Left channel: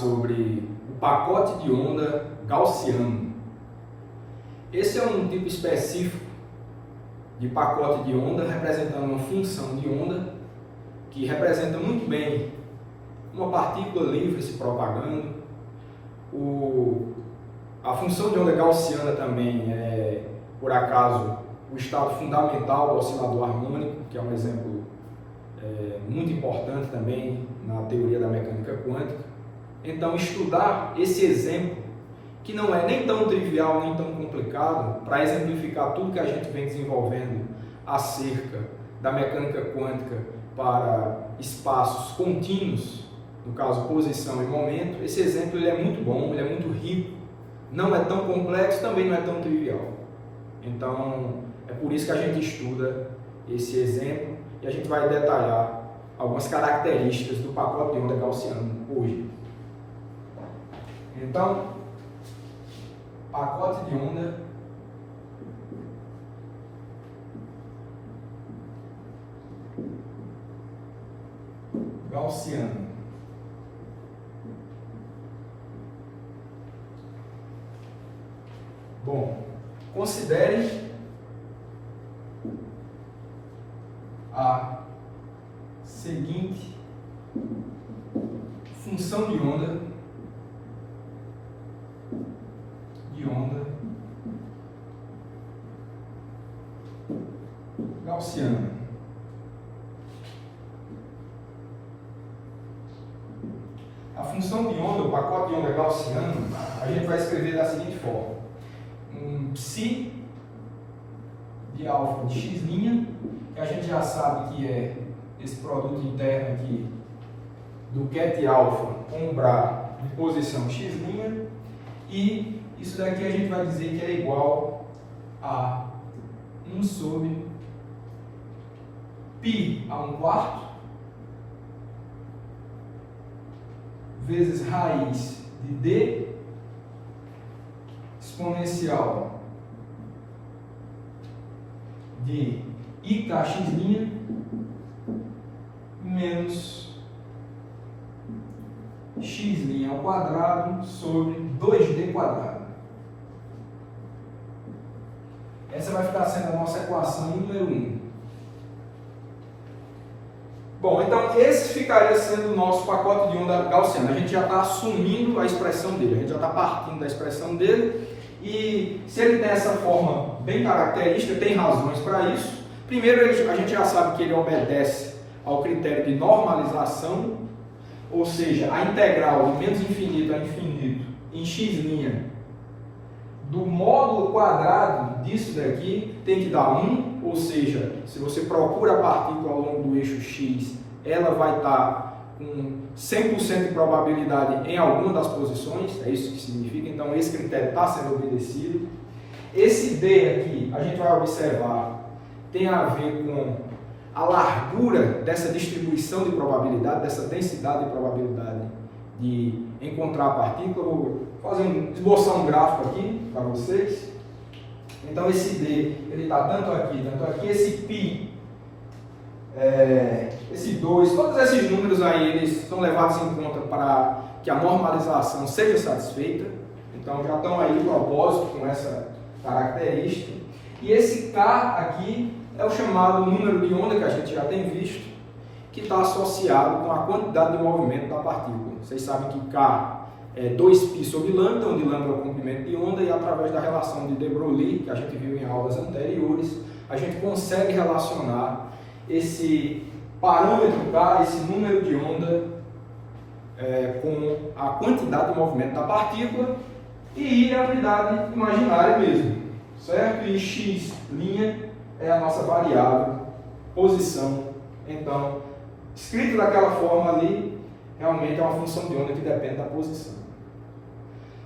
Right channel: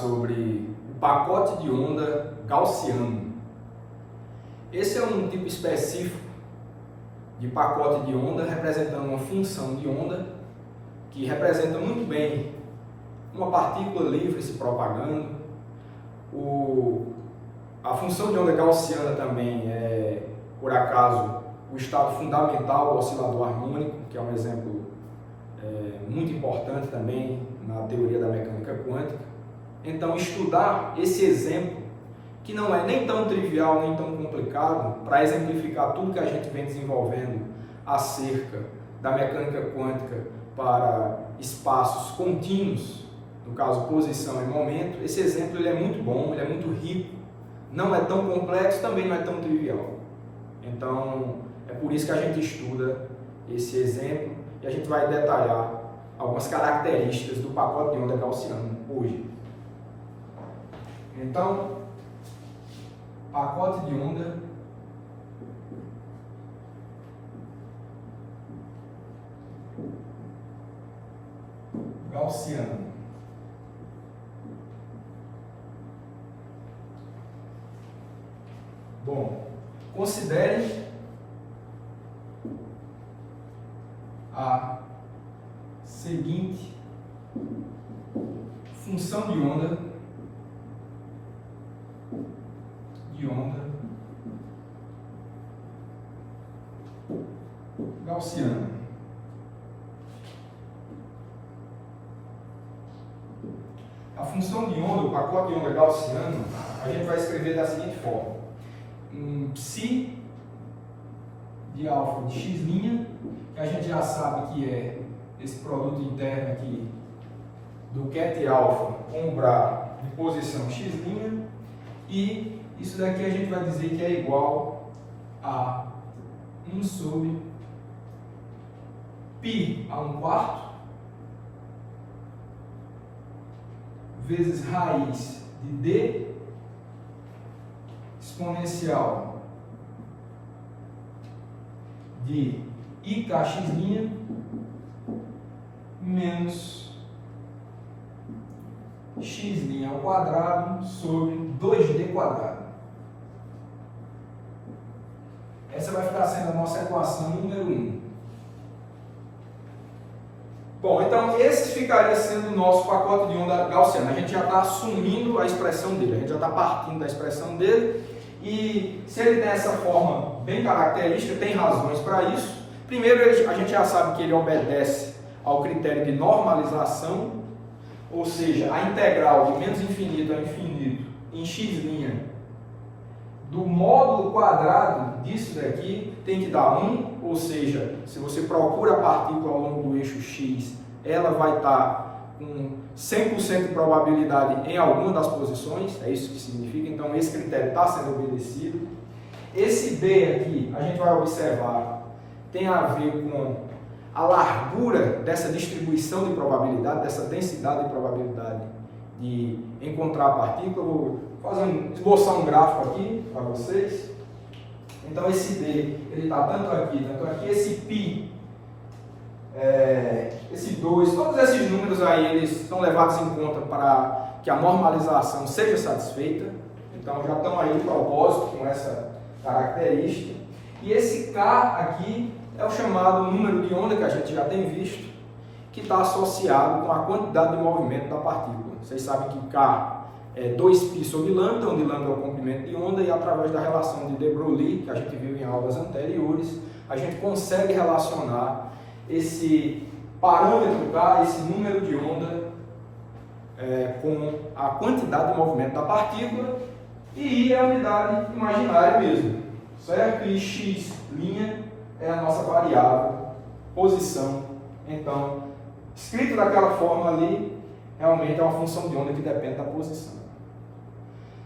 sobre o pacote de onda gaussiano. Esse é um tipo específico de pacote de onda representando uma função de onda que representa muito bem uma partícula livre se propagando. A função de onda gaussiana também é, por acaso, o estado fundamental do oscilador harmônico, que é um exemplo muito importante também na teoria da mecânica quântica. Então, estudar esse exemplo, que não é nem tão trivial, nem tão complicado, para exemplificar tudo que a gente vem desenvolvendo acerca da mecânica quântica para espaços contínuos, no caso posição e momento, esse exemplo ele é muito bom, ele é muito rico, não é tão complexo, também não é tão trivial. Então, é por isso que a gente estuda esse exemplo e a gente vai detalhar algumas características do pacote de onda gaussiano hoje. Então, pacote de onda gaussiano. Bom, considere a seguinte função de onda gaussiana. A função de onda, o pacote de onda gaussiano, a gente vai escrever da seguinte forma: um psi de alfa de x', que a gente já sabe que é esse produto interno aqui do ket alfa com o bra de posição x', e isso daqui a gente vai dizer que é igual a 1 sobre π a 1/4 vezes raiz de d exponencial de ikx' menos x' ao quadrado sobre 2d quadrado. Essa vai ficar sendo a nossa equação número 1. Bom, então esse ficaria sendo o nosso pacote de onda gaussiana. A gente já está assumindo a expressão dele, a gente já está partindo da expressão dele. E se ele tem essa forma bem característica, tem razões para isso. Primeiro, a gente já sabe que ele obedece ao critério de normalização, ou seja, a integral de menos infinito a infinito em x' do módulo quadrado disso daqui tem que dar 1, ou seja, se você procura a partícula ao longo do eixo x, ela vai estar com 100% de probabilidade em alguma das posições, é isso que significa, então esse critério está sendo obedecido. Esse D aqui, a gente vai observar, tem a ver com a largura dessa distribuição de probabilidade, dessa densidade de probabilidade de encontrar a partícula. Vou esboçar um gráfico aqui para vocês. Então esse D, ele está tanto aqui, esse π, esse 2, todos esses números aí, eles são levados em conta para que a normalização seja satisfeita. Então já estão aí de propósito com essa característica. E esse K aqui é o chamado número de onda que a gente já tem visto, que está associado com a quantidade de movimento da partícula. Vocês sabem que K é 2π sobre lambda, onde lambda é o comprimento de onda, e através da relação de de Broglie, que a gente viu em aulas anteriores, a gente consegue relacionar esse parâmetro K, esse número de onda, com a quantidade de movimento da partícula, e I é a unidade imaginária mesmo, certo? E x' é a nossa variável, posição. Então, escrito daquela forma ali, realmente é uma função de onda que depende da posição.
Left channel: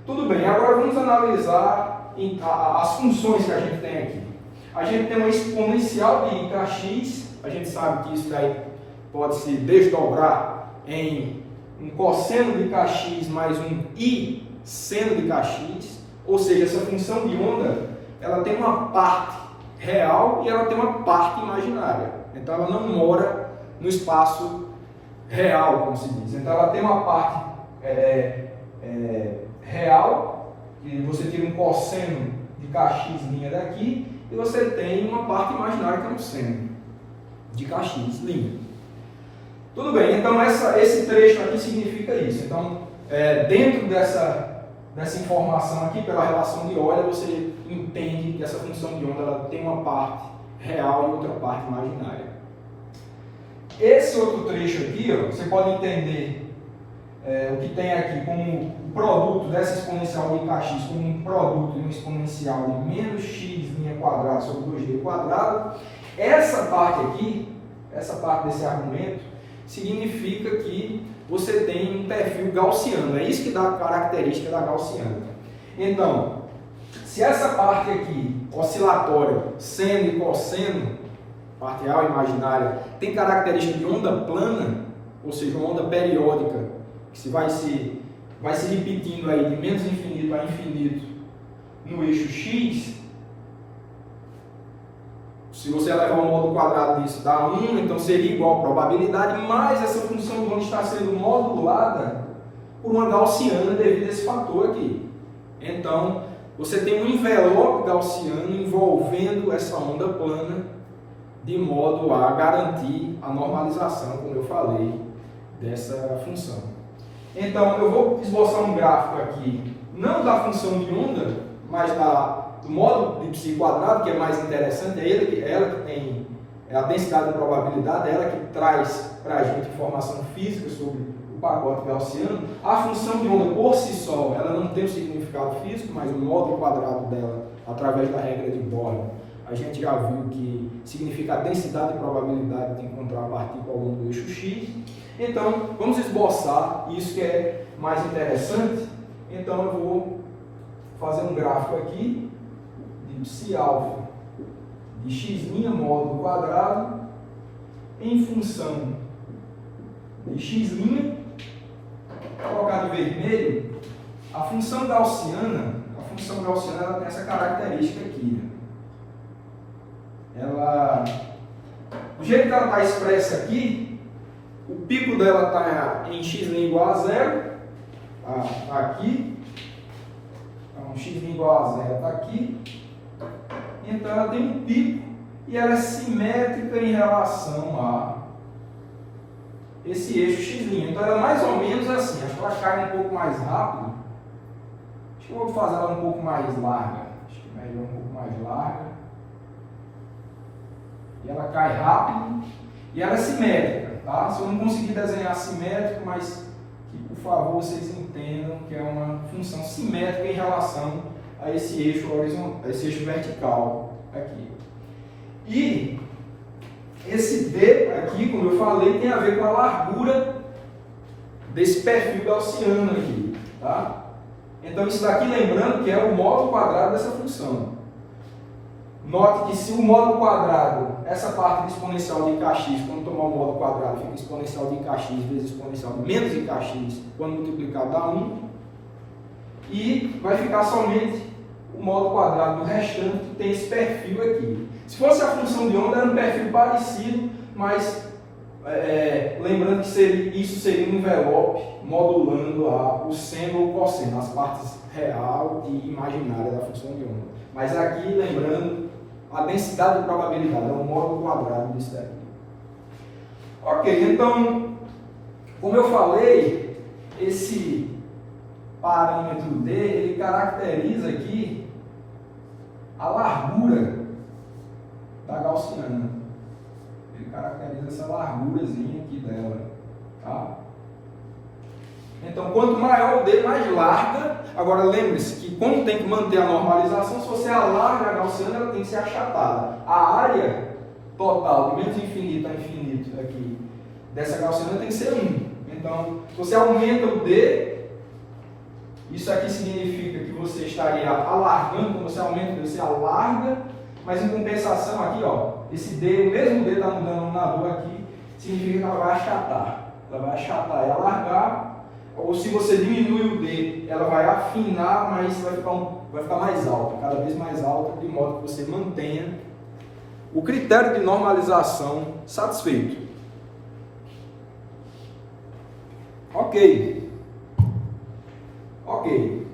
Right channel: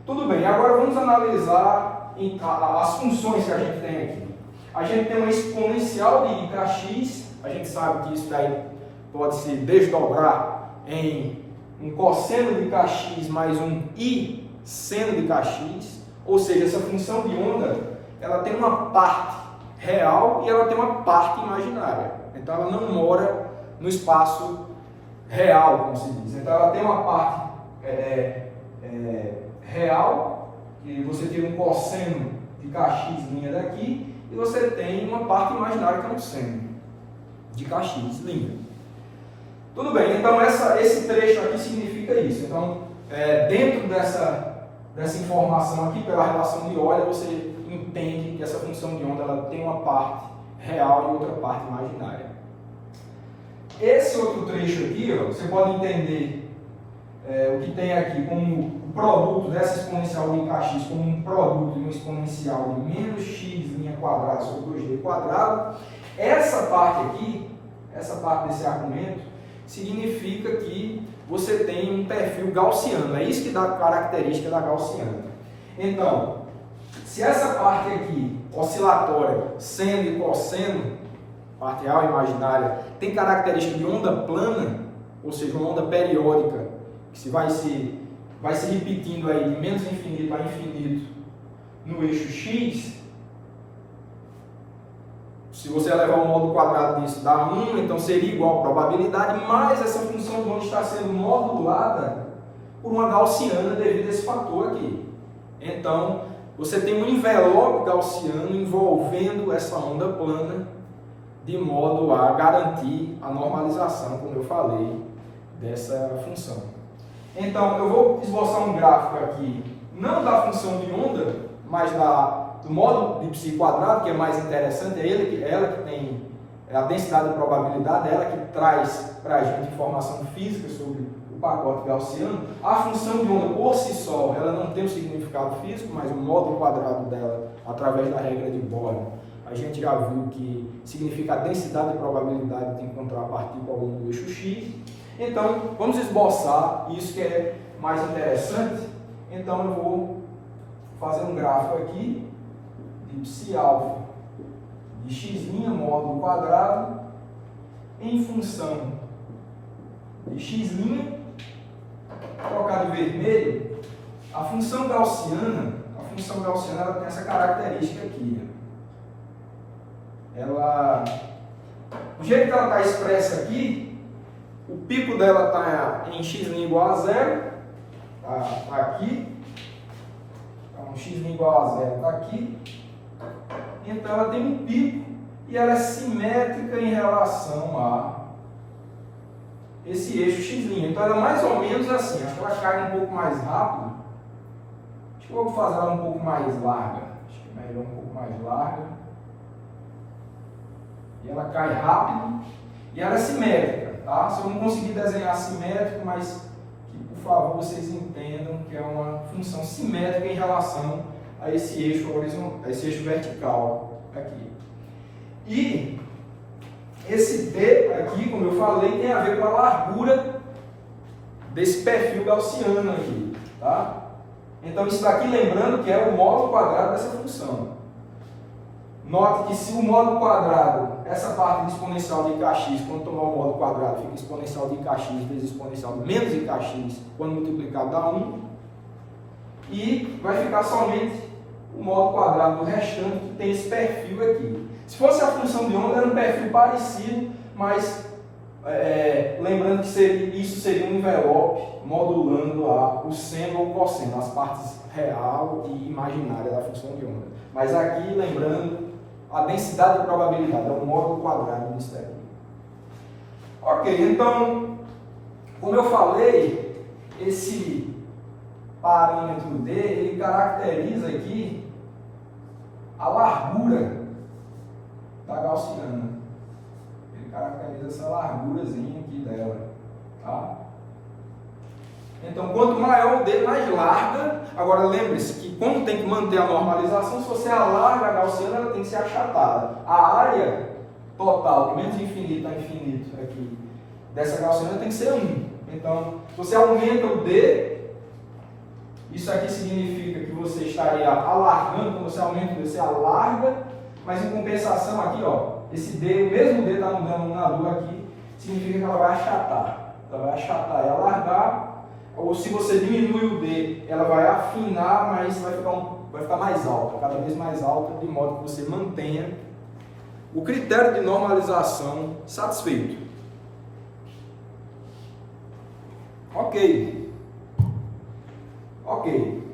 Tudo bem, agora vamos analisar as funções que a gente tem aqui. A gente tem uma exponencial de ikx, a gente sabe que isso daí pode se desdobrar em um cosseno de kx mais um i seno de kx, ou seja, essa função de onda, ela tem uma parte real e ela tem uma parte imaginária. Então ela não mora no espaço real, como se diz. Então ela tem uma parte real, que você tira um cosseno de kx' daqui, e você tem uma parte imaginária que é um seno de kx'. Tudo bem, então esse trecho aqui significa isso. Então, dentro dessa informação aqui, pela relação de Euler, você entende que essa função de onda ela tem uma parte real e outra parte imaginária. Esse outro trecho aqui, ó, você pode entender o que tem aqui como o produto dessa exponencial de kx como um produto de uma exponencial de menos x' sobre 2d². Essa parte aqui, essa parte desse argumento, significa que você tem um perfil gaussiano. É isso que dá a característica da gaussiana. Então, se essa parte aqui, oscilatória, seno e cosseno, parte real e imaginária, tem característica de onda plana, ou seja, uma onda periódica, que vai se repetindo aí de menos infinito a infinito no eixo x, se você elevar o módulo quadrado disso, dá 1, então seria igual a probabilidade, mas essa função de onda está sendo modulada por uma gaussiana devido a esse fator aqui. Então, você tem um envelope gaussiano envolvendo essa onda plana, de modo a garantir a normalização, como eu falei, dessa função. Então, eu vou esboçar um gráfico aqui, não da função de onda, mas do módulo de π quadrado, que é mais interessante, ela que tem a densidade de probabilidade, ela que traz para a gente informação física sobre o pacote gaussiano. A função de onda por si só, ela não tem um significado físico, mas o módulo quadrado dela, através da regra de Born, a gente já viu que significa a densidade de probabilidade de encontrar a partícula ao longo do eixo x. Então, vamos esboçar isso que é mais interessante. Então, eu vou fazer um gráfico aqui de psi-alfa de x' módulo quadrado em função de x', colocar de vermelho, a função gaussiana ela tem essa característica aqui. Do jeito que ela está expressa aqui, o pico dela está em x' igual a 0, tá aqui. Então, x' igual a 0 está aqui. Então, ela tem um pico e ela é simétrica em relação a esse eixo x'. Então, ela é mais ou menos assim. Acho que ela cai um pouco mais rápido. Acho que eu vou fazer ela um pouco mais larga. Acho que é melhor um pouco mais larga. E ela cai rápido e ela é simétrica, tá? Se eu não conseguir desenhar simétrico, mas que por favor vocês entendam que é uma função simétrica em relação a esse eixo horizontal, a esse eixo vertical aqui. E esse D aqui, como eu falei, tem a ver com a largura desse perfil gaussiano aqui, tá? Então isso daqui, lembrando que é o módulo quadrado dessa função. Note que se o módulo quadrado, essa parte de exponencial de kx, quando tomar o módulo quadrado, fica exponencial de kx vezes exponencial de menos de kx, quando multiplicado dá 1, e vai ficar somente o módulo quadrado do restante que tem esse perfil aqui. Se fosse a função de onda, era um perfil parecido, mas lembrando que isso seria um envelope modulando o seno ou cosseno, as partes real e imaginária da função de onda. Mas aqui, lembrando, a densidade de probabilidade é o módulo quadrado disso daqui. Ok, então, como eu falei, esse parâmetro D, ele caracteriza aqui a largura da gaussiana. Ele caracteriza essa largurazinha aqui dela, tá? Então, quanto maior o D, mais larga. Agora, lembre-se que, como tem que manter a normalização, se você alarga a gaussiana, ela tem que ser achatada. A área total, de menos infinito a infinito, aqui, dessa gaussiana tem que ser 1. Então, se você aumenta o D, isso aqui significa que você estaria alargando. Quando você aumenta o D, você alarga, mas em compensação aqui, ó, esse D, o mesmo D está no denominador aqui, significa que ela vai achatar. Ela vai achatar e alargar. Ou se você diminui o D, ela vai afinar, mas vai ficar mais alta, cada vez mais alta, de modo que você mantenha o critério de normalização satisfeito. Ok. Ok.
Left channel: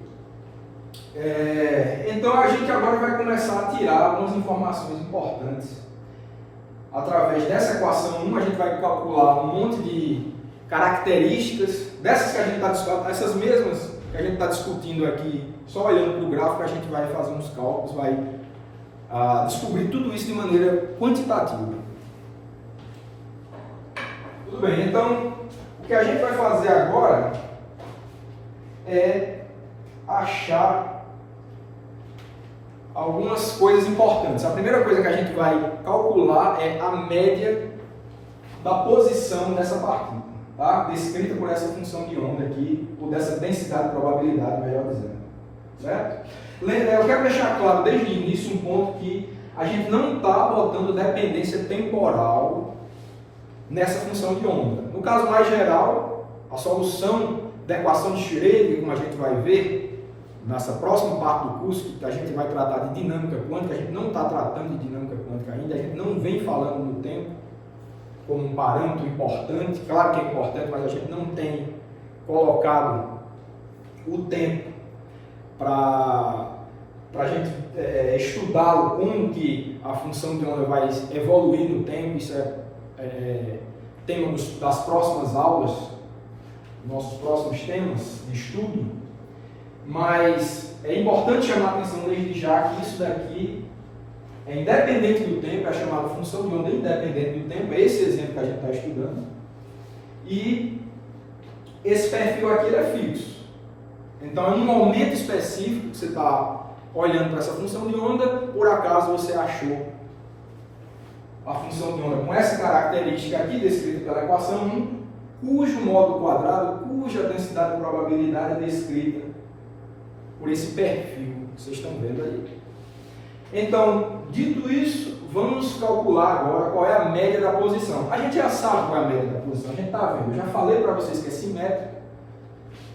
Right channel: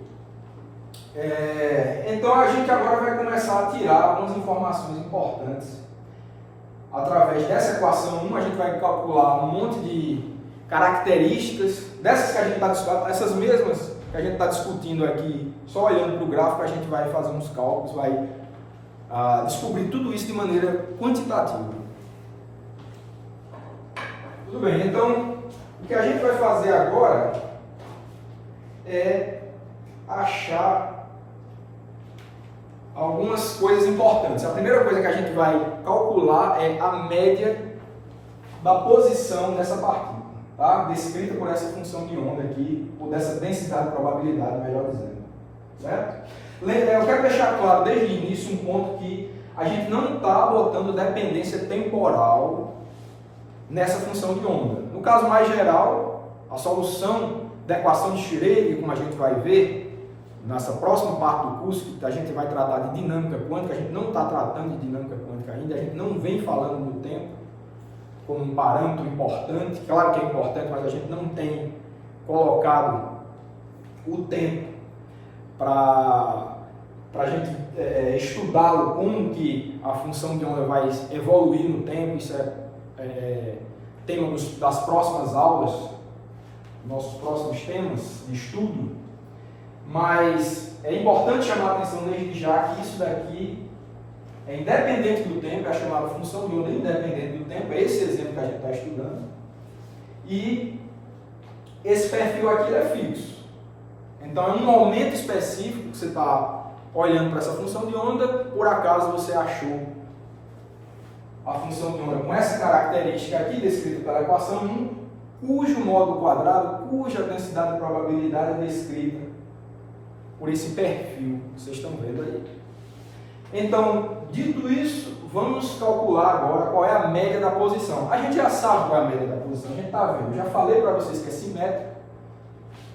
Então a gente agora vai começar a tirar algumas informações importantes. Através dessa equação 1, a gente vai calcular um monte de características, dessas que a gente está discutindo, essas mesmas que a gente está discutindo aqui, só olhando para o gráfico, a gente vai fazer uns cálculos, vai descobrir tudo isso de maneira quantitativa. Tudo bem, então o que a gente vai fazer agora é achar algumas coisas importantes. A primeira coisa que a gente vai calcular é a média da posição dessa partícula, tá? Descrita por essa função de onda aqui, ou dessa densidade de probabilidade, melhor dizendo. Certo? Eu quero deixar claro desde o início um ponto que a gente não está botando dependência temporal nessa função de onda. No caso mais geral, a solução da equação de Schrödinger, como a gente vai ver nessa próxima parte do curso, que a gente vai tratar de dinâmica quântica, a gente não está tratando de dinâmica quântica ainda, a gente não vem falando no tempo como um parâmetro importante, claro que é importante, mas a gente não tem colocado o tempo para a gente estudá-lo, como que a função de onda vai evoluir no tempo. Isso é tema das próximas aulas, nossos próximos temas de estudo. Mas é importante chamar a atenção desde já que isso daqui é independente do tempo, é chamada função de onda independente do tempo, é esse exemplo que a gente está estudando. E esse perfil aqui ele é fixo. Então, em um momento específico que você está olhando para essa função de onda, por acaso você achou a função de onda com essa característica aqui, descrita pela equação 1, cujo módulo quadrado, cuja densidade de probabilidade é descrita por esse perfil que vocês estão vendo aí. Então, dito isso, vamos calcular agora qual é a média da posição. A gente já sabe qual é a média da posição, a gente está vendo. Eu já falei para vocês que é simétrico.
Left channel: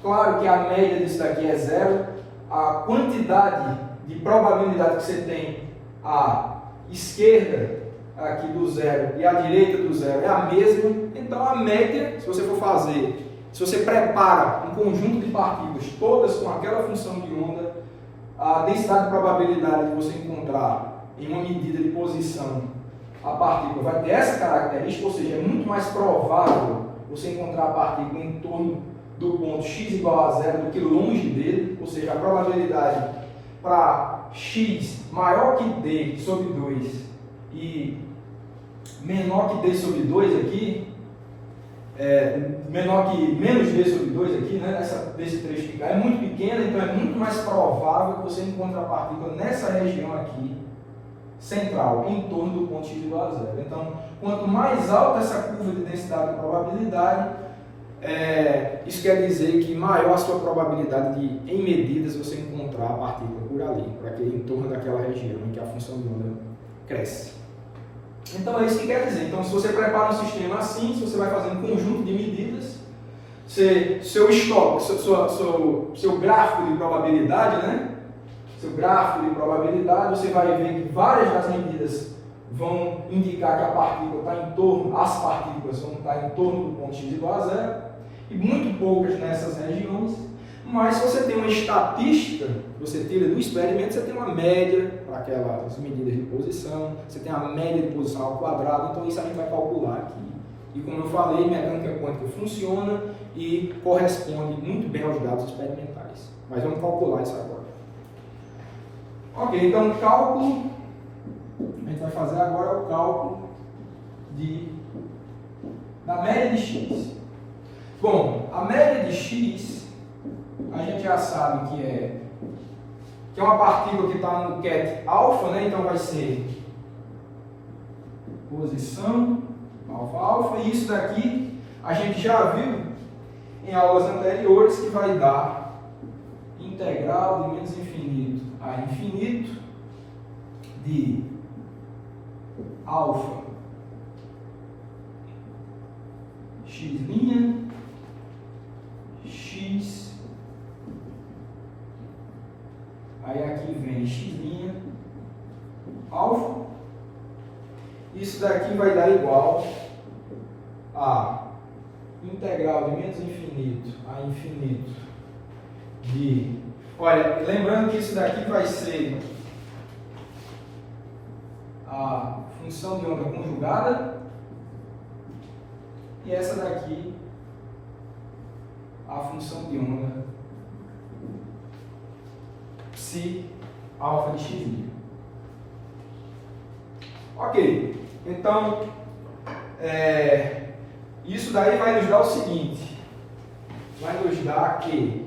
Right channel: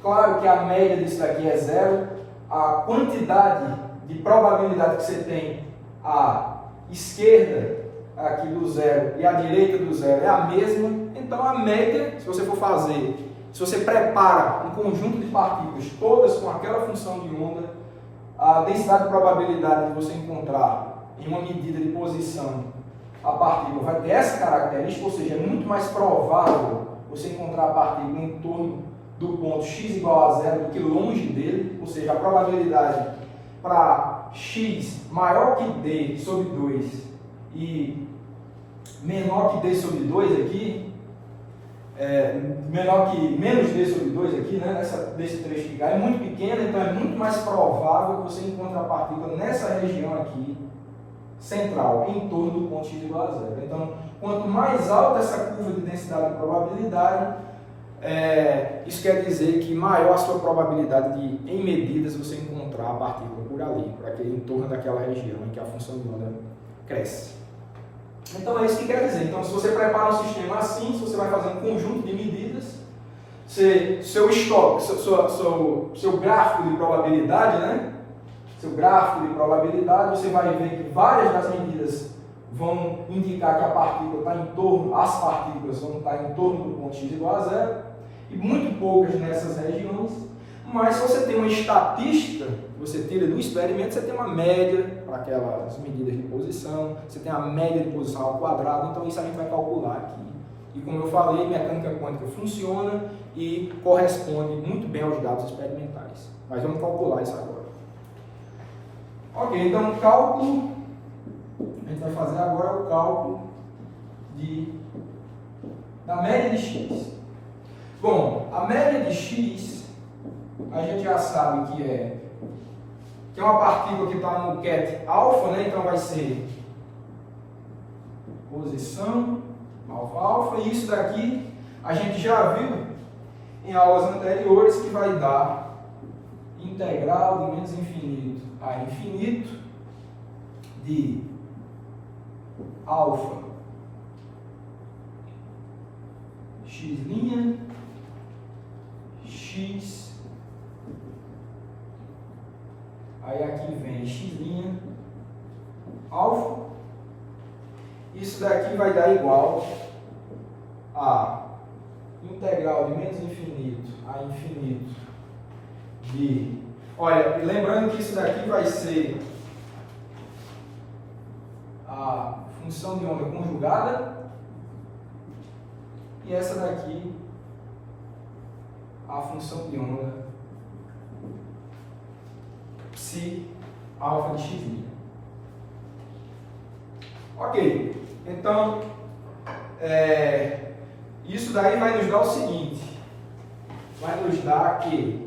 Claro que a média disso daqui é zero. A quantidade de probabilidade que você tem à esquerda aqui do zero e à direita do zero é a mesma. Então, a média, se você for fazer, se você prepara um conjunto de partículas, todas com aquela função de onda, a densidade de probabilidade de você encontrar em uma medida de posição a partícula vai ter essa característica, ou seja, é muito mais provável você encontrar a partícula em torno do ponto x igual a zero do que longe dele, ou seja, a probabilidade para x maior que d sobre 2 e menor que d sobre 2 aqui, menor que menos d sobre 2 aqui, né, desse trecho de cá, é muito pequena, então é muito mais provável que você encontre a partícula nessa região aqui, central, em torno do ponto x igual a zero. Então, quanto mais alta essa curva de densidade de probabilidade, isso quer dizer que maior a sua probabilidade de, em medidas, você encontrar a partícula por ali, por aquele, em torno daquela região em que a função de onda cresce. Então é isso que quer dizer. Então, se você prepara um sistema assim, se você vai fazer um conjunto de medidas, seu gráfico de probabilidade, né? Seu gráfico de probabilidade, você vai ver que várias das medidas vão indicar que a partícula está em torno, as partículas vão estar em torno do ponto x igual a zero, e muito poucas nessas regiões. Mas se você tem uma estatística, você tira do experimento, você tem uma média para aquelas medidas de posição, você tem a média de posição ao quadrado, então isso a gente vai calcular aqui. E como eu falei, mecânica quântica funciona e corresponde muito bem aos dados experimentais. Mas vamos calcular isso agora. Ok, então o cálculo, a gente vai fazer agora o cálculo da média de x. Bom, a média de x, a gente já sabe que é uma partícula que está no ket alfa, né? Então vai ser posição alfa alfa, e isso daqui a gente já viu em aulas anteriores que vai dar integral de menos infinito a infinito de alfa x', x, aí aqui vem x' alfa, isso daqui vai dar igual a integral de menos infinito a infinito de... Olha, lembrando que isso daqui vai ser a função de onda conjugada e essa daqui a função de onda psi alfa de x'. Ok, então isso daí vai nos dar o seguinte, vai nos dar que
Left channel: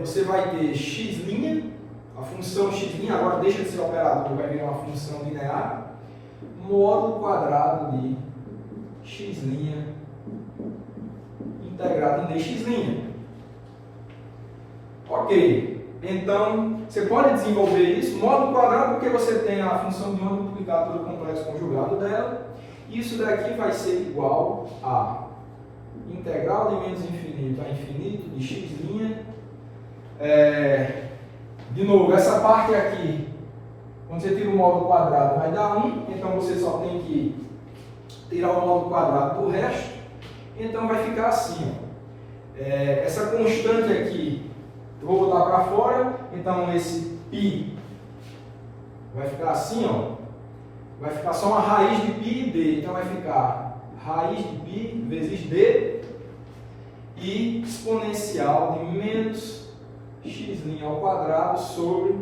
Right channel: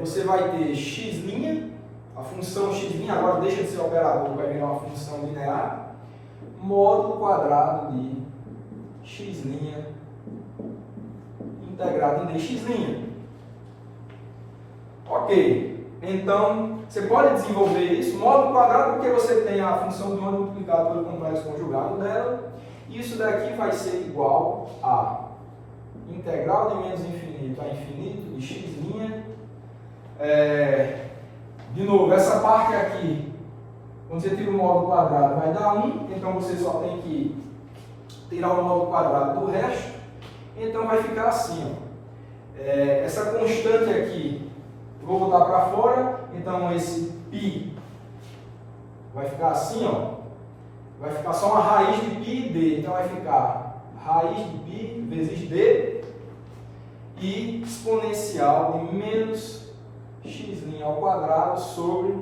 você vai ter x', a função x' agora deixa de ser operador, vai virar uma função linear, módulo quadrado de x' integrado em dx'. Ok, então você pode desenvolver isso, módulo quadrado, porque você tem a função de onda multiplicada pelo complexo conjugado dela. Isso daqui vai ser igual a integral de menos infinito a infinito de x'. De novo, essa parte aqui, quando você tira o módulo quadrado, vai dar 1, então você só tem que tirar o módulo quadrado do resto, então vai ficar assim, ó. Essa constante aqui, eu vou botar para fora, então esse π vai ficar assim, ó, vai ficar só uma raiz de π e d, então vai ficar raiz de π vezes d e exponencial de menos x' ao quadrado sobre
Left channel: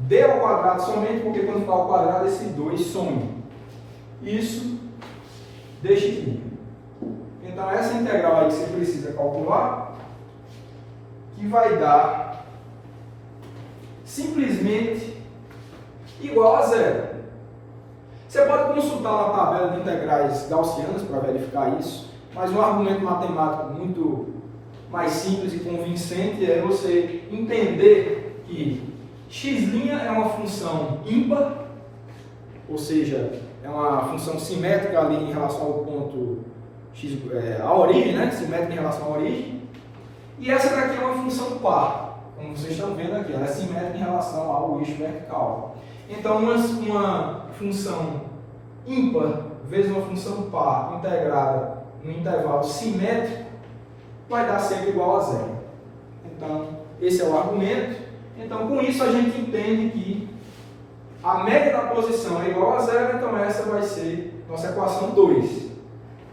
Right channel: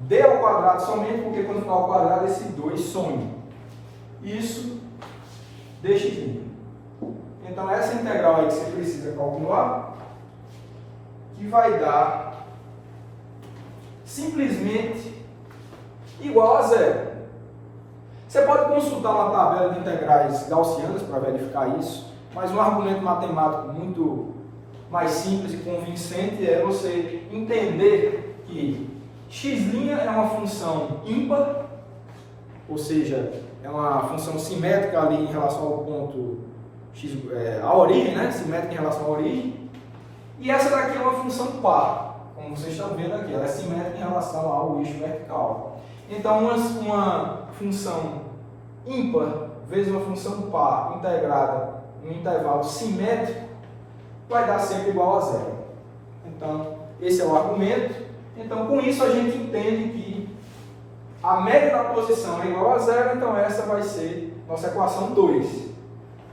d ao quadrado somente, porque quando está ao quadrado esse 2 some. Isso dx'. Então essa integral aí que você precisa calcular, que vai dar simplesmente igual a zero. Você pode consultar na tabela de integrais gaussianas para verificar isso, mas um argumento matemático muito mais simples e convincente é você entender que x' é uma função ímpar, ou seja, é uma função simétrica ali em relação ao ponto x, a origem, né? Simétrica em relação à origem. E essa daqui é uma função par, como vocês estão vendo aqui, ela é simétrica em relação ao eixo vertical. Então, uma função ímpar vezes uma função par integrada no intervalo simétrico vai dar sempre igual a zero. Então, esse é o argumento. Então, com isso a gente entende que a média da posição é igual a zero, então essa vai ser nossa equação 2.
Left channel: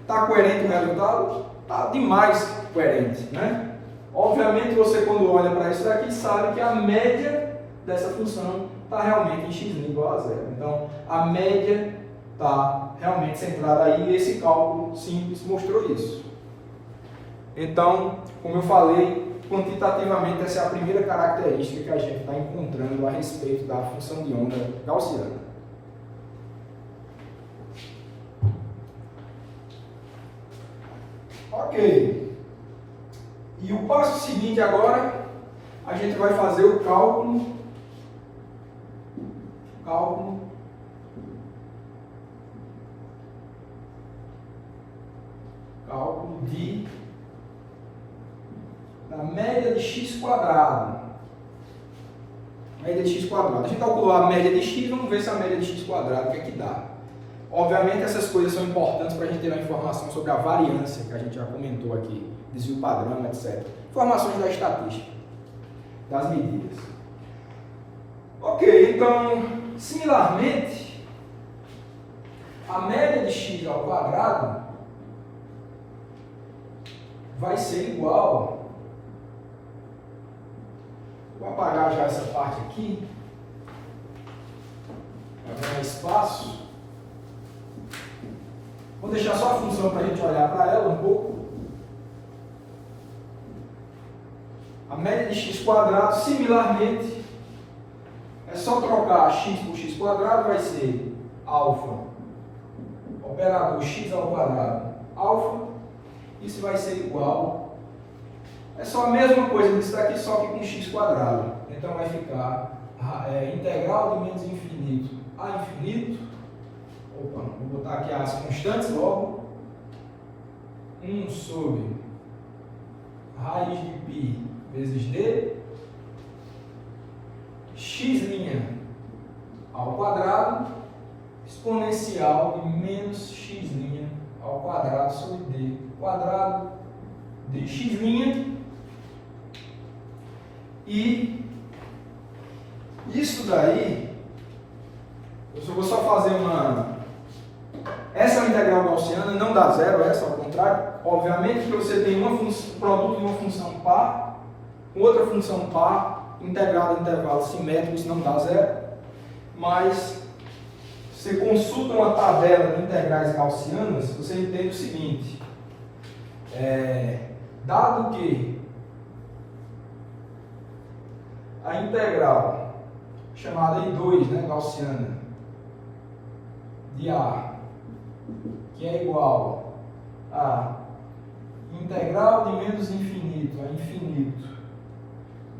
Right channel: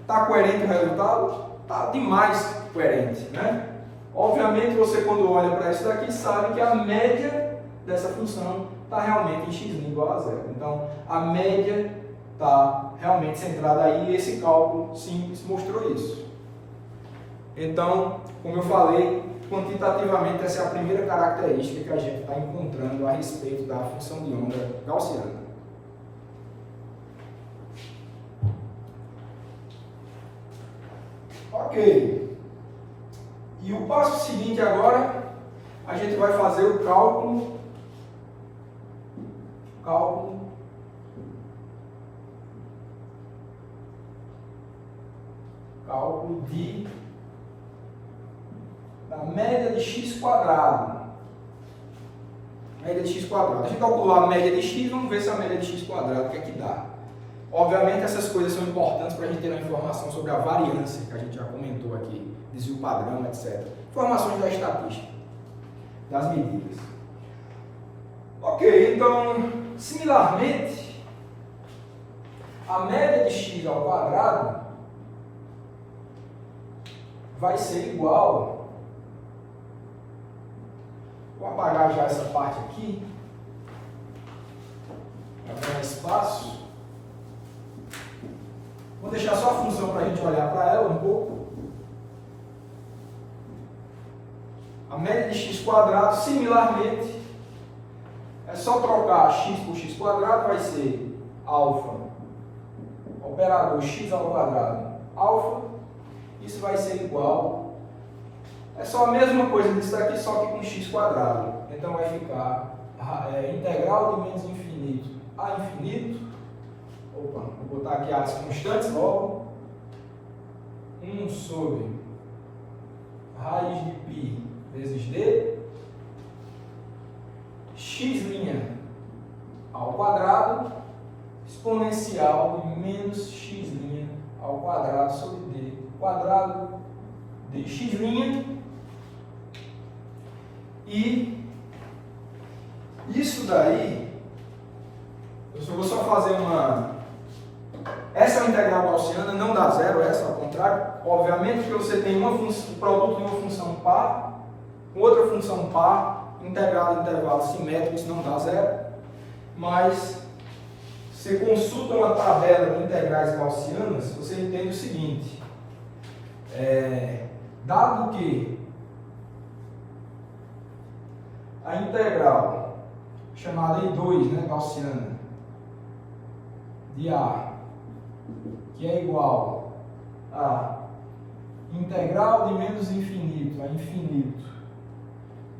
Está coerente o resultado? Está demais coerente, né? Obviamente, você quando olha para isso daqui sabe que a média dessa função está realmente em x' igual a zero. Então, a média está realmente centrada aí e esse cálculo simples mostrou isso. Então, como eu falei, quantitativamente essa é a primeira característica que a gente está encontrando a respeito da função de onda gaussiana. Ok. E o passo seguinte agora, a gente vai fazer o cálculo da média de x quadrado. Média de x quadrado. A gente calcular a média de x, vamos ver se a média de x quadrado, o que é que dá. Obviamente essas coisas são importantes para a gente ter uma informação sobre a variância, que a gente já comentou aqui, desvio padrão, etc. Informações da estatística, das medidas. Ok, então, similarmente, a média de x ao quadrado vai ser igual, vou apagar já essa parte aqui, para ganhar espaço. Vou deixar só a função para a gente olhar para ela um pouco. A média de x quadrado, similarmente, é só trocar x por x quadrado, vai ser alfa, operador x ao quadrado, alfa. Isso vai ser igual, é só a mesma coisa disso daqui, só que com x quadrado. Então vai ficar integral de menos infinito a infinito. Opa, vou botar aqui as constantes logo. 1 sobre raiz de π vezes d, x' ao quadrado, exponencial de menos x' ao quadrado sobre d quadrado de x', E isso daí, eu vou só fazer uma... Essa é uma integral gaussiana, não dá zero essa, ao contrário. Obviamente que você tem produto de uma função par, outra função par, integrada em intervalo simétrico, isso não dá zero. Mas, você consulta uma tabela de integrais gaussianas, você entende o seguinte. Dado que a integral chamada I2, né, gaussiana, de A, que é igual a integral de menos infinito a infinito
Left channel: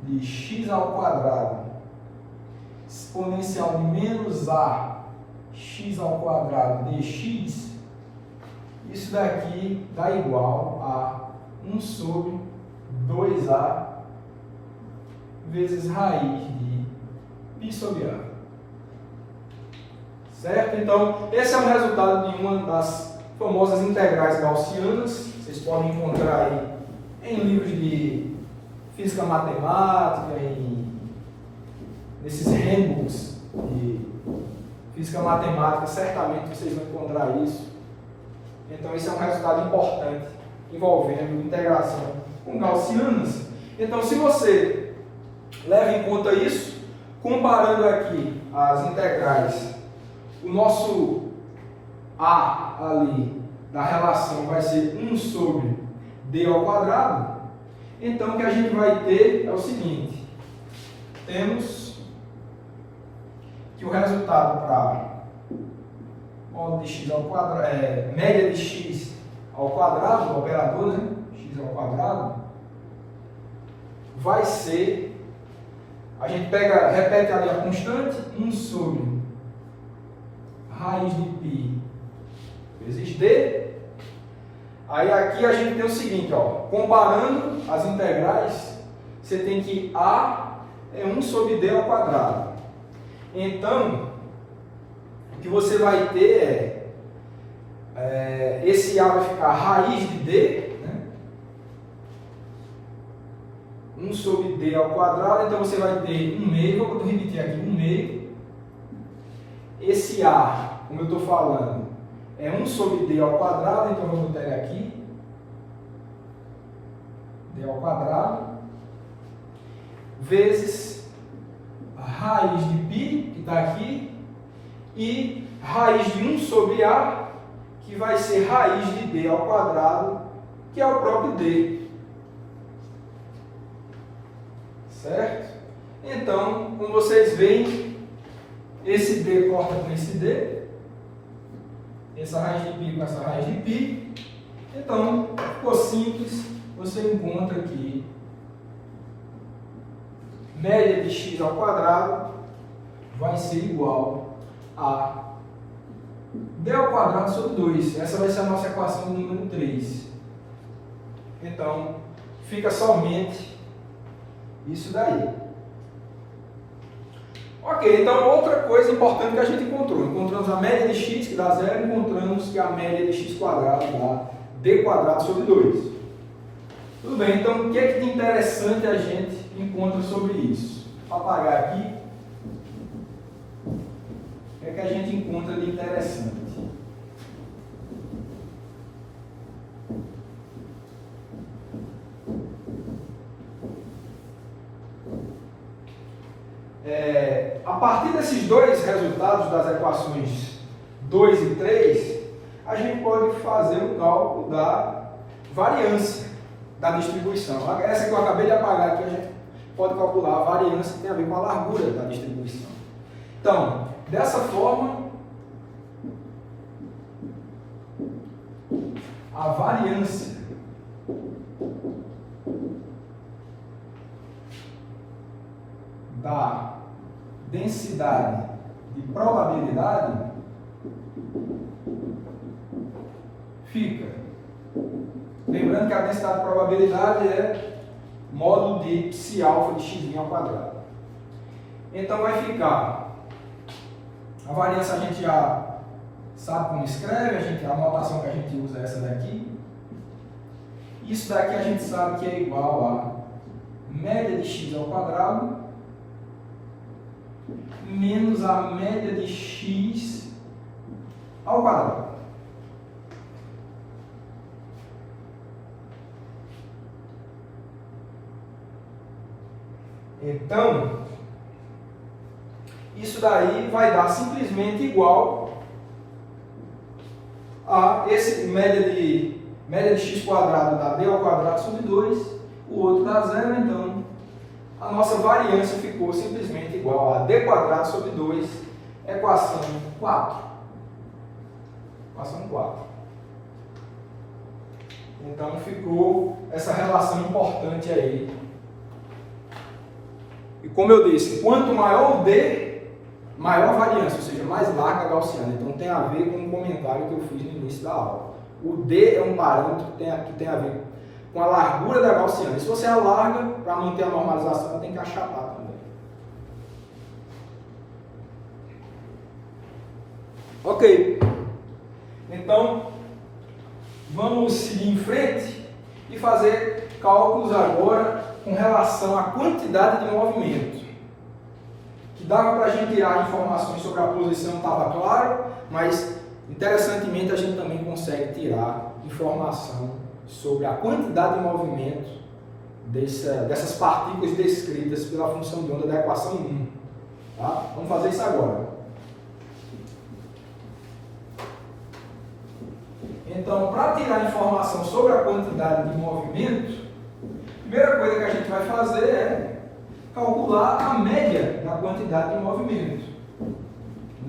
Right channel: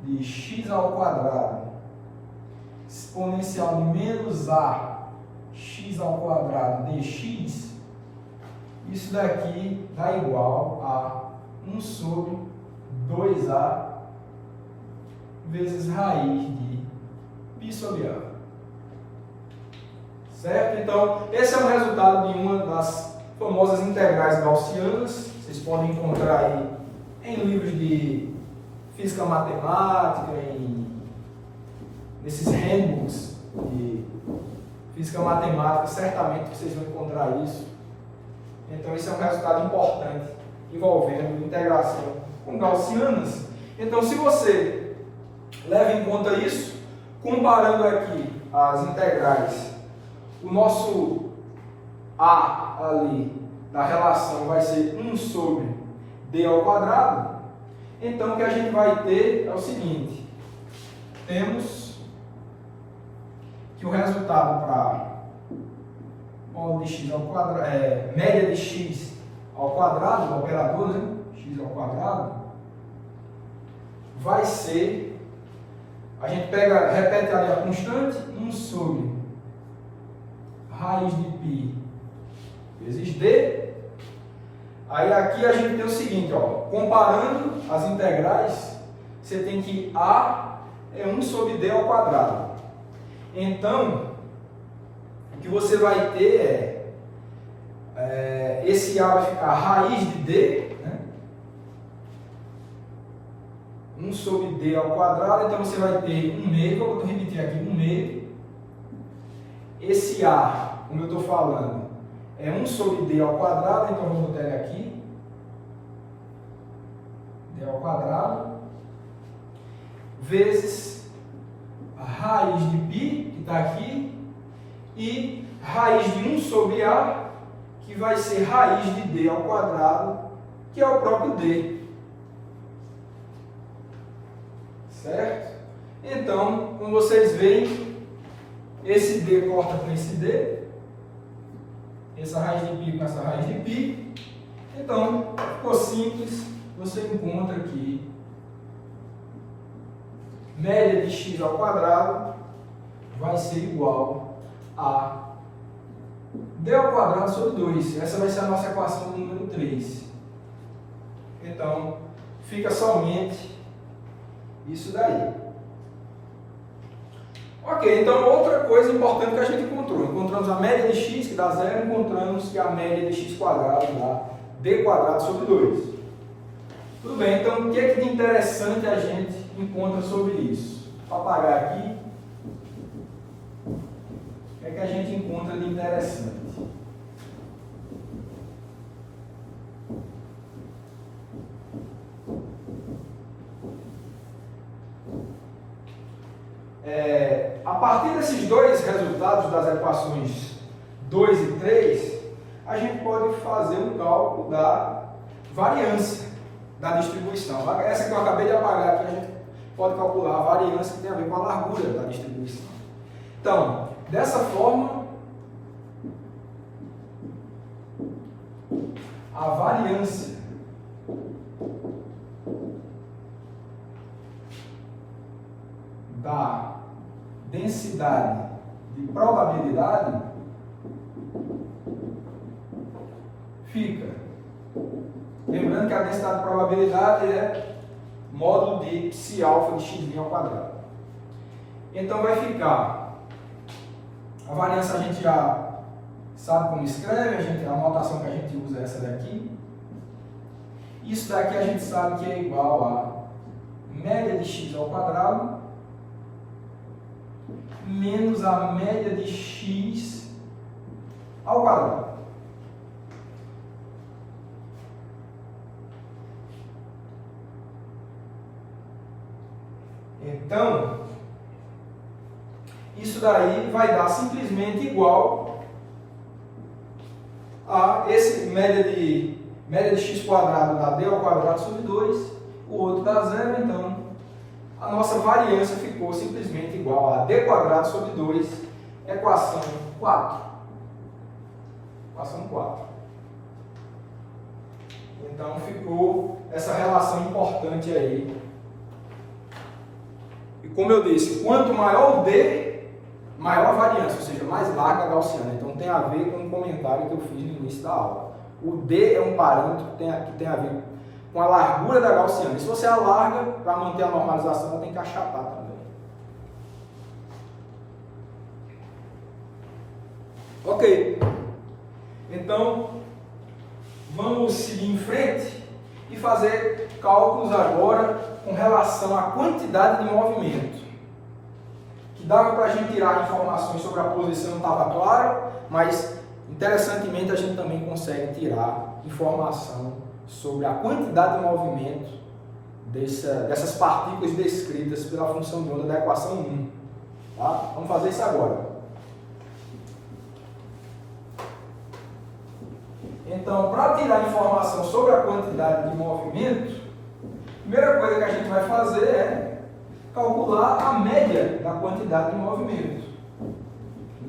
de x ao quadrado exponencial de menos a x ao quadrado dx, isso daqui dá igual a 1 sobre 2a vezes raiz de π sobre a. Certo? Então, esse é o resultado de uma das famosas integrais gaussianas. Vocês podem encontrar aí em livros de física matemática, nesses handbooks de física matemática, certamente vocês vão encontrar isso. Então, esse é um resultado importante envolvendo integração com gaussianas. Então, se você leva em conta isso, comparando aqui as integrais, o nosso A ali da relação vai ser 1 sobre D ao quadrado. Então, o que a gente vai ter é o seguinte. Temos que o resultado para módulo de x ao quadrado, média de x ao quadrado, do operador, né? X ao quadrado, vai ser, a gente repete ali a constante, 1 sobre raiz de π vezes d. Aí aqui a gente tem o seguinte, ó, comparando as integrais, você tem que a é 1 sobre d ao quadrado. Então, o que você vai ter esse a vai ficar raiz de d, né? 1 sobre d ao quadrado, então você vai ter 1 meio, vou repetir aqui, 1 meio. Esse a, como eu estou falando, é 1 sobre d ao quadrado, então vamos botar ele aqui. D ao quadrado, vezes a raiz de π, que está aqui, e raiz de 1 sobre a, que vai ser raiz de d ao quadrado, que é o próprio d. Certo? Então, como vocês veem, esse d corta com esse d, essa raiz de π com essa raiz de π. Então, ficou simples, você encontra aqui média de x ao quadrado vai ser igual a d ao quadrado sobre 2. Essa vai ser a nossa equação número 3. Então, fica somente isso daí. Ok, então outra coisa importante que a gente encontrou. Encontramos a média de x, que dá 0, encontramos que a média de x quadrado dá d quadrado sobre 2. Tudo bem, então o que é que de interessante a gente encontra sobre isso? Para apagar aqui, o que é que a gente encontra de interessante? A partir desses dois resultados das equações 2 e 3, a gente pode fazer um cálculo da variância da distribuição. Essa que eu acabei de apagar aqui, a gente pode calcular a variância que tem a ver com a largura da distribuição. Então, dessa forma, a variância da densidade de probabilidade fica. Lembrando que a densidade de probabilidade é módulo de psi alfa de x' ao quadrado. Então vai ficar. A variância a gente já sabe como escreve, a notação que a gente usa é essa daqui. Isso daqui a gente sabe que é igual a média de x ao quadrado menos a média de x ao quadrado. Então, isso daí vai dar simplesmente igual a esse média de x quadrado dá d ao quadrado sobre 2, o outro dá 0, então a nossa variância ficou simplesmente igual a d quadrado sobre 2, equação 4. Equação 4. Então ficou essa relação importante aí. E como eu disse, quanto maior o d, maior a variância, ou seja, mais larga a gaussiana. Então tem a ver com um comentário que eu fiz no início da aula. O d é um parâmetro que tem a ver com a largura da gaussiana. E se você alarga, para manter a normalização, tem que achatar também. Ok. Então, vamos seguir em frente e fazer cálculos agora com relação à quantidade de movimento. Que dava para a gente tirar informações sobre a posição, estava claro, mas interessantemente a gente também consegue tirar informação sobre a quantidade de movimento dessas partículas descritas pela função de onda da equação 1. Tá? Vamos fazer isso agora. Então, para tirar informação sobre a quantidade de movimento, a primeira coisa que a gente vai fazer é calcular a média da quantidade de movimento.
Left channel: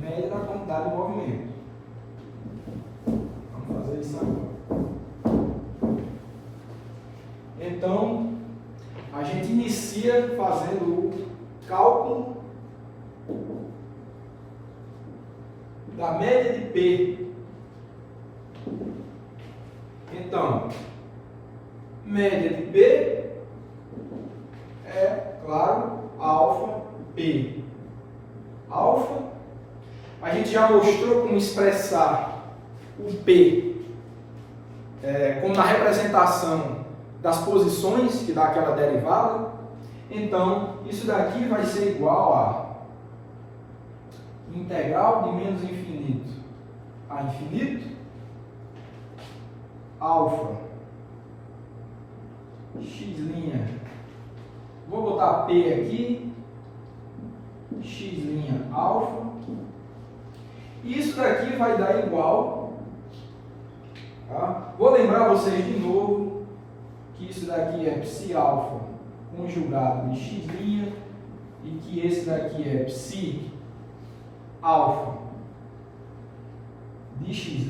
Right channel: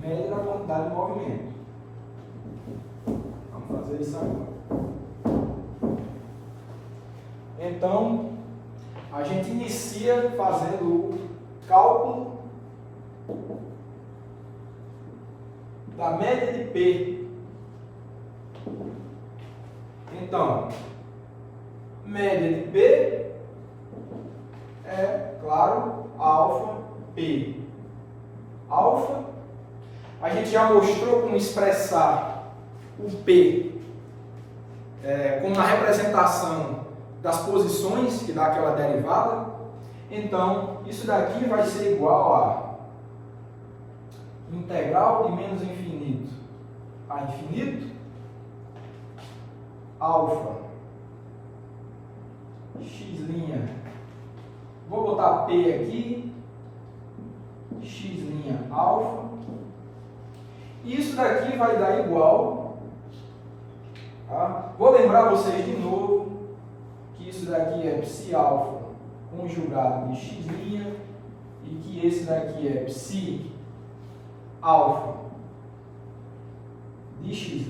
Média da quantidade de movimento. Vamos fazer isso agora. Então, a gente inicia fazendo o cálculo da média de P. Então, média de P é, claro, alfa P. Alfa, a gente já mostrou como expressar o P como na representação das posições, que dá aquela derivada. Então, isso daqui vai ser igual a integral de menos infinito a infinito, alfa, x', vou botar P aqui, x' alfa, e isso daqui vai dar igual, tá? Vou lembrar vocês de novo que isso daqui é psi alfa conjugado de x' e que esse daqui é psi alfa de x'.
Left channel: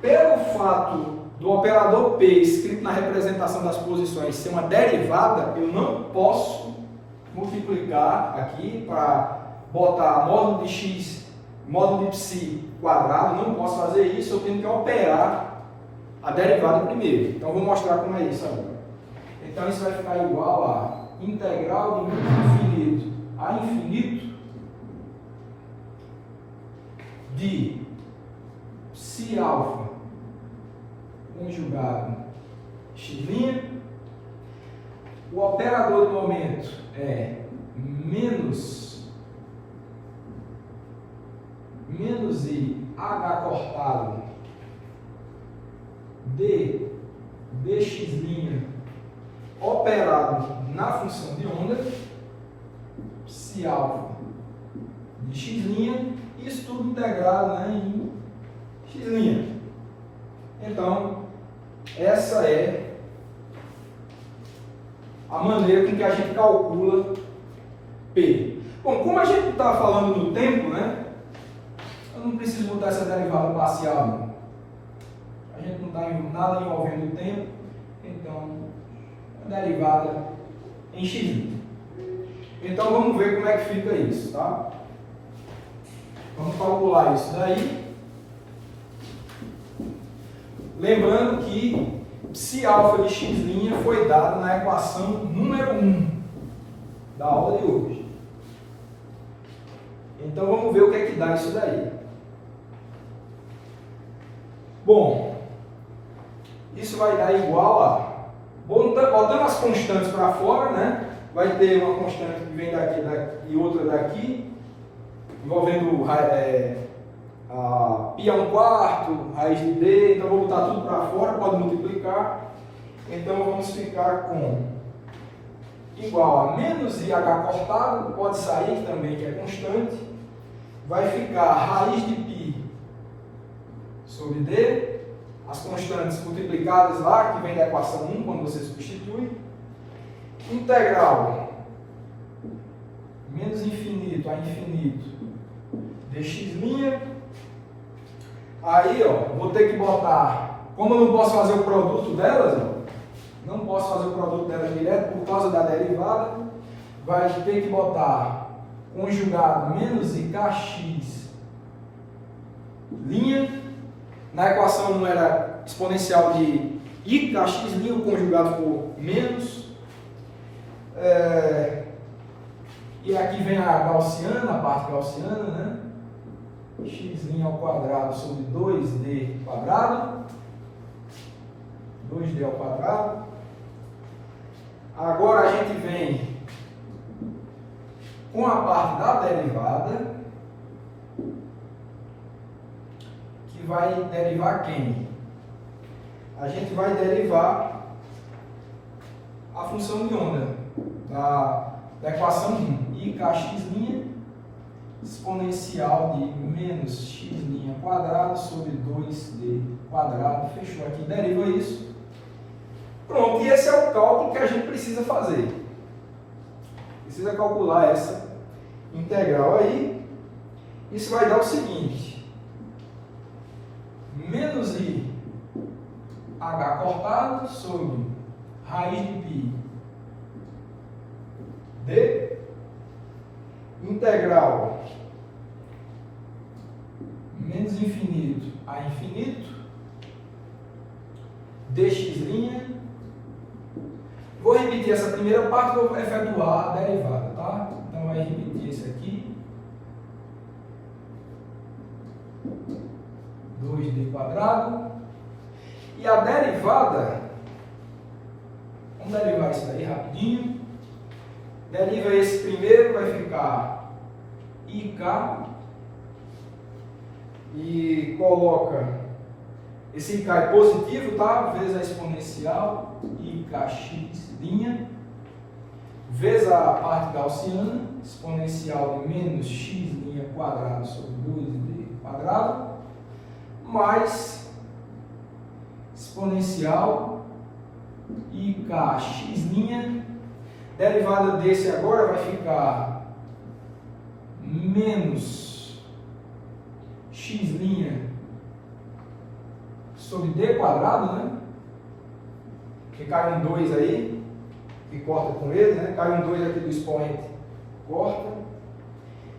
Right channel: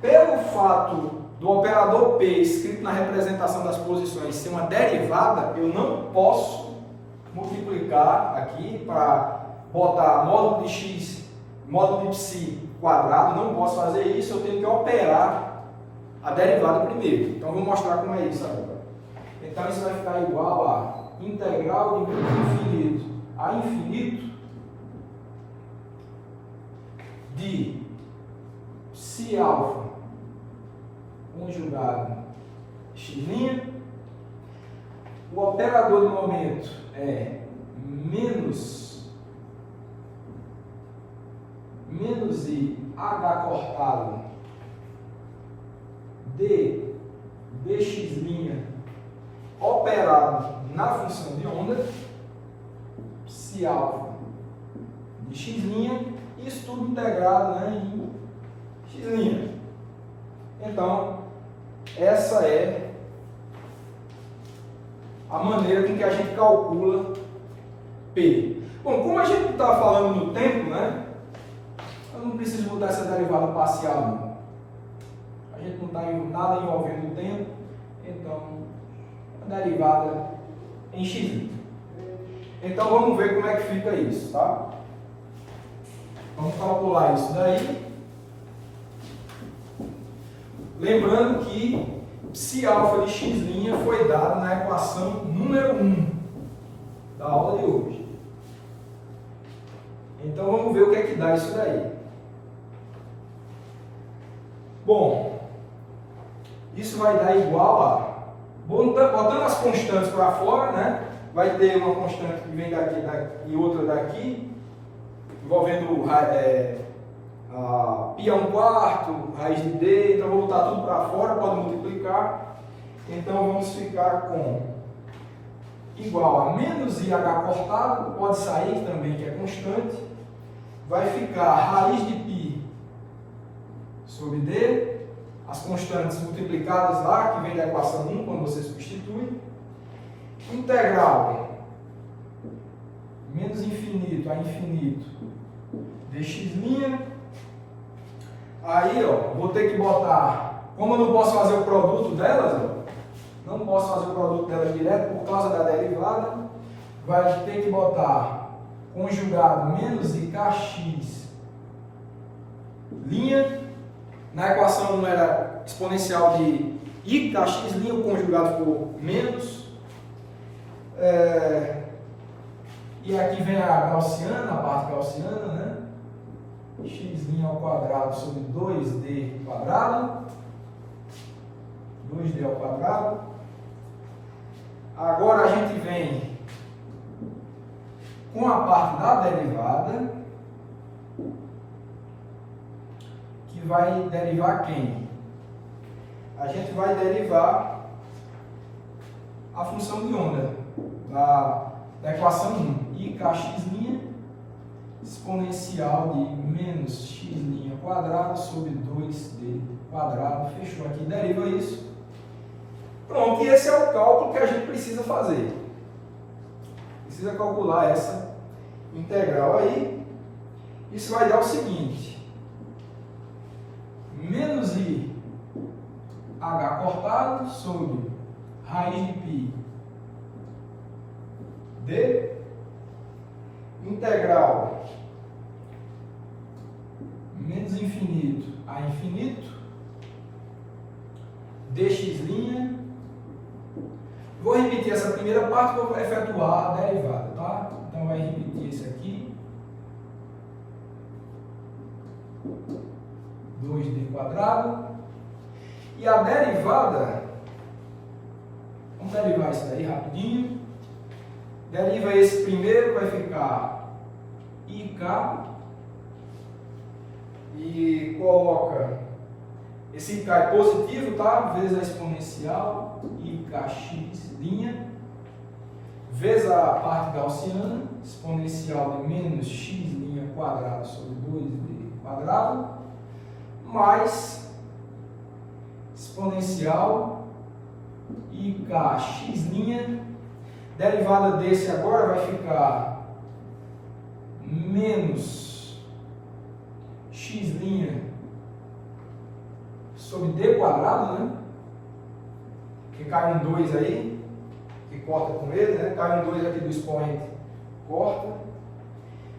Pelo fato do operador P escrito na representação das posições ser uma derivada, eu não posso multiplicar aqui para botar módulo de x, módulo de psi quadrado, não posso fazer isso, eu tenho que operar a derivada primeiro. Então, vou mostrar como é isso agora. Então, isso vai ficar igual a integral de infinito a infinito de psi alfa conjugado x'. O operador do momento é menos i h cortado de dx' operado na função de onda, psi alfa de x', isso tudo integrado, né, em x'. Então, essa é a maneira com que a gente calcula P. Bom, como a gente está falando no tempo, né, eu não preciso botar essa derivada parcial, não. A gente não está nada envolvendo o tempo, então, a derivada em x'. Então, vamos ver como é que fica isso, tá? Vamos calcular isso daí. Lembrando que psi alfa de x' foi dado na equação número 1 da aula de hoje. Então vamos ver o que é que dá isso daí. Bom, isso vai dar igual a Botando as constantes para fora, né? Vai ter uma constante que vem daqui e outra daqui, envolvendo a π a 1/4, raiz de d, então vou botar tudo para fora, pode multiplicar. Então vamos ficar com igual a menos IH cortado, pode sair também que é constante, vai ficar raiz de π sobre d, as constantes multiplicadas lá, que vem da equação 1, quando você substitui, integral menos infinito a infinito dx', aí ó, vou ter que botar, como eu não posso fazer o produto delas, ó, não posso fazer o produto delas direto por causa da derivada, vai ter que botar conjugado menos IKX linha, na equação 1 era exponencial de IKX linha, o conjugado ficou menos, e aqui vem a gaussiana, a parte gaussiana, né? X' ao quadrado sobre 2D quadrado. 2D ao quadrado. Agora a gente vem com a parte da derivada, que vai derivar quem? A gente vai derivar a função de onda da equação 1, IKX' exponencial de menos x' quadrado sobre 2d quadrado, fechou aqui, deriva isso. Pronto, e esse é o cálculo que a gente precisa fazer. Precisa calcular essa integral aí. Isso vai dar o seguinte, menos i h cortado sobre raiz de π d, integral menos infinito a infinito dx'. Vou repetir essa primeira parte, vou efetuar a derivada, tá? Então vai repetir isso aqui, 2d quadrado, e a derivada, vamos derivar isso daí rapidinho. Deriva esse primeiro, vai ficar IK, e coloca, esse IK é positivo, tá? Vezes a exponencial, IKX', vezes a parte gaussiana, exponencial de menos x' quadrado sobre 2d quadrado, mais exponencial IKX', derivada desse agora vai ficar menos x' sobre d quadrado, né? Que cai um 2 aí, que corta com ele, né? Cai um 2 aqui do expoente, corta,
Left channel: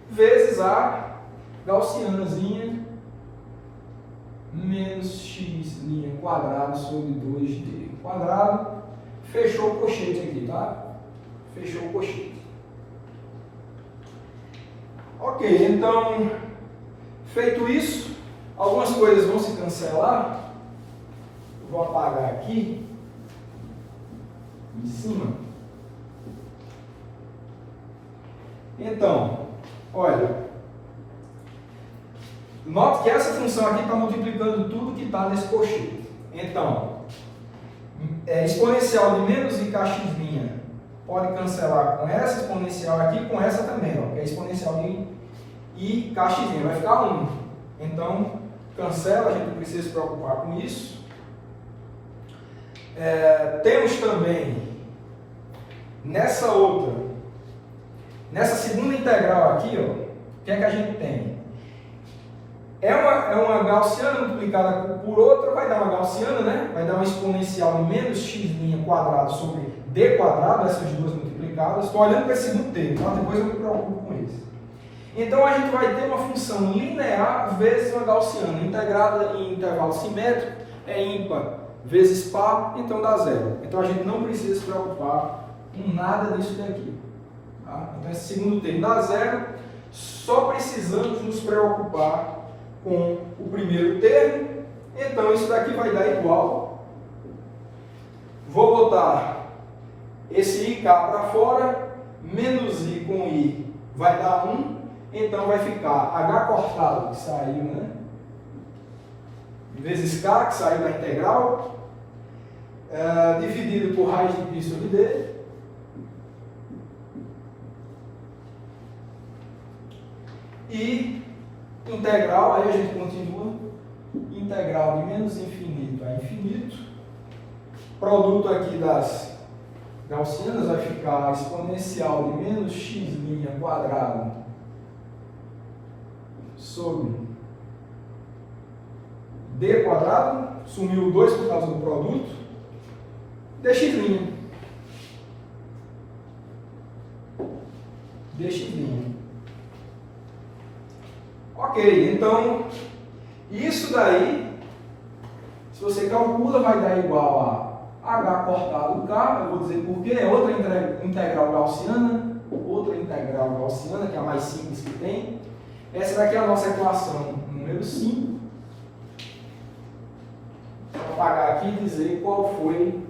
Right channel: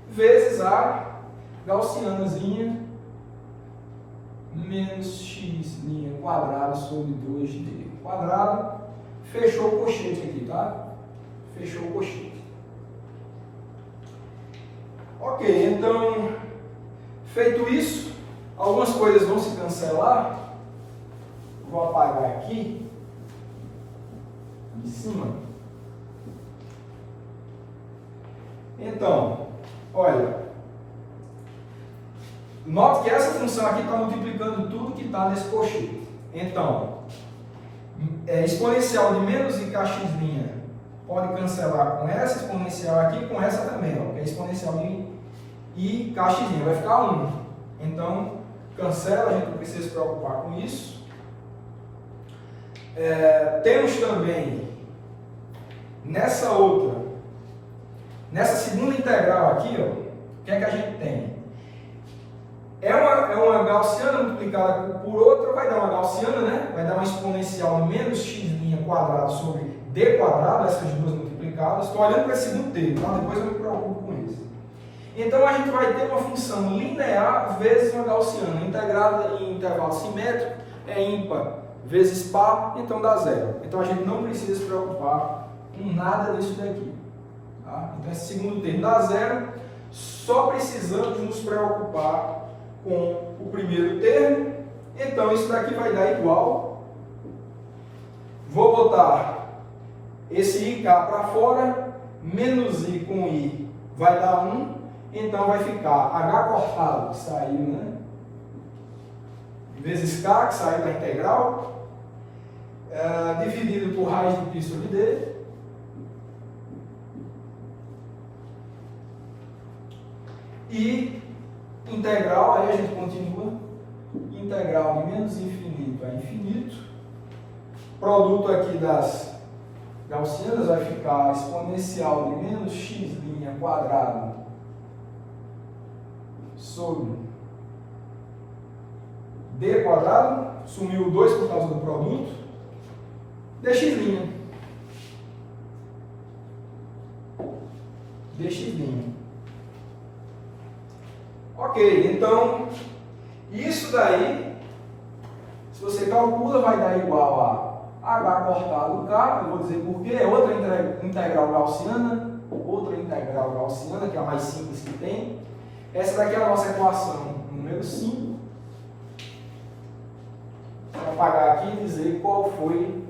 vezes a gaussianazinha menos x' quadrado sobre 2d quadrado, fechou o cochete aqui, tá? Fechou o cochete. Ok, então, feito isso, algumas coisas vão se cancelar. Vou apagar aqui, em cima. Então, olha, note que essa função aqui está multiplicando tudo que está nesse cochete. Então, exponencial de menos IKX' pode cancelar com essa exponencial aqui e com essa também, ó, que é exponencial de IKX', vai ficar 1. Então, cancela, a gente não precisa se preocupar com isso. Temos também, nessa segunda integral aqui, ó, o que é que a gente tem? É uma gaussiana multiplicada por outra, vai dar uma gaussiana, né? Vai dar uma exponencial de menos x' quadrado sobre d quadrado, essas duas multiplicadas. Estou olhando para esse segundo termo, tá? Depois eu me preocupo com isso. Então a gente vai ter uma função linear vezes uma gaussiana, integrada em intervalo simétrico, é ímpar vezes par, então dá zero. Então a gente não precisa se preocupar com nada disso daqui. Tá? Então esse segundo termo dá zero, só precisamos nos preocupar com o primeiro termo. Então isso daqui vai dar igual vou botar esse IK para fora, menos I com I vai dar 1, então vai ficar H cortado, que saiu, né? Vezes K, que saiu da integral, dividido por raiz de π sobre D, e integral, aí a gente continua, integral de menos infinito a infinito, produto aqui das gaussianas vai ficar exponencial de menos x' quadrado sobre d quadrado, sumiu o 2 por causa do produto, dx'. dx'. Ok, então, isso daí, se você calcula, vai dar igual a h cortado k, eu vou dizer por quê, é outra integral gaussiana, que é a mais simples que tem. Essa daqui é a nossa equação número 5. Vou apagar aqui e dizer qual foi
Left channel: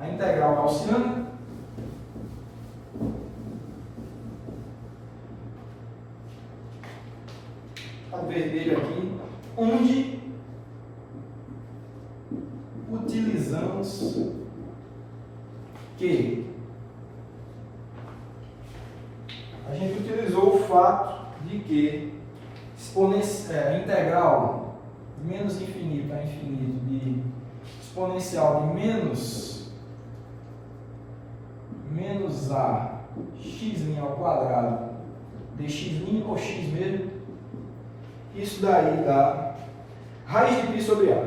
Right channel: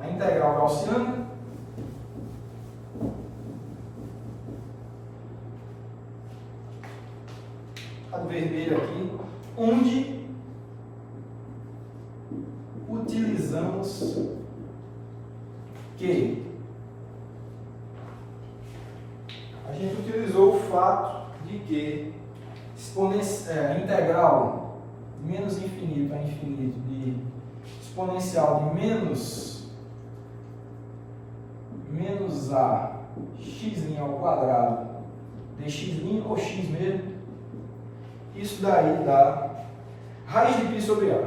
a integral gaussiana. Está vermelho aqui, onde utilizamos que a gente utilizou o fato de que integral de menos infinito a infinito de exponencial de menos a x' ao quadrado dx' ou x mesmo, isso daí dá raiz de π sobre a.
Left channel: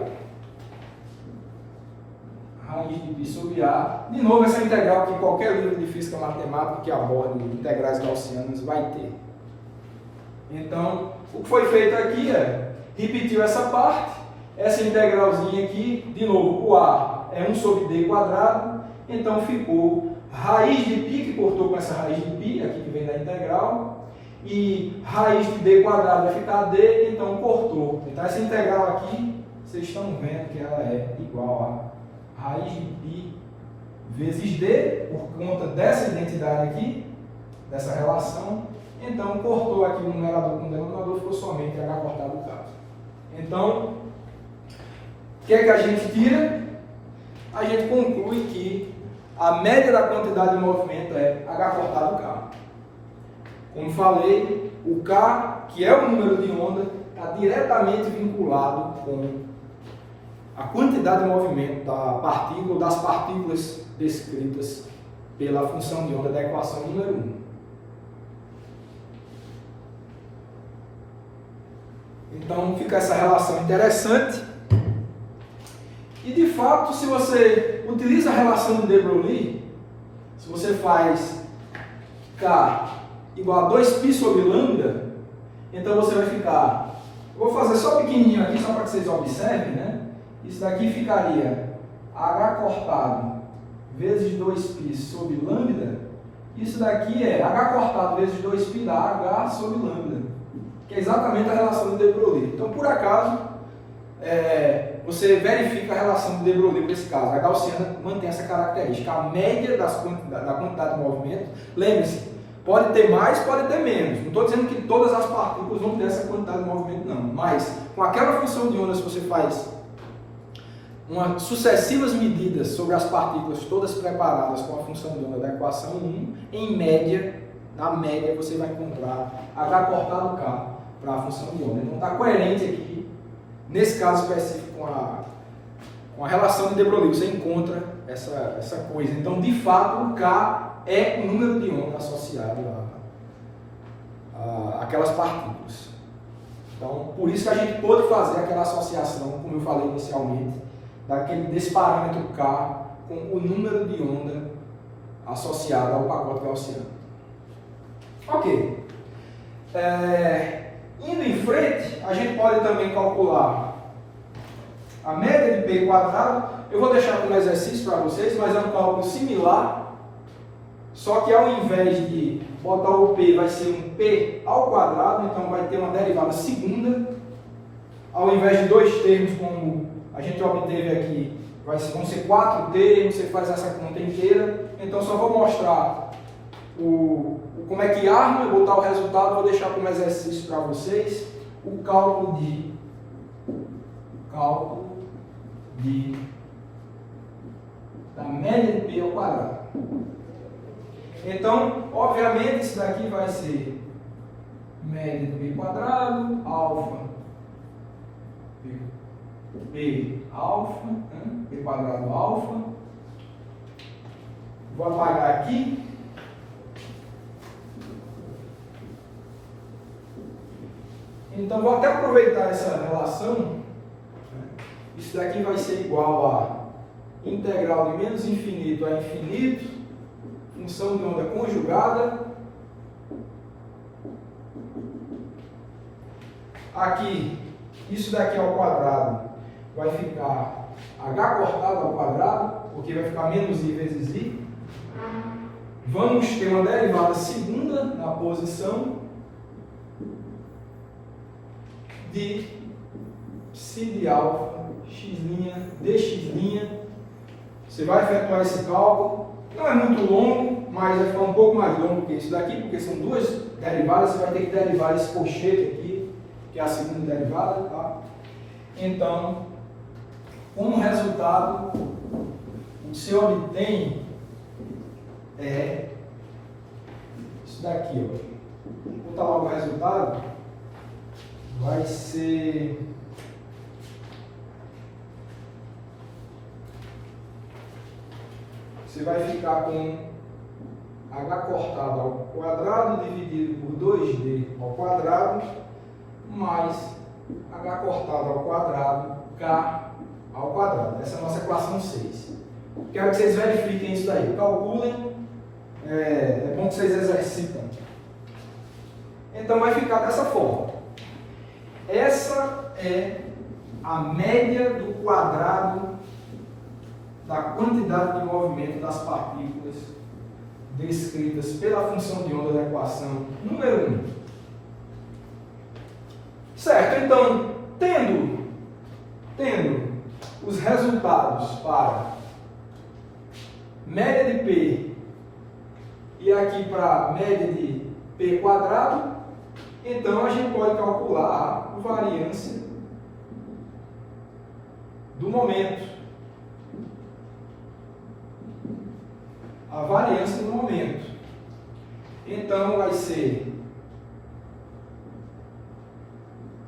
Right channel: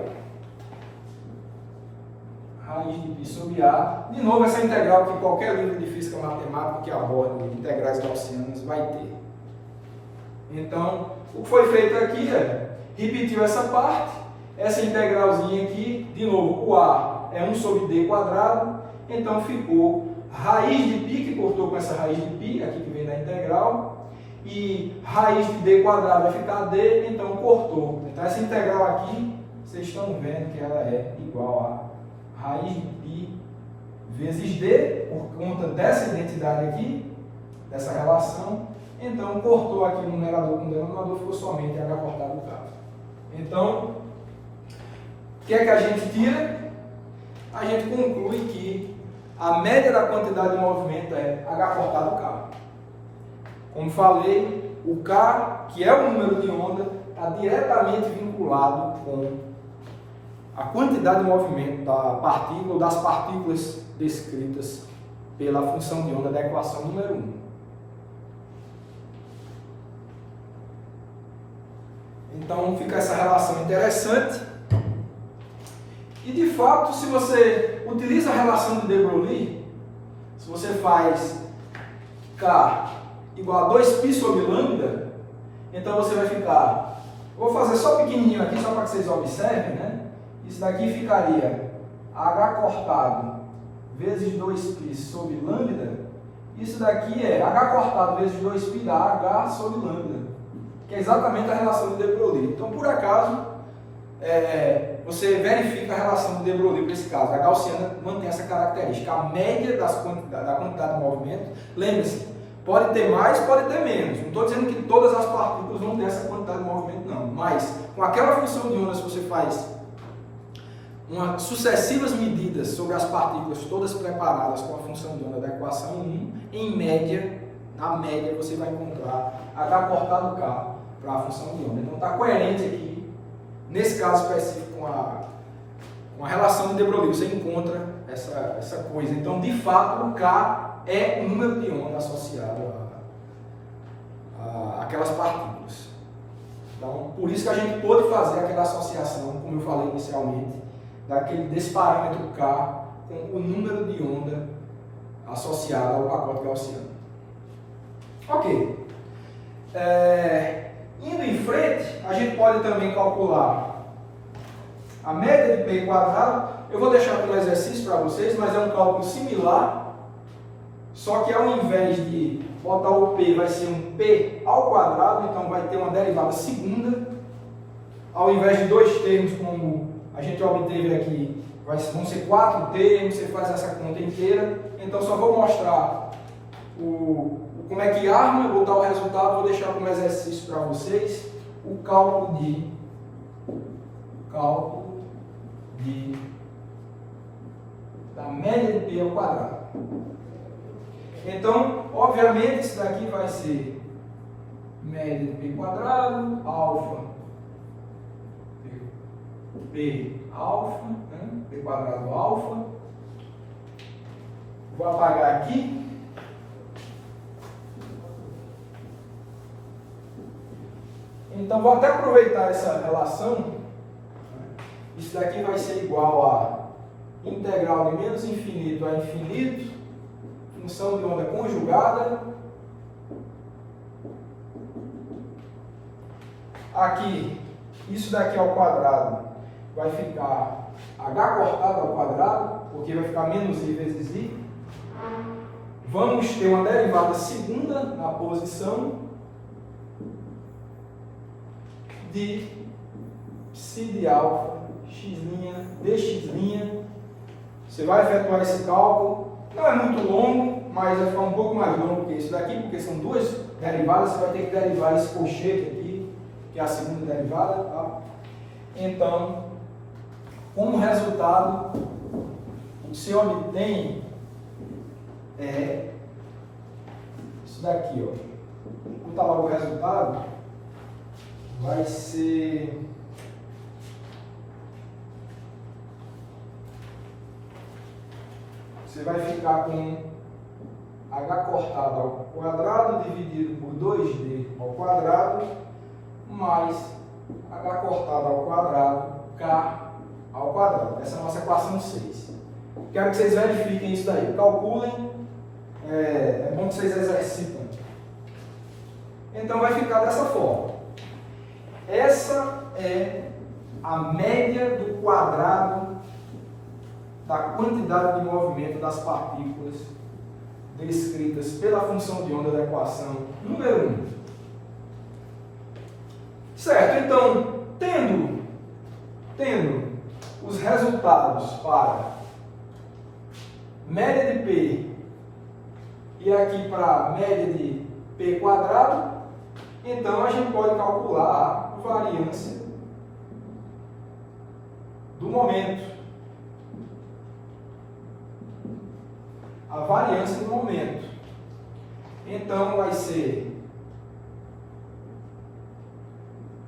Raiz de π sobre a. De novo, essa integral que qualquer livro de física matemática que aborde integrais gaussianas vai ter. Então, o que foi feito aqui é, repetiu essa parte, essa integralzinha aqui, de novo, o a é 1 sobre d quadrado, então ficou raiz de π, que cortou com essa raiz de π, aqui que vem da integral, e raiz de d quadrado vai ficar d, então cortou. Então essa integral aqui, vocês estão vendo que ela é igual a raiz de π vezes d, por conta dessa identidade aqui, dessa relação. Então cortou aqui o numerador com o denominador, ficou somente h cortado k. Então, o que é que a gente tira? A gente conclui que a média da quantidade de movimento é h cortado k. Como falei, o K, que é o número de onda, está diretamente vinculado com a quantidade de movimento da partícula ou das partículas descritas pela função de onda da equação número 1. Então fica essa relação interessante. E de fato, se você utiliza a relação de de Broglie, se você faz K igual a 2π sobre lambda, então você vai ficar, vou fazer só pequenininho aqui, só para que vocês observem, né? Isso daqui ficaria h cortado vezes 2π sobre lambda, isso daqui é h cortado vezes 2π dá h sobre lambda, que é exatamente a relação de de Broglie. Então, por acaso, você verifica a relação de de Broglie para esse caso, a gaussiana mantém essa característica, a média da quantidade de movimento, lembre-se, pode ter mais, pode ter menos. Não estou dizendo que todas as partículas vão ter essa quantidade de movimento, não. Mas, com aquela função de onda, se você faz sucessivas medidas sobre as partículas todas preparadas com a função de onda da equação 1, em média, na média, você vai encontrar h cortado k para a função de onda. Então, está coerente aqui, nesse caso específico, com a relação de de Broglie. Você encontra essa coisa. Então, de fato, o k é o número de onda associado a aquelas partículas. Então, por isso que a gente pôde fazer aquela associação, como eu falei inicialmente, desse parâmetro K com o número de onda associado ao pacote gaussiano. Ok. Indo em frente, a gente pode também calcular a média de π quadrado. Eu vou deixar aqui um exercício para vocês, mas é um cálculo similar. Só que ao invés de botar o P, vai ser um P ao quadrado, então vai ter uma derivada segunda. Ao invés de dois termos, como a gente obteve aqui, vão ser 4 termos, você faz essa conta inteira. Então só vou mostrar como é que arma, botar o resultado, vou deixar como exercício para vocês o cálculo da média de π ao quadrado. Então, obviamente, isso daqui vai ser média de π quadrado, alfa, π alfa, né? π quadrado alfa. Vou apagar aqui. Então, vou até aproveitar essa relação. Isso daqui vai ser igual a integral de menos infinito a infinito, função de onda conjugada. Aqui, isso daqui ao quadrado vai ficar h cortado ao quadrado, porque vai ficar menos i vezes i. Vamos ter uma derivada segunda na posição de ψ de alfa, x' dx'. Você vai efetuar esse cálculo. Não é muito longo, mas vai ficar um pouco mais longo que isso daqui, porque são duas derivadas. Você vai ter que derivar esse colchete aqui, que é a segunda derivada. Tá? Então, como resultado, o que você obtém é isso daqui. Ó. Vou botar logo o resultado. Vai ser... Você vai ficar com h cortado ao quadrado dividido por 2d ao quadrado mais h cortado ao quadrado k ao quadrado. Essa é a nossa equação 6. Quero que vocês verifiquem isso daí. Calculem. É bom que vocês exercitam. Então vai ficar dessa forma. Essa é a média do quadrado da quantidade de movimento das partículas descritas pela função de onda da equação número 1. Certo, então, tendo os resultados para média de π e aqui para média de π quadrado, então a gente pode calcular a variância do momento. A variância do momento. Então vai ser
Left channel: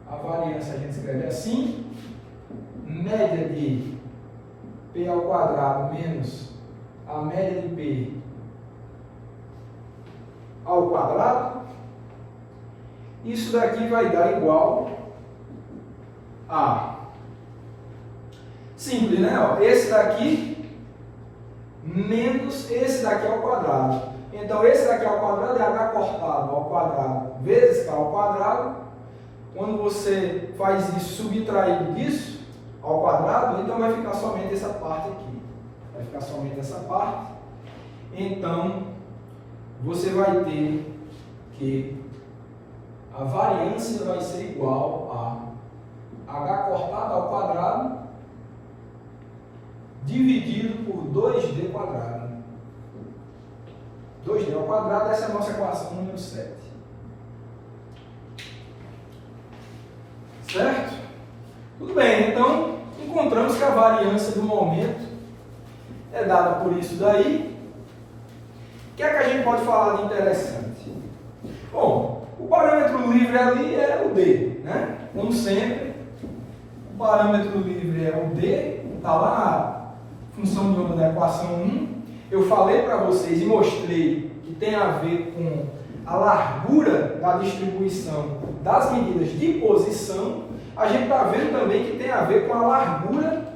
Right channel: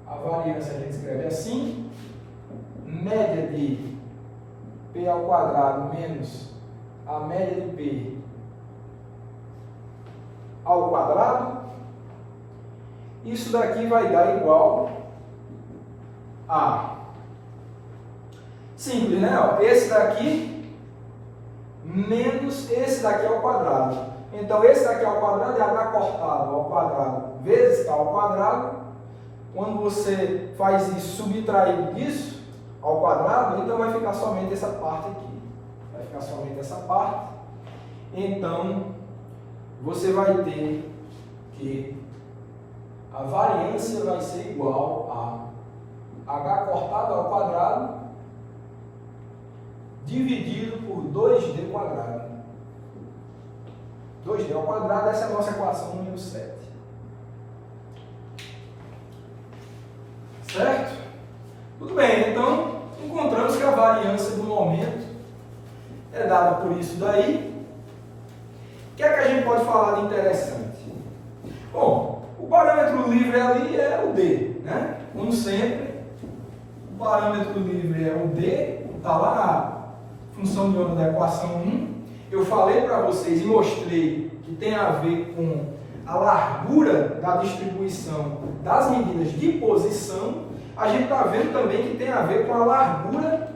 a variância, a gente escreve assim, média de π ao quadrado menos a média de π ao quadrado. Isso daqui vai dar igual a simples, né? Ó, esse daqui menos esse daqui ao quadrado. Então, esse daqui ao quadrado é h cortado ao quadrado vezes k ao quadrado. Quando você faz isso subtraído disso ao quadrado, então vai ficar somente essa parte aqui. Vai ficar somente essa parte. Então, você vai ter que a variância vai ser igual a h cortado ao quadrado dividido por 2d quadrado. 2d ao quadrado, essa é a nossa equação número 7. Certo? Tudo bem, então encontramos que a variância do momento é dada por isso daí. O que é que a gente pode falar de interessante? Bom, o parâmetro livre ali é o d, né? Como sempre, o parâmetro livre é o d, está lá na função de onda da equação 1, eu falei para vocês e mostrei que tem a ver com a largura da distribuição das medidas de posição. A gente está vendo também que tem a ver com a largura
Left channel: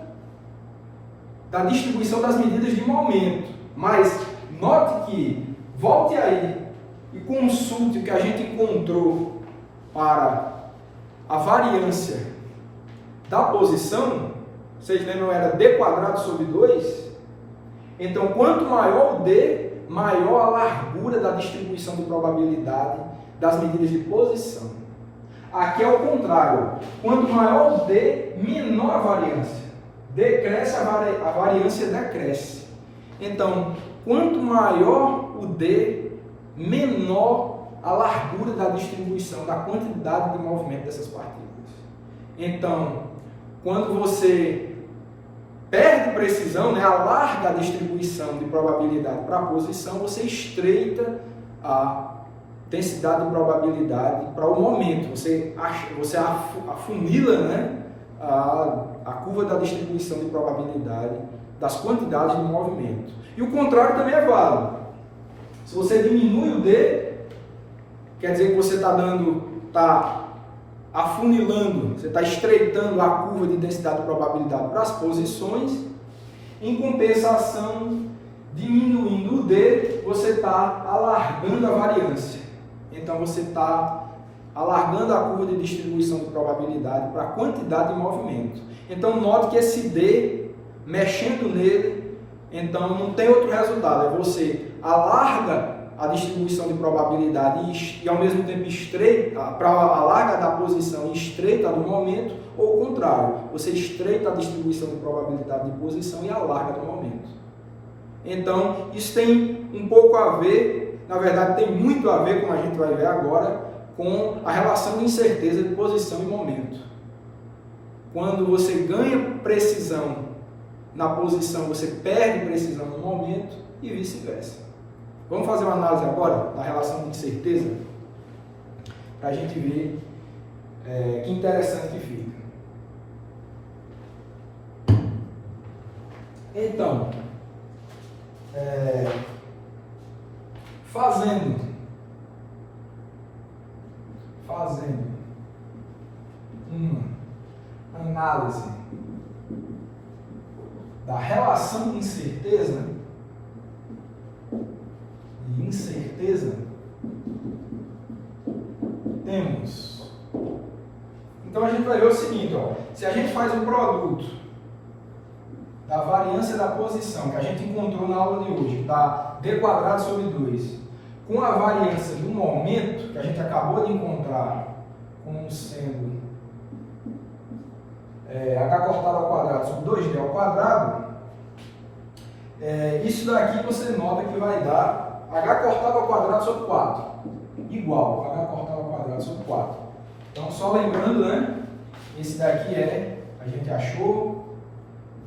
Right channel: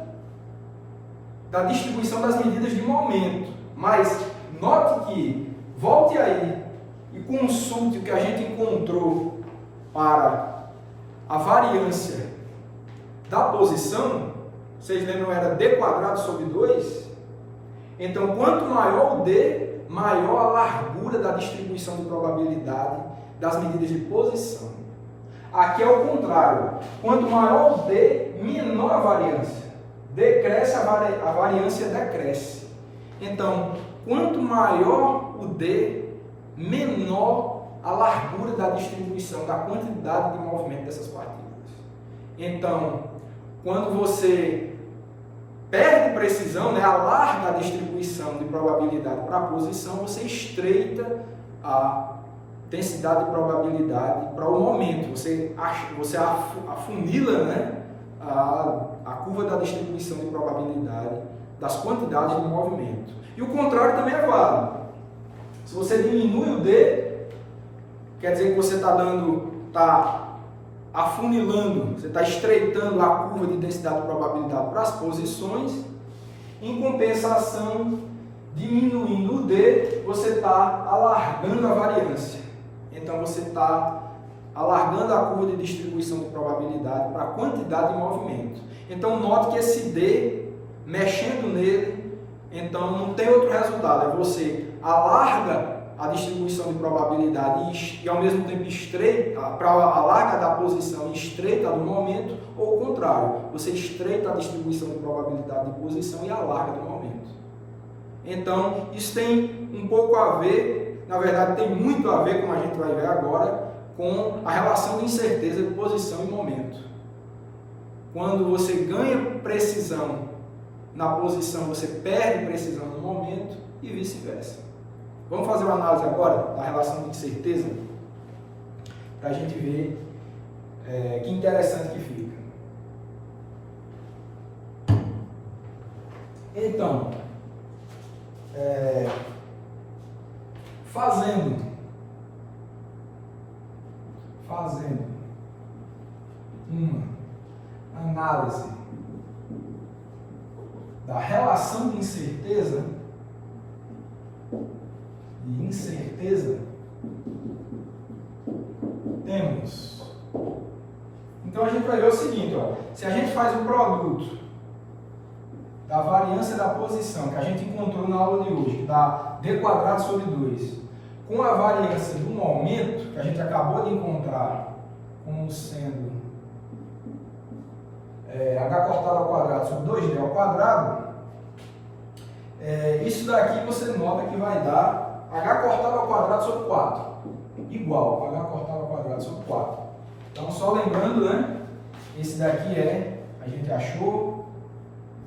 da distribuição das medidas de momento. Mas note que, volte aí e consulte o que a gente encontrou para a variância da posição. Vocês lembram, era d quadrado sobre 2? Então, quanto maior o d, maior a largura da distribuição de probabilidade das medidas de posição. Aqui é o contrário. Quanto maior o d, menor a variância decresce, a variância decresce. Então, quanto maior o D, menor a largura da distribuição, da quantidade de movimento dessas partículas. Então, quando você perde precisão, né, alarga a distribuição de probabilidade para a posição, você estreita a densidade de probabilidade para o momento. Você afunila, né, a curva da distribuição de probabilidade das quantidades de movimento. E o contrário também é válido. Se você diminui o D, quer dizer que você está afunilando, você está estreitando a curva de densidade de probabilidade para as posições. Em compensação, diminuindo o D, você está alargando a variância. Então você está alargando a curva de distribuição de probabilidade para a quantidade de movimento. Então note que esse D, mexendo nele, então não tem outro resultado, é você alarga a distribuição de probabilidade e ao mesmo tempo estreita, para alarga da posição e estreita do momento, ou o contrário, você estreita a distribuição de probabilidade de posição e alarga do momento. Então, isso tem um pouco a ver, na verdade tem muito a ver, como a gente vai ver agora, com a relação de incerteza de posição e momento. Quando você ganha precisão na posição, você perde precisão no momento e vice-versa. Vamos fazer uma análise agora da relação de incerteza, para a gente ver que interessante que fica. Então, fazendo uma análise da relação de incerteza, temos. Então a gente vai ver o seguinte, ó, se a gente faz o produto da variância da posição que a gente encontrou na aula de hoje, que dá d² sobre 2, com a variância do momento que a gente acabou de encontrar como sendo h cortado ao quadrado sobre 2d ao quadrado, isso daqui você nota que vai dar h cortado ao quadrado sobre 4, igual a h cortado ao quadrado sobre 4. Então, só lembrando, né, esse daqui a gente achou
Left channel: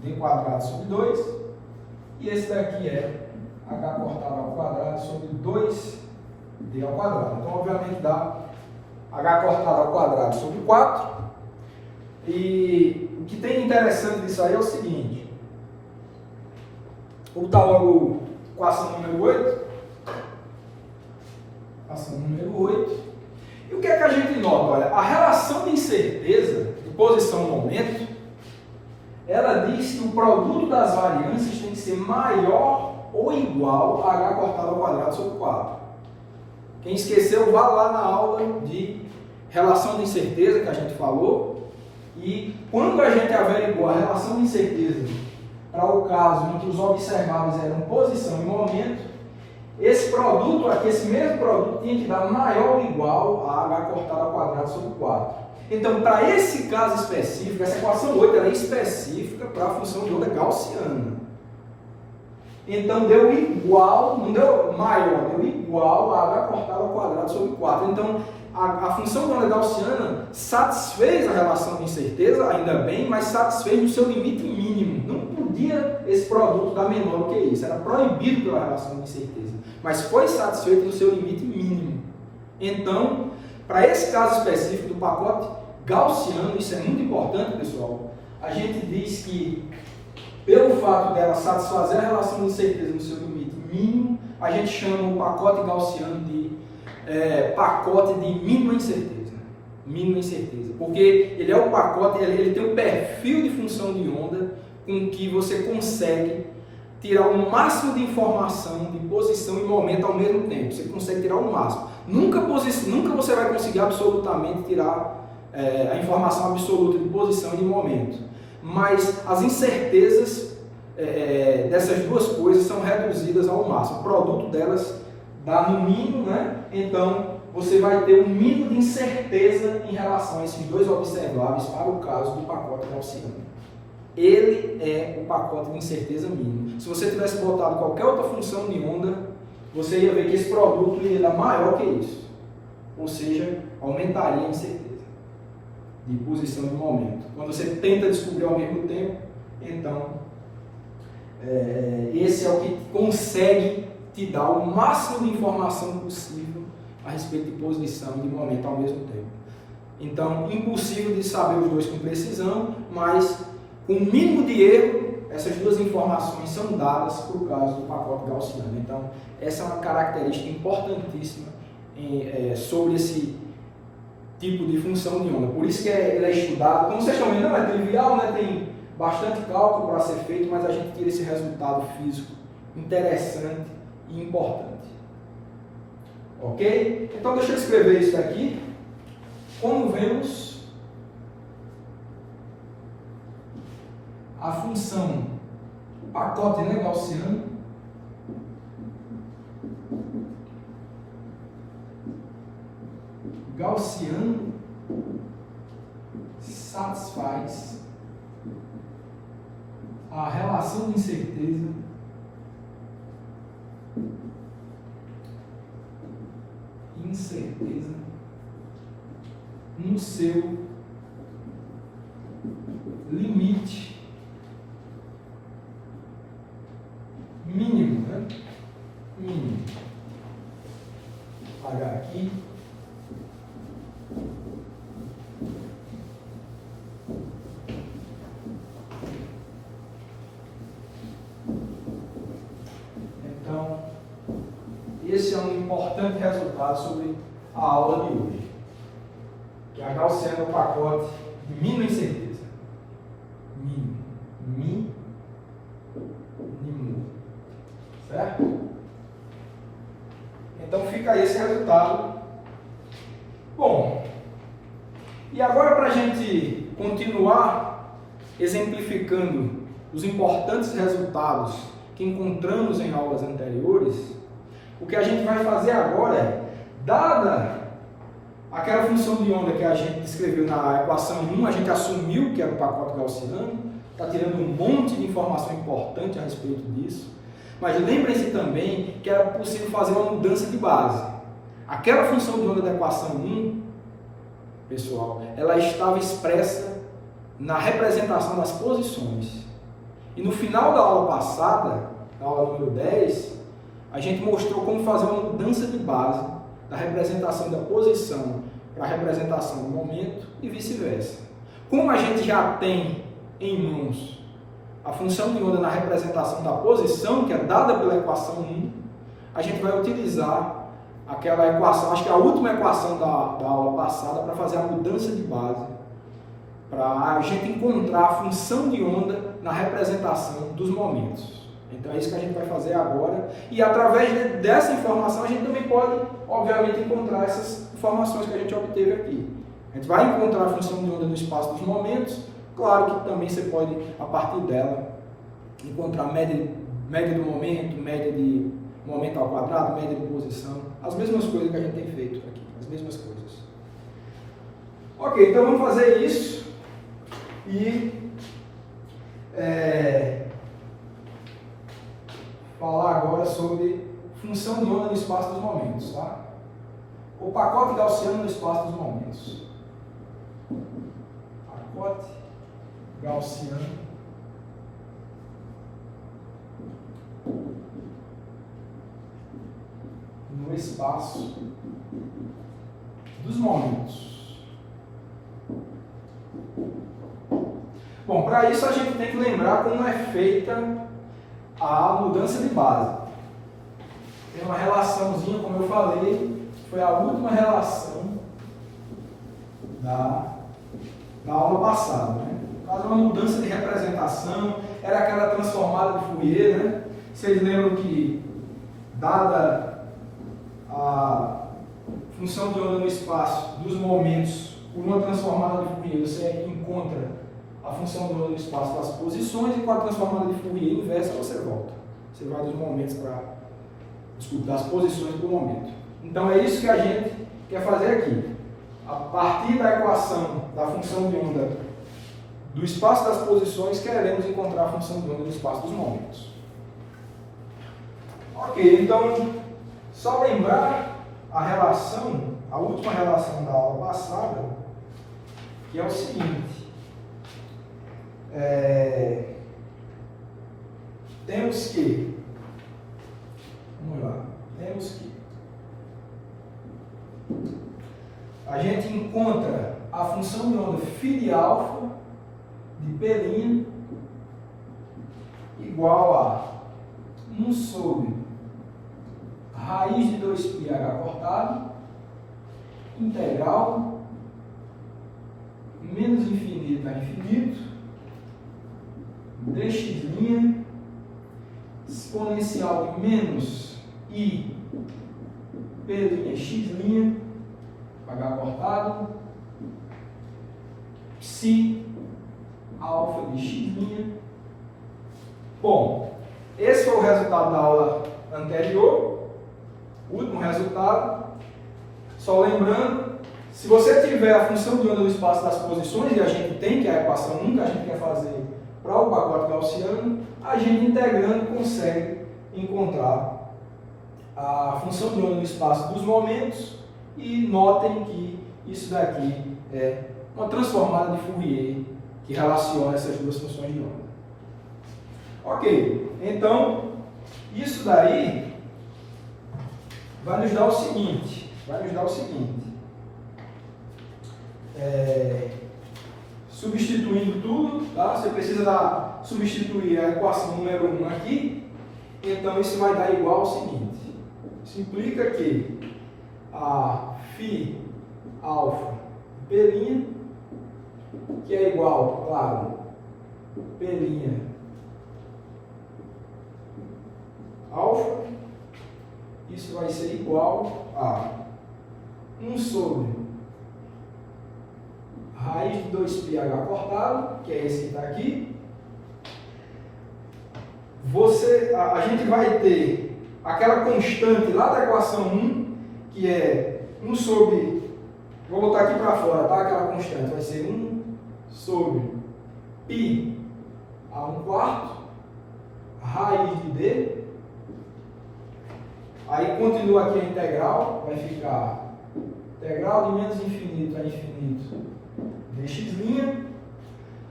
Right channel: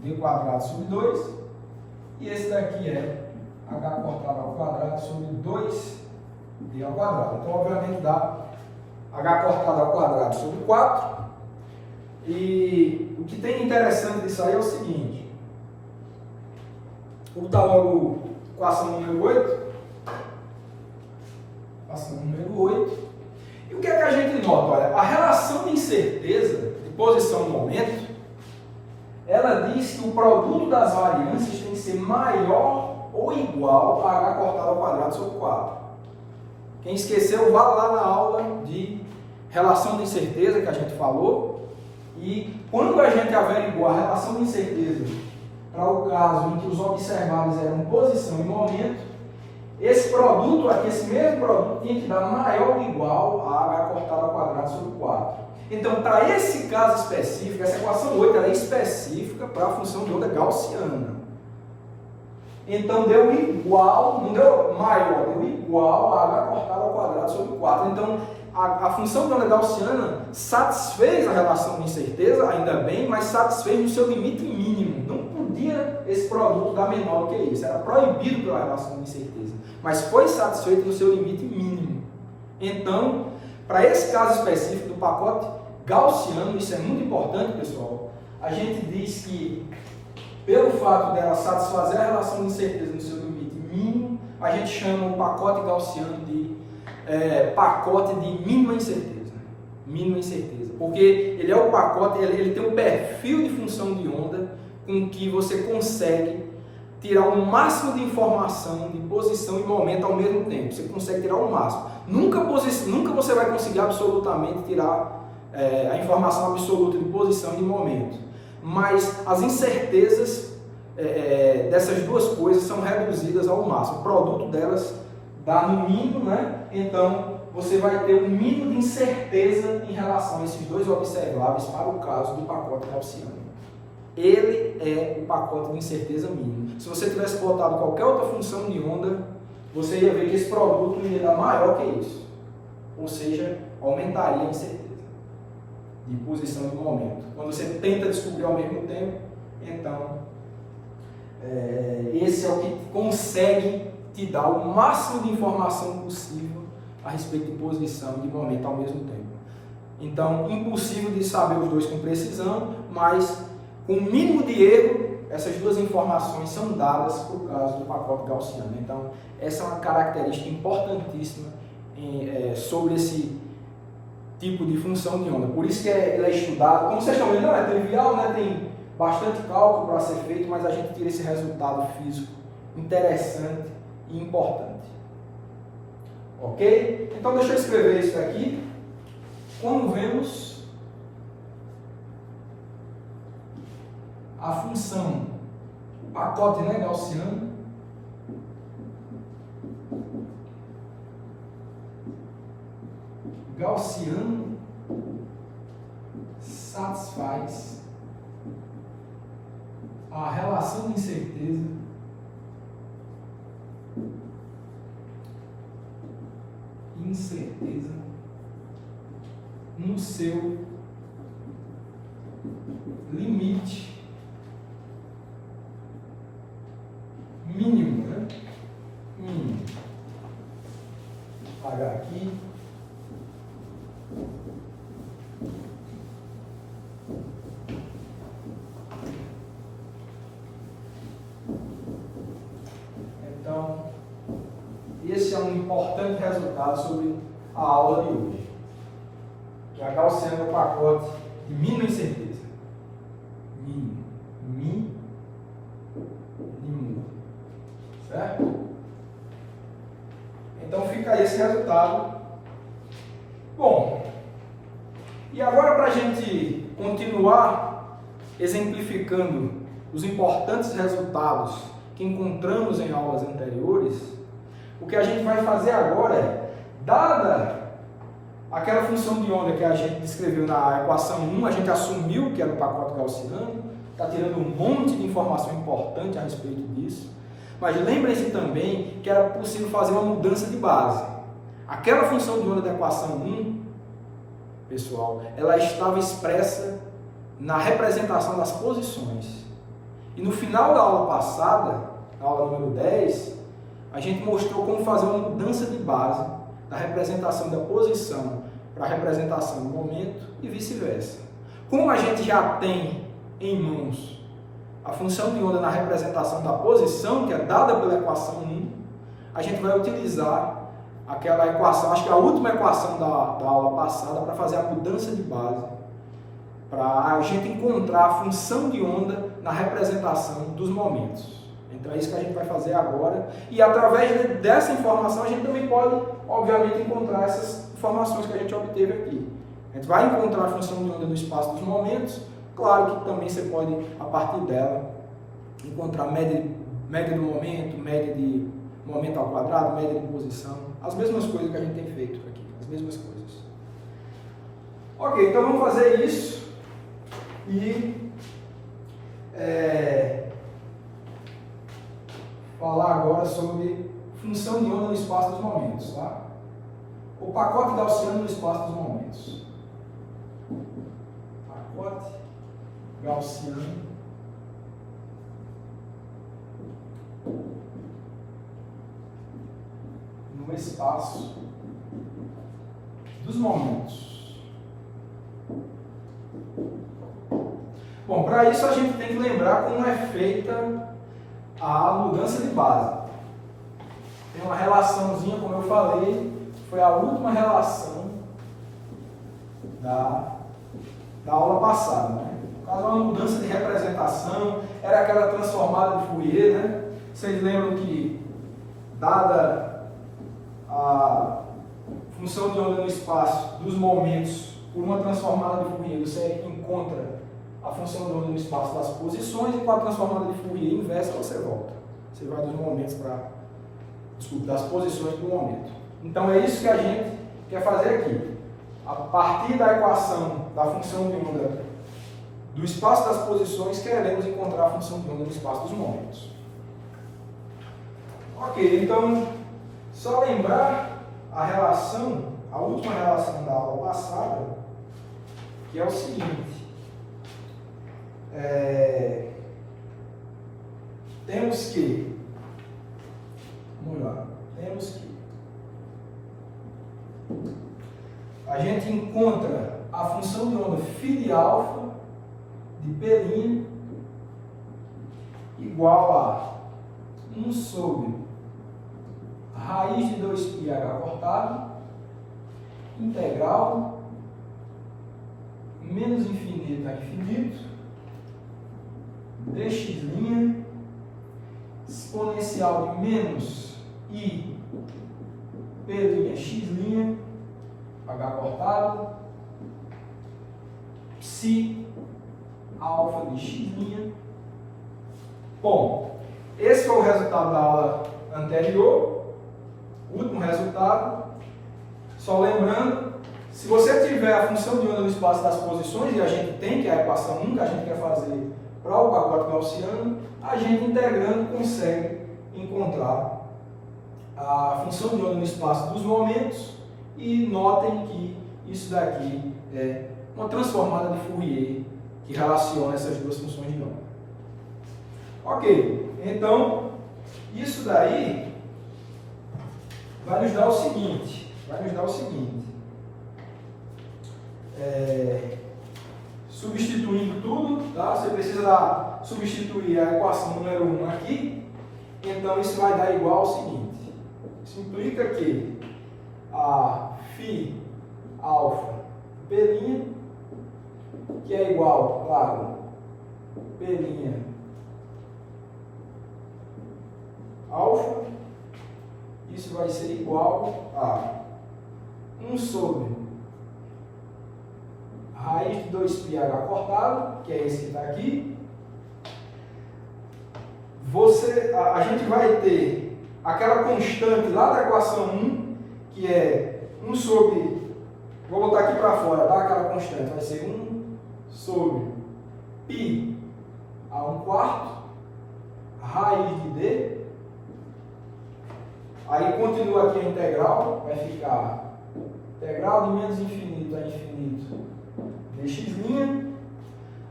d² sobre 2, e esse daqui h cortado ao quadrado sobre 2d ao quadrado. Então, obviamente, dá h cortado ao quadrado sobre 4. E o que tem interessante disso aí é o seguinte. Vou botar logo a equação número 8. Equação número 8. E o que é que a gente nota? Olha, a relação de incerteza de posição e momento, ela diz que o produto das variâncias tem que ser maior ou igual a h cortado ao quadrado sobre 4. Quem esqueceu, vá lá na aula de relação de incerteza que a gente falou. E quando a gente averiguou a relação de incerteza para o caso em que os observáveis eram posição e momento, esse produto aqui, esse mesmo produto, tinha que dar maior ou igual a h cortado ao quadrado sobre 4. Então, para esse caso específico, essa equação 8 ela é específica para a função de onda gaussiana. Então, deu igual, não deu maior, deu igual a h cortado ao quadrado sobre 4. Então, a função de onda gaussiana satisfez a relação de incerteza, ainda bem, mas satisfez no seu limite mínimo. Não podia esse produto dar menor do que isso, era proibido pela relação de incerteza, mas foi satisfeito no seu limite mínimo. Então, para esse caso específico do pacote gaussiano, isso é muito importante, pessoal, a gente diz que, pelo fato dela satisfazer a relação de incerteza no seu limite mínimo, a gente chama o pacote gaussiano de pacote de mínima incerteza. Mínima incerteza. Porque ele é o pacote, ele tem um perfil de função de onda com que você consegue tirar o máximo de informação de posição e momento ao mesmo tempo. Você consegue tirar o máximo. Nunca você vai conseguir absolutamente tirar a informação absoluta de posição e de momento. Mas as incertezas dessas duas coisas são reduzidas ao máximo. O produto delas dá no mínimo, né? Então, você vai ter um mínimo de incerteza em relação a esses dois observáveis para o caso do pacote gaussiano. ele é o pacote de incerteza mínima. Se você tivesse botado qualquer outra função de onda, você ia ver que esse produto ia dar maior que isso. Ou seja, aumentaria a incerteza de posição de momento. Quando você tenta descobrir ao mesmo tempo, então esse é o que consegue te dar o máximo de informação possível a respeito de posição de momento ao mesmo tempo. Então, impossível de saber os dois com precisão, mas com o mínimo de erro, essas duas informações são dadas por causa do pacote gaussiano. Então, essa é uma característica importantíssima sobre esse tipo de função de onda. Por isso que ele é estudado. Como vocês estão vendo, não é trivial, né? Tem bastante cálculo para ser feito, mas a gente tira esse resultado físico interessante e importante. Ok? Então, deixa eu escrever isso aqui. Como vemos, a função, o pacote, né, gaussiano, satisfaz a relação de incerteza no seu limite mínimo, né? Mínimo. Vou apagar aqui. Então, esse é um importante resultado sobre a aula de hoje, que a gaussiana é o pacote de mínima incerteza. Mínimo. Certo? Então fica aí esse resultado. Bom, e agora para a gente continuar exemplificando os importantes resultados que encontramos em aulas anteriores, o que a gente vai fazer agora é, dada aquela função de onda que a gente descreveu na equação 1, a gente assumiu que era o pacote gaussiano, está tirando um monte de informação importante a respeito disso, mas lembrem-se também que era possível fazer uma mudança de base. Aquela função de onda da equação 1, pessoal, ela estava expressa na representação das posições. E no final da aula passada, na aula número 10, a gente mostrou como fazer uma mudança de base da representação da posição para a representação do momento e vice-versa. Como a gente já tem em mãos a função de onda na representação da posição, que é dada pela equação 1, a gente vai utilizar aquela equação, acho que é a última equação da aula passada, para fazer a mudança de base, para a gente encontrar a função de onda na representação dos momentos. Então é isso que a gente vai fazer agora, e através dessa informação a gente também pode, obviamente, encontrar essas informações que a gente obteve aqui. A gente vai encontrar a função de onda no espaço dos momentos, claro que também você pode, a partir dela, encontrar média do momento, média de momento ao quadrado, média de posição, as mesmas coisas que a gente tem feito aqui, as mesmas coisas. Ok, então vamos fazer isso e falar agora sobre função de onda no espaço dos momentos, tá? O pacote gaussiano no espaço dos momentos. Pacote gaussiano no espaço dos momentos. Bom, para isso a gente tem que lembrar como é feita a mudança de base. Tem uma relaçãozinha, como eu falei, foi a última relação da aula passada, né? No caso, é uma mudança de representação, era aquela transformada de Fourier, né? Vocês lembram que, dada a função de onda no espaço dos momentos por uma transformada de Fourier, você encontra a função de onda no espaço das posições, e com a transformada de Fourier inversa você volta. Você vai dos momentos das posições para o momento. Então é isso que a gente quer fazer aqui. A partir da equação da função de onda do espaço das posições, queremos encontrar a função de onda no espaço dos momentos. Ok, então, só lembrar a relação, a última relação da aula passada, que é o seguinte. Temos que a gente encontra a função de onda φ de alfa de P' igual a 1 sobre raiz de 2πh cortado, integral, menos infinito a infinito, dx', exponencial de menos I P'x', h cortado, psi alfa de x'. Bom, esse foi o resultado da aula anterior, o último resultado. Só lembrando, se você tiver a função de onda no espaço das posições, e a gente tem, que é a equação 1 que a gente quer fazer para o pacote gaussiano, a gente integrando consegue encontrar a função de onda no espaço dos momentos. E notem que isso daqui é uma transformada de Fourier que relaciona essas duas funções de onda. Ok, então isso daí vai nos dar o seguinte, substituindo tudo, tá? Você precisa substituir a equação número 1 aqui, então isso vai dar igual ao seguinte, isso implica que a φ alfa P', que é igual, claro, P' alfa, isso vai ser igual a 1 sobre raiz de 2πh cortado, que é esse que está aqui. A gente vai ter aquela constante lá da equação 1, que é 1 sobre, vou botar aqui para fora, tá? Aquela constante vai ser 1 sobre π a 1/4 raiz de d. Aí continua aqui a integral, vai ficar integral de menos infinito a infinito dx'.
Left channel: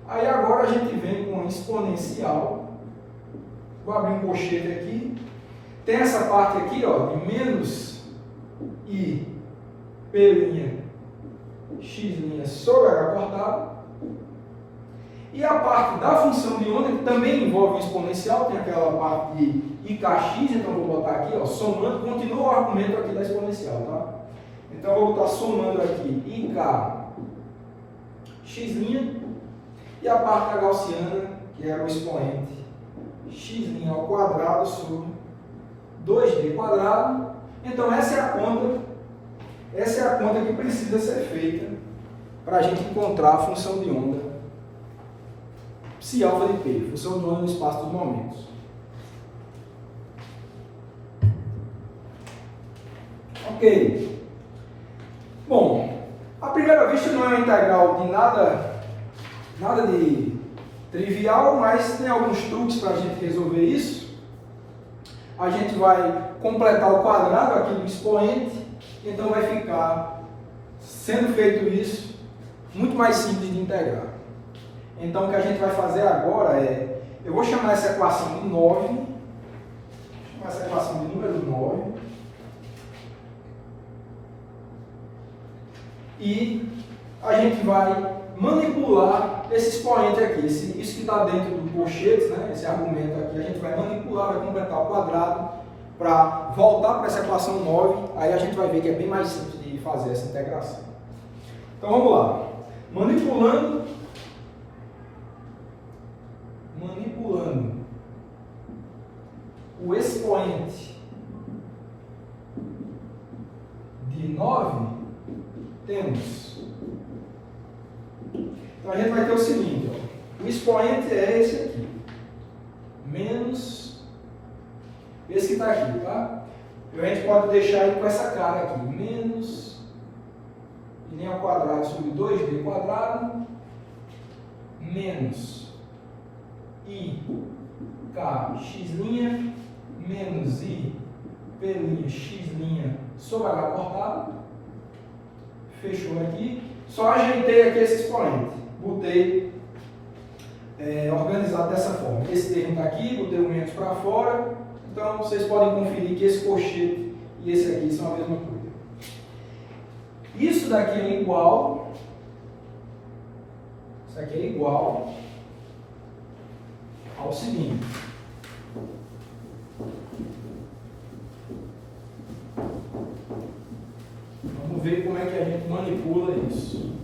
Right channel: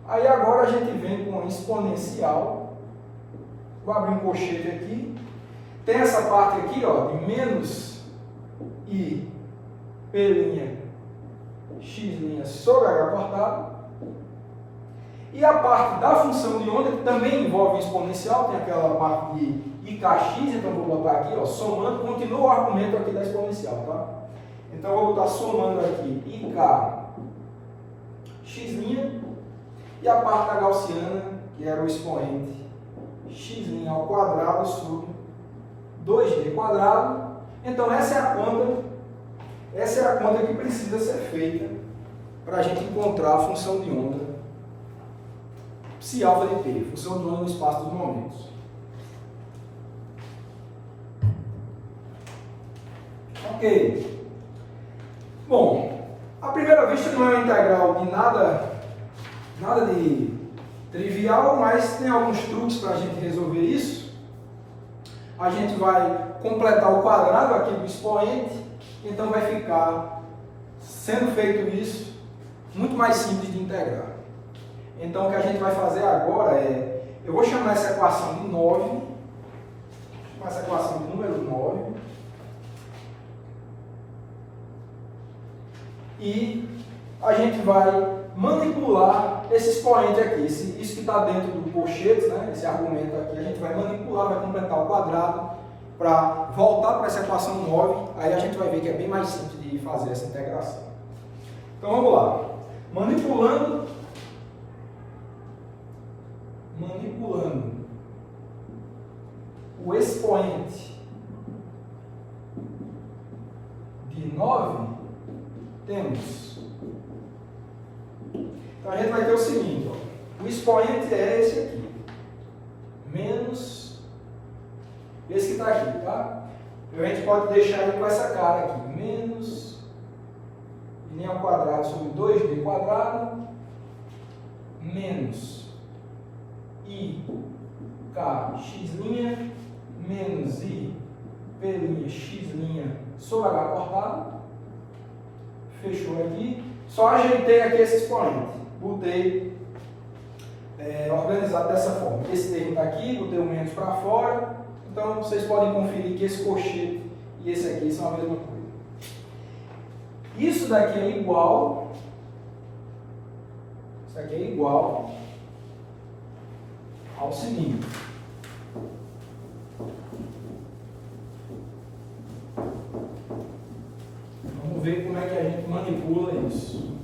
Aí agora a gente vem com a exponencial, vou abrir um colchete aqui, tem essa parte aqui, ó, de menos I P' x' sobre h cortado, e a parte da função de onda, que também envolve o exponencial, tem aquela parte de IKx, então vou botar aqui, ó, somando, continua o argumento aqui da exponencial, tá? Então eu vou botar somando aqui IKx, e a parte da gaussiana, que era o expoente x' ao quadrado sobre 2d quadrado. Então essa é a conta que precisa ser feita para a gente encontrar a função de onda psi alfa de P, função de onda no espaço dos momentos. Ok. Bom, à primeira vista não é uma integral de nada de trivial, mas tem alguns truques para a gente resolver isso. A gente vai completar o quadrado aqui do expoente, então vai ficar, sendo feito isso, muito mais simples de integrar. Então o que a gente vai fazer agora é, eu vou chamar essa equação de 9, vou chamar essa equação de número 9, e a gente vai manipular esse expoente aqui, isso que está dentro do colchete, né, esse argumento aqui, a gente vai manipular, vai completar o quadrado para voltar para essa equação 9, aí a gente vai ver que é bem mais simples de fazer essa integração. Então vamos lá, manipulando o expoente de 9, temos. Então a gente vai ter o seguinte, ó, o expoente é esse aqui, menos esse que está aqui, tá? A gente pode deixar ele com essa cara aqui, menos i ao quadrado sobre 2d quadrado, menos IK x' menos I P' x' sobre H cortado. Fechou aqui. Só ajeitei aqui esse expoente. Botei organizado dessa forma. Esse termo está aqui, botei o menos para fora. Então vocês podem conferir que esse colchete e esse aqui são a mesma coisa. Isso daqui é igual. Isso aqui é igual ao seguinte. Vamos ver como é que a gente manipula isso.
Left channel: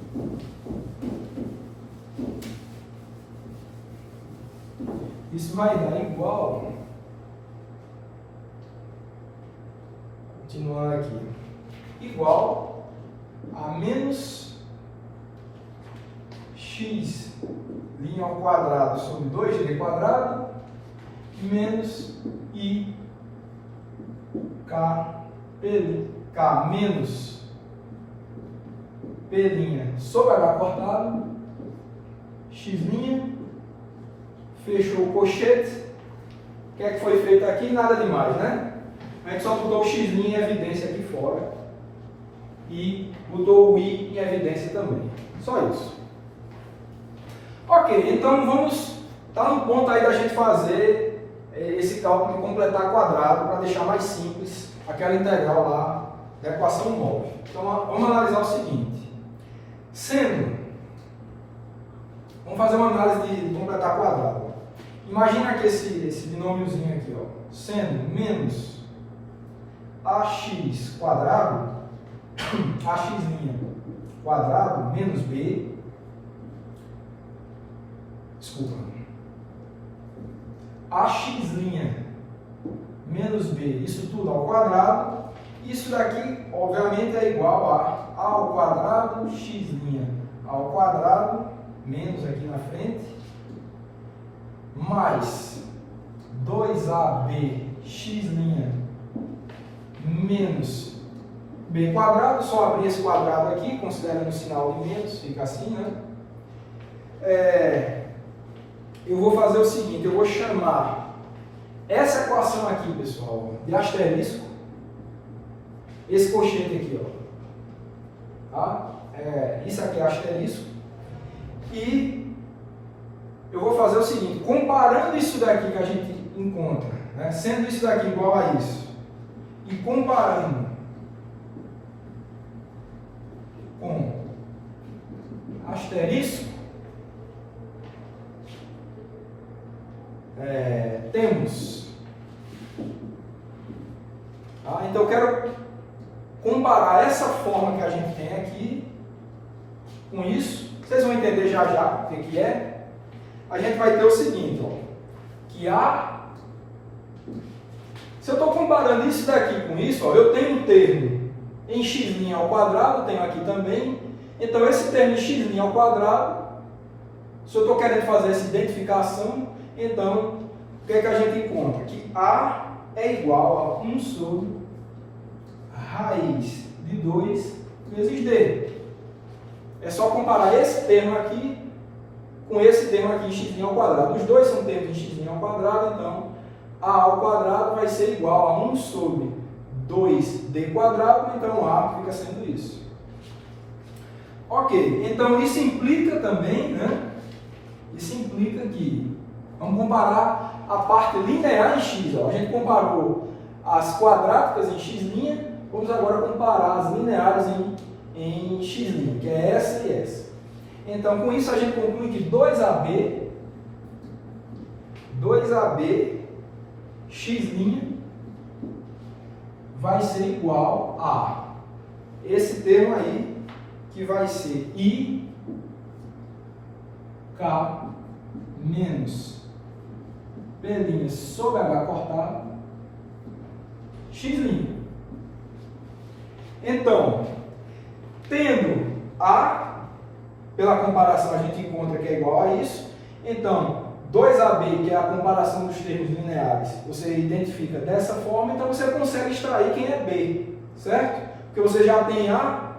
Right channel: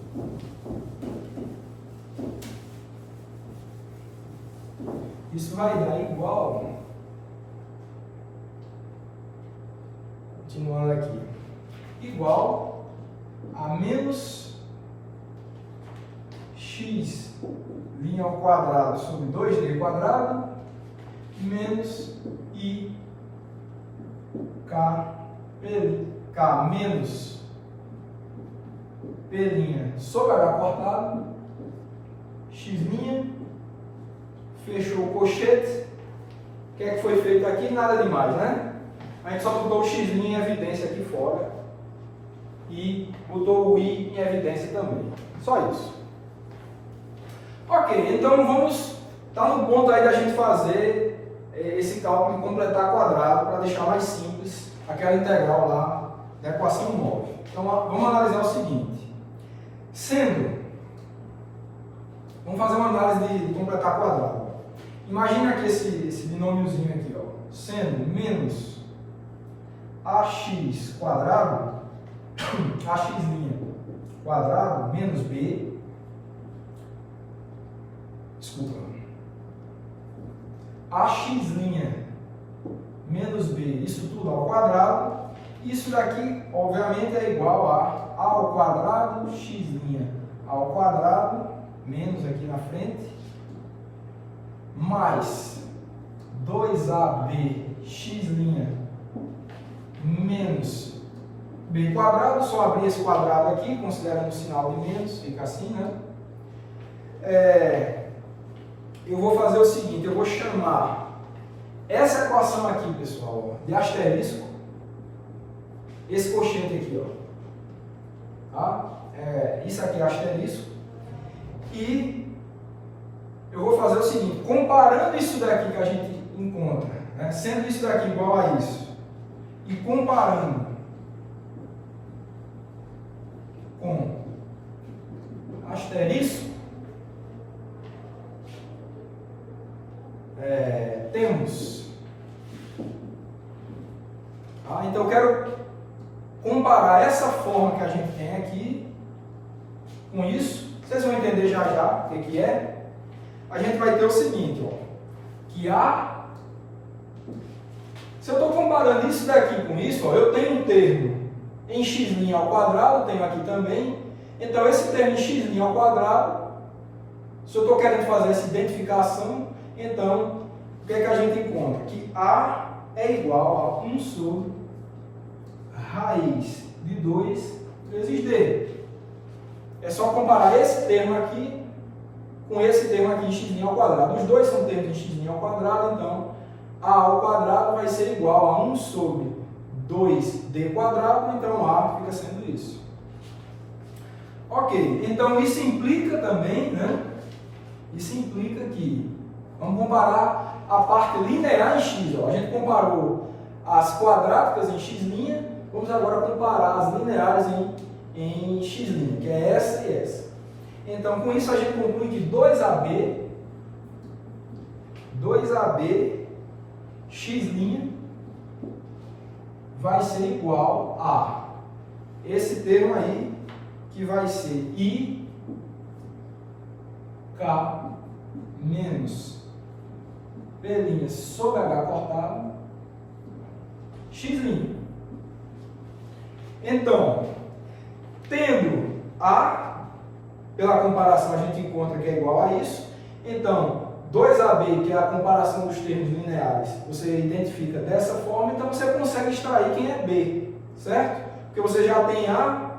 Isso vai dar igual, continuando aqui, igual a menos x' ao quadrado sobre 2d quadrado menos I K menos P' sobre H cortado, x', fechou o colchete. O que é que foi feito aqui? Nada demais, né? A gente só botou o x' em evidência aqui fora e botou o I em evidência também. Só isso. Ok, então vamos estar no ponto aí da gente fazer esse cálculo de completar quadrado para deixar mais simples aquela integral lá da equação 9. Então vamos analisar o seguinte. Vamos fazer uma análise de completar quadrado. Imagina que esse binômiozinho aqui, ó, sendo menos ax quadrado, ax' quadrado menos b, ax' menos b, isso tudo ao quadrado. Isso daqui, obviamente, é igual a ao quadrado x' ao quadrado, menos aqui na frente, mais 2ab x' menos b quadrado. Só abrir esse quadrado aqui, considerando o sinal de menos, fica assim, né? Eu vou fazer o seguinte, eu vou chamar essa equação aqui, pessoal, de asterisco, esse colchete aqui, ó. Tá? Isso aqui é asterisco. E eu vou fazer o seguinte, comparando isso daqui que a gente encontra, né, sendo isso daqui igual a isso, e comparando com asterisco, temos. Tá? Então eu quero comparar essa forma que a gente tem aqui com isso. Vocês vão entender já já o que é. A gente vai ter o seguinte, ó, que se eu estou comparando isso daqui com isso, ó, eu tenho um termo em x' ao quadrado, tenho aqui também. Então esse termo em x' ao quadrado, se eu estou querendo fazer essa identificação, então o que é que a gente encontra? Que A é igual a 1 sobre raiz de 2 vezes D. É só comparar esse termo aqui com esse termo aqui em x' ao quadrado. Os dois são termos em x' ao quadrado, então A ao quadrado vai ser igual a 1 sobre 2D quadrado, então A fica sendo isso. Ok, então isso implica também, né? Isso implica que, vamos comparar a parte linear em x. Ó. A gente comparou as quadráticas em x', vamos agora comparar as lineares em x', que é essa e essa. Então, com isso a gente conclui que 2AB x' vai ser igual a esse termo aí, que vai ser I K menos P' sobre H cortado x'. Então, tendo A, pela comparação a gente encontra que é igual a isso. Então, 2AB, que é a comparação dos termos lineares, você identifica dessa forma, então você consegue extrair quem é B, certo? Porque você já tem A,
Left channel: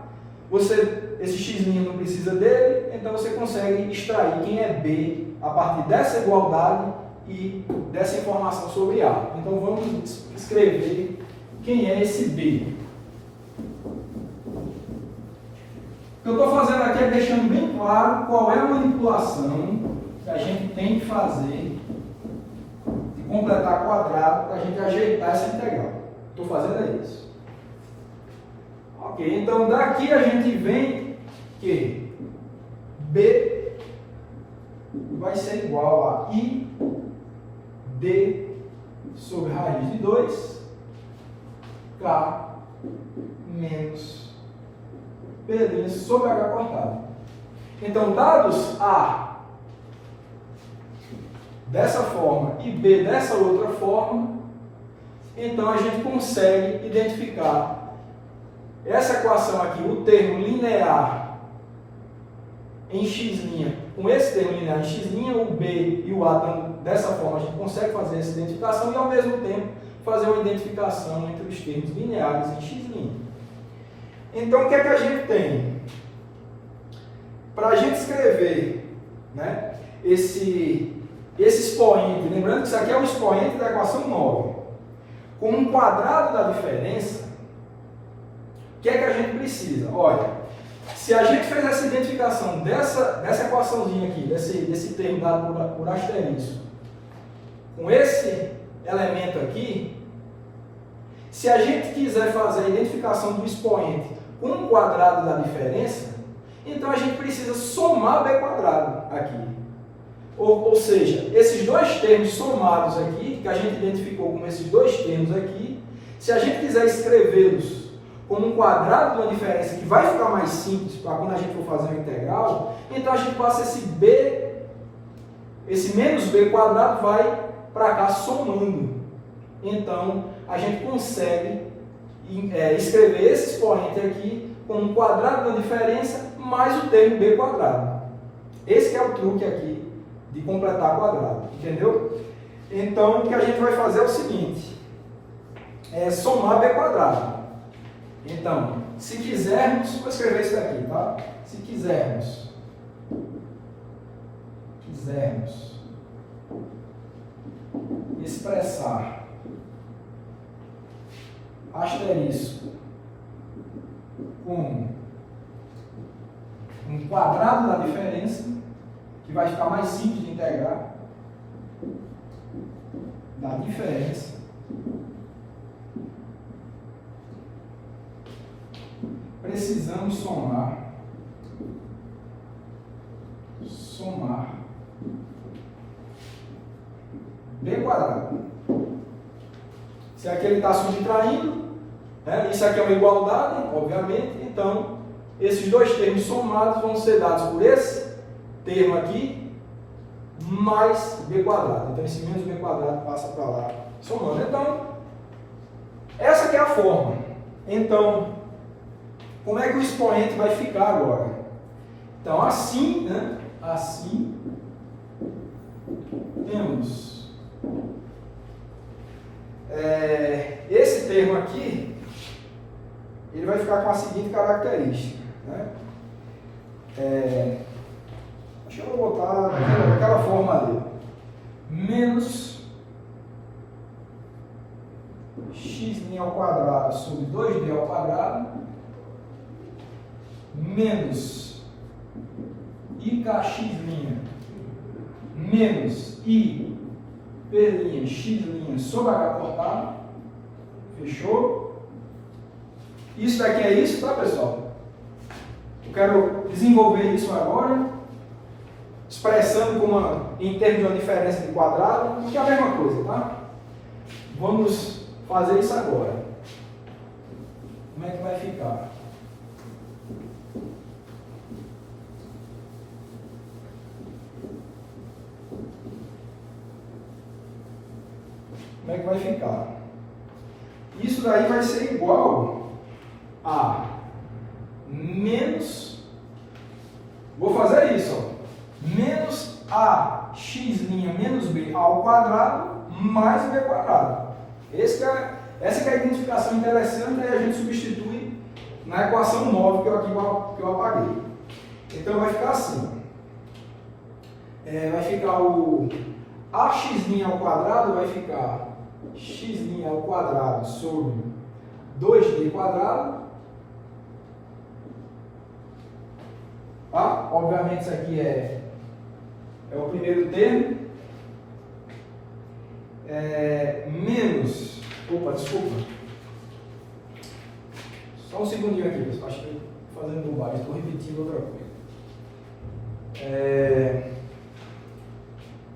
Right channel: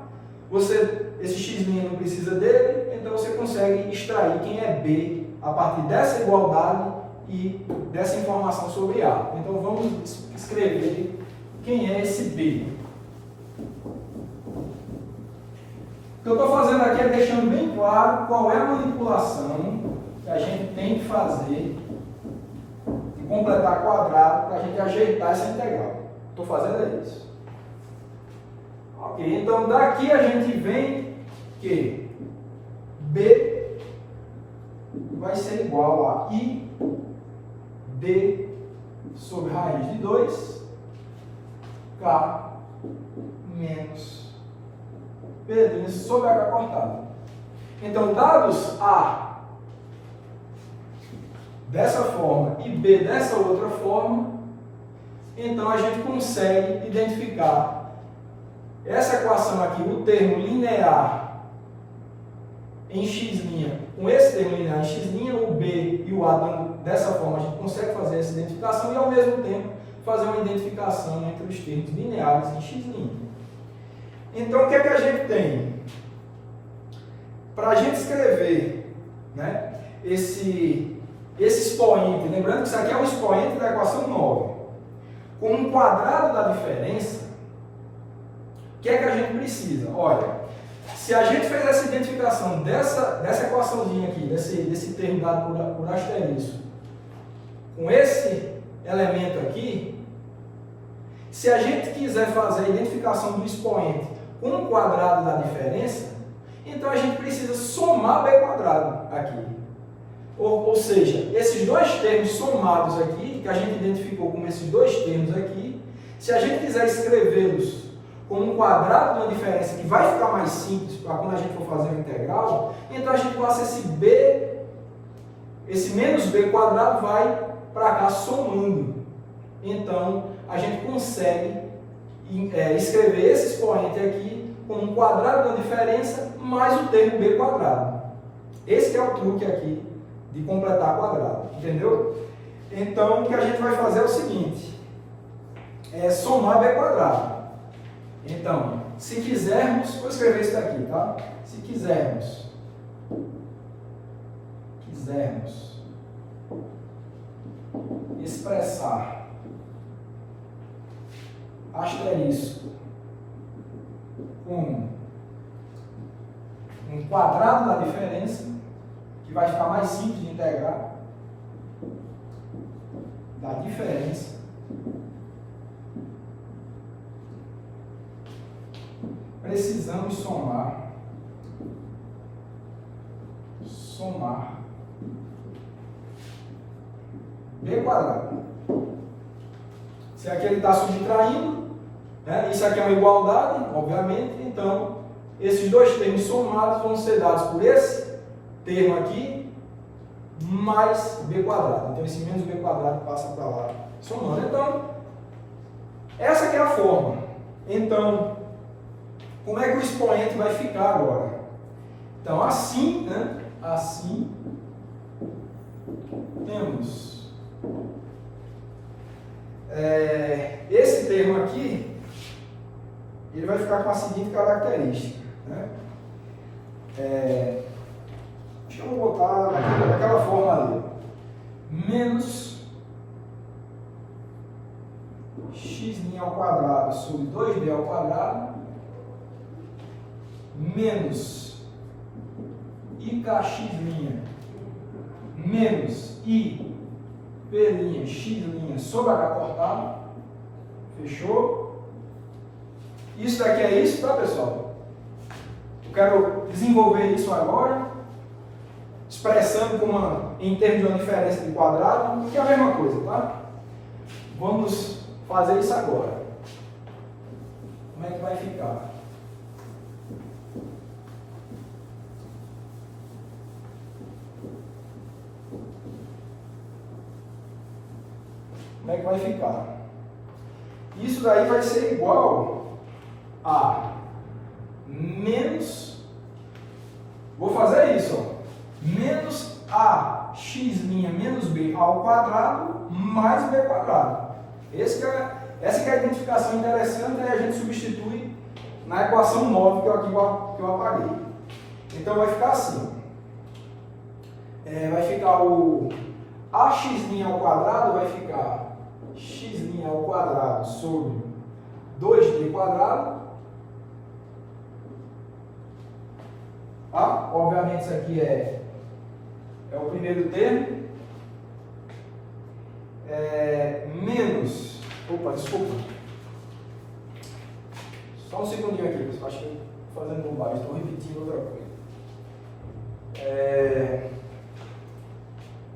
esse x' não precisa dele, então você consegue extrair quem é B a partir dessa igualdade e dessa informação sobre A. Então vamos escrever quem é esse B. O que eu estou fazendo aqui é deixando bem claro qual é a manipulação que a gente tem que fazer de completar quadrado para a gente ajeitar essa integral. Estou fazendo isso. Ok, então daqui a gente vem que B vai ser igual a I D sobre raiz de 2 K menos P' sobre H cortado. Então, dados A dessa forma e B dessa outra forma, então a gente consegue identificar essa equação aqui, o termo linear em x', com esse termo linear em x', o B e o A dessa forma, a gente consegue fazer essa identificação e ao mesmo tempo fazer uma identificação entre os termos lineares em x'. Então, o que é que a gente tem? Para a gente escrever, né, esse expoente, lembrando que isso aqui é o expoente da equação 9, com um quadrado da diferença, o que é que a gente precisa? Olha, se a gente fez essa identificação dessa equaçãozinha aqui, desse termo dado por asterisco, com esse elemento aqui, se a gente quiser fazer a identificação do expoente com um quadrado da diferença, então a gente precisa somar b quadrado aqui. Ou seja, esses dois termos somados aqui, que a gente identificou como esses dois termos aqui, se a gente quiser escrevê-los como um quadrado da diferença, que vai ficar mais simples para quando a gente for fazer a integral, então a gente passa esse menos b quadrado vai para cá somando. Então, a gente consegue escrever esse expoente aqui como um quadrado da diferença mais o termo b quadrado. Esse que é o truque aqui de completar quadrado, entendeu? Então, o que a gente vai fazer é o seguinte, é somar b quadrado. Então, se quisermos, vou escrever isso daqui, tá? Se quisermos expressar asterisco como um quadrado da diferença, que vai ficar mais simples de integrar, da diferença, precisamos somar b quadrado. Se aqui ele está subtraindo, né? Isso aqui é uma igualdade, obviamente, então esses dois termos somados vão ser dados por esse termo aqui mais b quadrado. Então esse menos b quadrado passa para lá somando. Então, essa aqui é a forma. Então, como é que o expoente vai ficar agora? Então, assim, né? Assim, temos esse termo aqui, ele vai ficar com a seguinte característica, né? Acho que eu vou botar daquela forma ali. Menos x' ao quadrado sobre 2b ao quadrado menos ikx' menos i p' x' sobre h cortado. Fechou? Isso daqui é isso, tá, pessoal? Eu quero desenvolver isso agora, expressando em termos de uma diferença de quadrado, que é a mesma coisa, tá? Vamos fazer isso agora. Como é que vai ficar? Como é que vai ficar? Isso daí vai ser igual a menos, vou fazer isso, ó, menos ax' menos b ao quadrado mais b quadrado. Essa que é a identificação interessante, e a gente substitui na equação 9 que eu apaguei. Então vai ficar assim. Vai ficar o ax' ao quadrado, vai ficar x' ao quadrado sobre 2d quadrado. Tá? Obviamente isso aqui é o primeiro termo. Menos... Opa, desculpa. Só um segundinho aqui, pessoal. Acho que eu estou fazendo bobagem, estou repetindo outra coisa.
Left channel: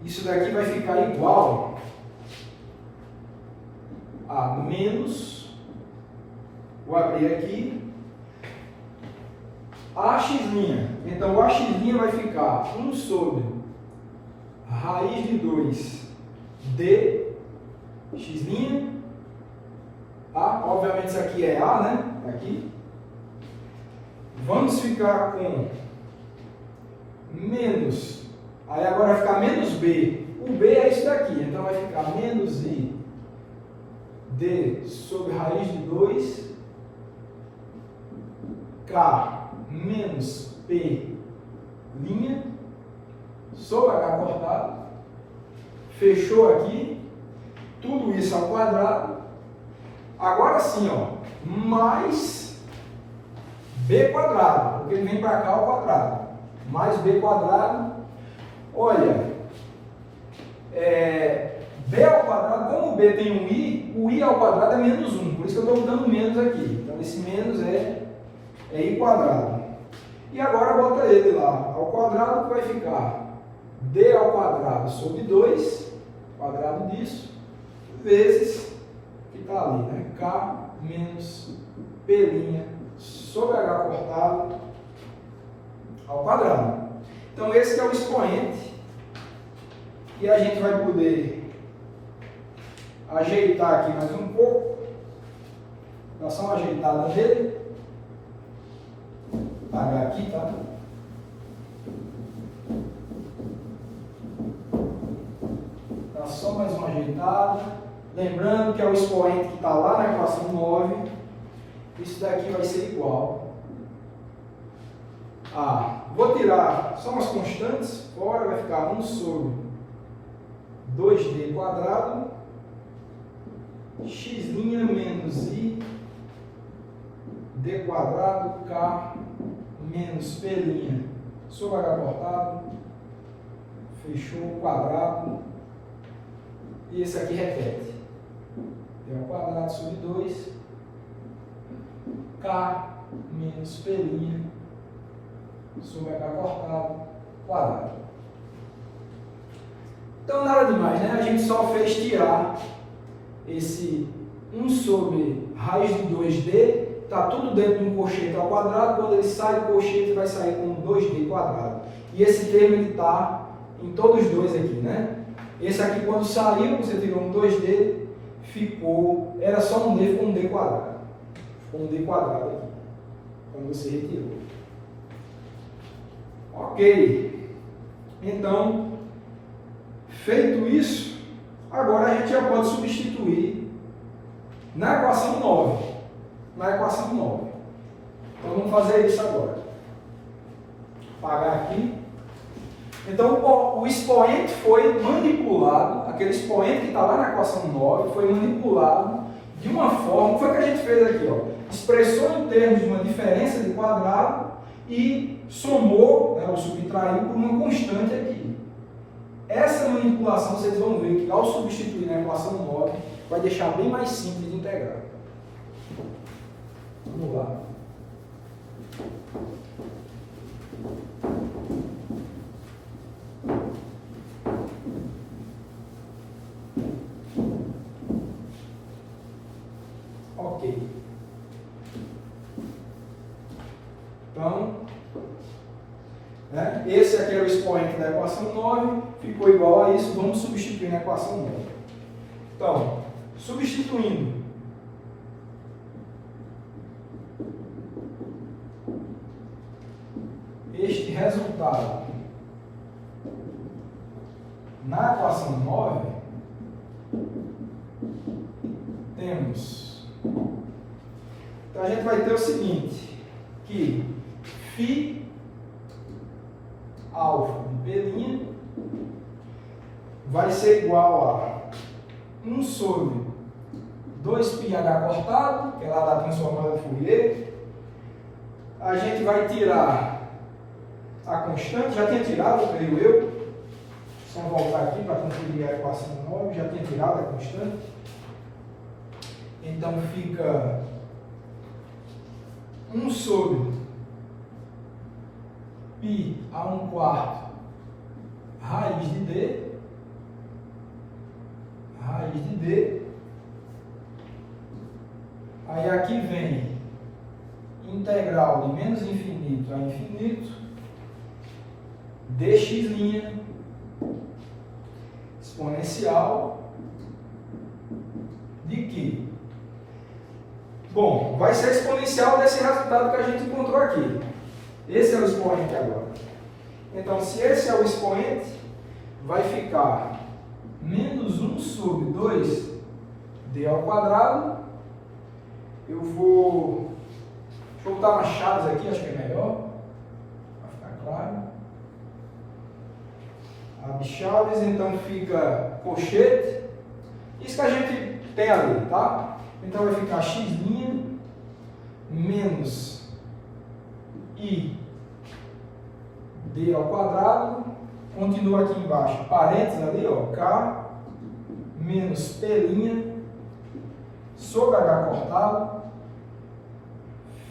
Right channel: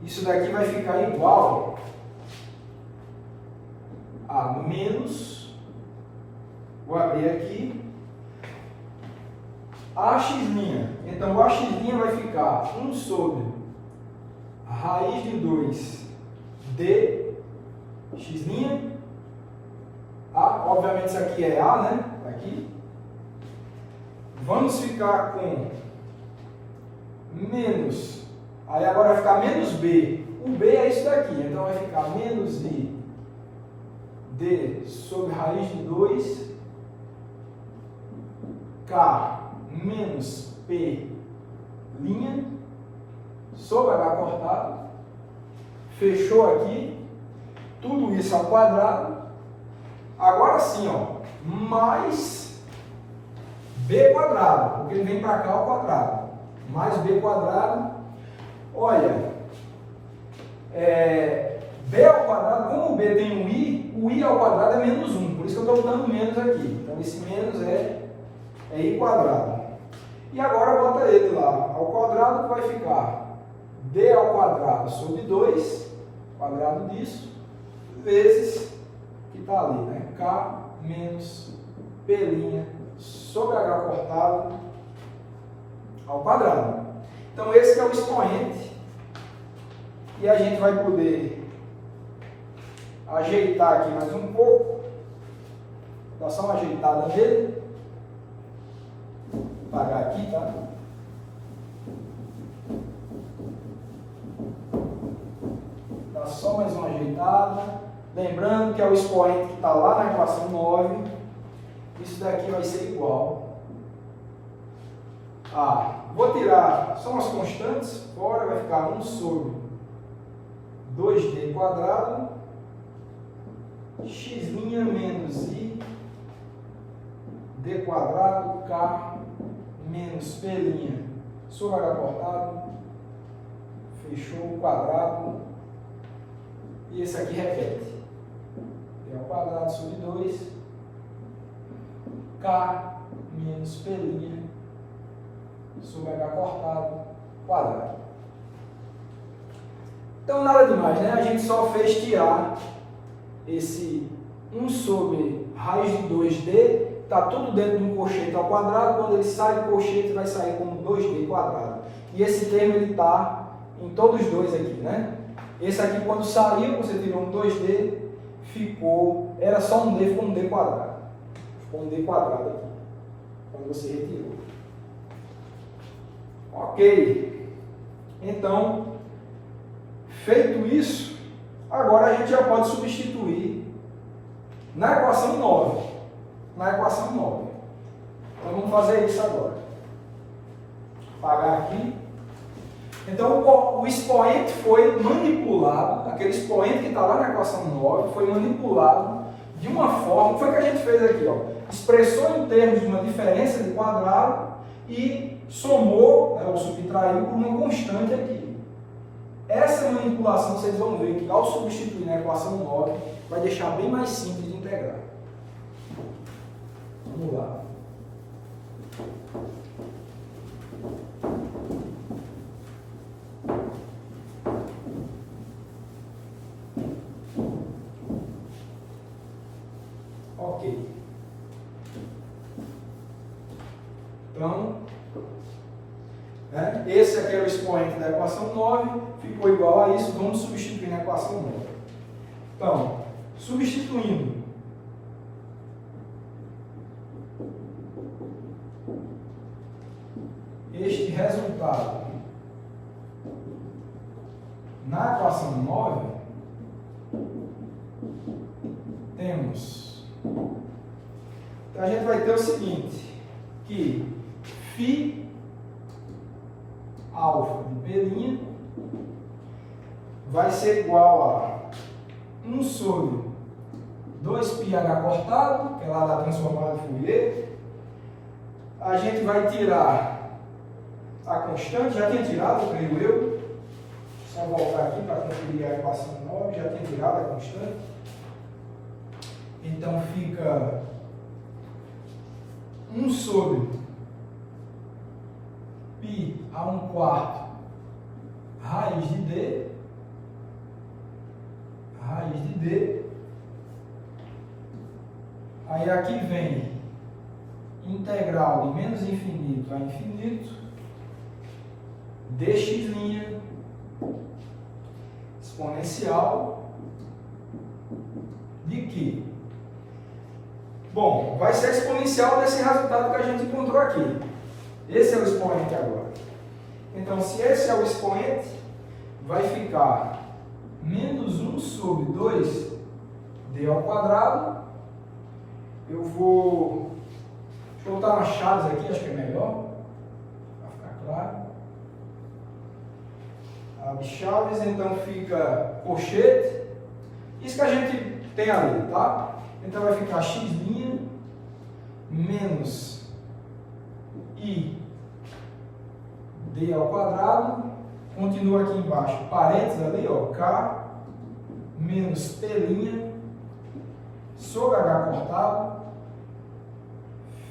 Isso daqui vai ficar igual a menos, vou abrir aqui, ax'. Então o ax' vai ficar 1 sobre raiz de 2 d x'. Obviamente isso aqui é a, né? Aqui. Vamos ficar com menos, aí agora vai ficar menos b. O b é isso daqui, então vai ficar menos i d sobre raiz de 2 k menos p' sobre h cortado. Fechou aqui. Tudo isso ao quadrado. Agora sim, ó, mais b quadrado, porque ele vem para cá ao quadrado. Mais b quadrado. Olha, b ao quadrado, como o b tem um i, o i ao quadrado é menos 1, por isso que eu estou botando menos aqui. Então esse menos é i quadrado. E agora bota ele lá ao quadrado, que vai ficar d ao quadrado sobre 2, quadrado disso, vezes, que está ali, né? K menos P' sobre H cortado ao quadrado. Então esse que é o expoente. E a gente vai poder ajeitar aqui mais um pouco. Dá só uma ajeitada nele. Vou apagar aqui, tá? Dá só mais uma ajeitada. Lembrando que é o expoente que está lá na equação 9. Isso daqui vai ser igual a... Vou tirar só umas constantes. Fora vai ficar 1 sobre 2d quadrado x' menos i d quadrado k menos p' sobre h cortado. Fechou o quadrado. E esse aqui repete. D ao quadrado sobre 2 k menos p' sobre h cortado quadrado. Então nada demais, né? A gente só fez tirar esse 1 sobre raiz de 2d, está tudo dentro de um cochete ao quadrado. Quando ele sai do cochete, vai sair com 2d quadrado. E esse termo ele está em todos os dois aqui, né? Esse aqui, quando saiu, você tirou um 2d, ficou, era só um d, ficou um d quadrado. Ficou um d quadrado aqui, quando você retirou. Ok. Então, feito isso, agora a gente já pode substituir na equação 9. Na equação 9. Então, vamos fazer isso agora. Vou apagar aqui. Então, o expoente foi manipulado, aquele expoente que está lá na equação 9, foi manipulado de uma forma, foi o que a gente fez aqui, ó, expressou em termos de uma diferença de quadrado e somou, ou subtraiu por uma constante aqui. Essa manipulação, vocês vão ver que ao substituir na equação 9, vai deixar bem mais simples de integrar. Vamos lá. Ok. Então, esse aqui é o expoente da equação 9, ficou igual a isso, vamos substituir na equação 9. Então, substituindo este resultado na equação 9, temos... Então, a gente vai ter o seguinte, que φ alfa de P', vai ser igual a 1 sobre 2πh cortado, que é lá da transformada de Fourier. A gente vai tirar a constante, já tinha tirado, creio eu. Só voltar aqui para conferir a equação 9, já tinha tirado a constante. Então fica 1 sobre π a 1/4 raiz de d, aí aqui vem integral de menos infinito a infinito, dx' exponencial de quê? Bom, vai ser exponencial desse resultado que a gente encontrou aqui. Esse é o expoente agora. Então, se esse é o expoente, vai ficar menos 1 sobre 2d ao quadrado. Eu vou... Deixa eu botar umas chaves aqui, acho que é melhor, para ficar claro. Abre chaves, então fica colchete. Isso que a gente tem ali, tá? Então vai ficar x' menos i d ao quadrado. Continua aqui embaixo, parênteses ali, ó, k menos p' sobre h cortado.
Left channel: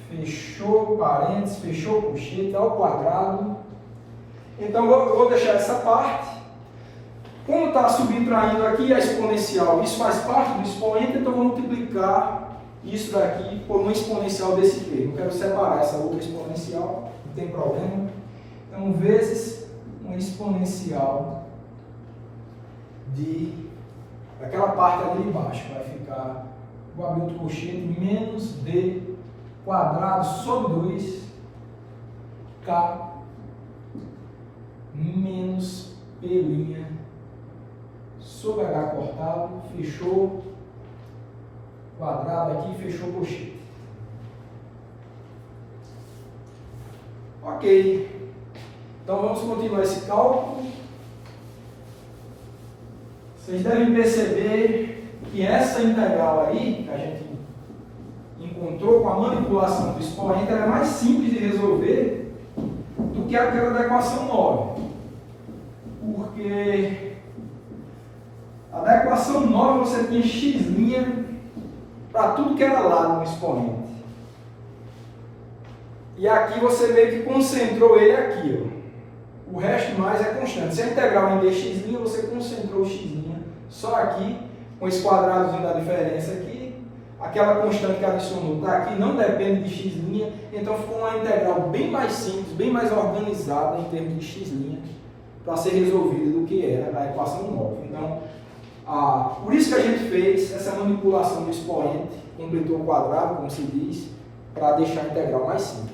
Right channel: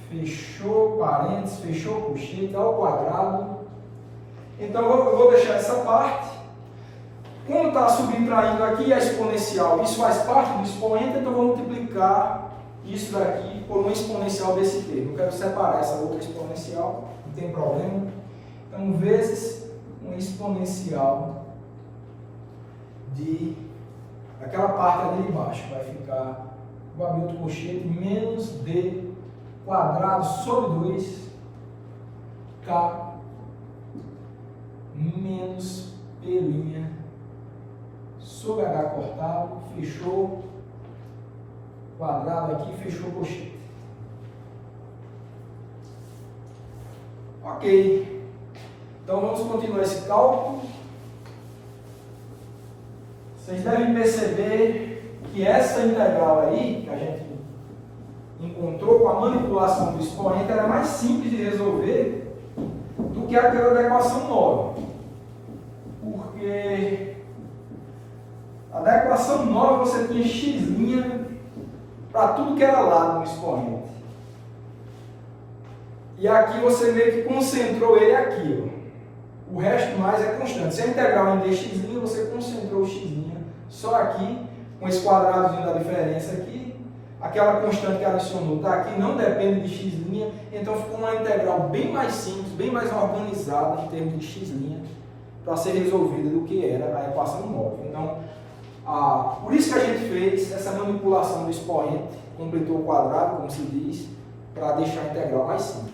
Fechou parênteses, fechou colchete ao quadrado. Então eu vou deixar essa parte. Como está subtraindo aqui a exponencial, isso faz parte do expoente, então eu vou multiplicar isso daqui por uma exponencial desse termo. Eu quero separar essa outra exponencial, não tem problema. Então, vezes uma exponencial daquela parte ali de baixo. Vai ficar, vou abrir outro colchete, menos d quadrado sobre 2k menos p' sobre h cortado, fechou quadrado aqui, fechou colchete. Ok. Então vamos continuar esse cálculo. Vocês devem perceber que essa integral aí, que a gente encontrou com a manipulação do expoente, ela é mais simples de resolver do que aquela da equação 9. Porque a da equação 9 você tinha x' para tudo que era lado no expoente. E aqui você meio que concentrou ele aqui, ó. O resto mais é constante. Se a integral é em dx', você concentrou o x' só aqui, com esse quadradozinho da diferença aqui. Aquela constante que adicionou está aqui, não depende de x', então ficou uma integral bem mais simples, bem mais organizada em termos de x' para ser resolvida do que era a equação 9. Então, por isso que a gente fez essa manipulação do expoente, completou o quadrado, como se diz, para deixar a integral mais simples.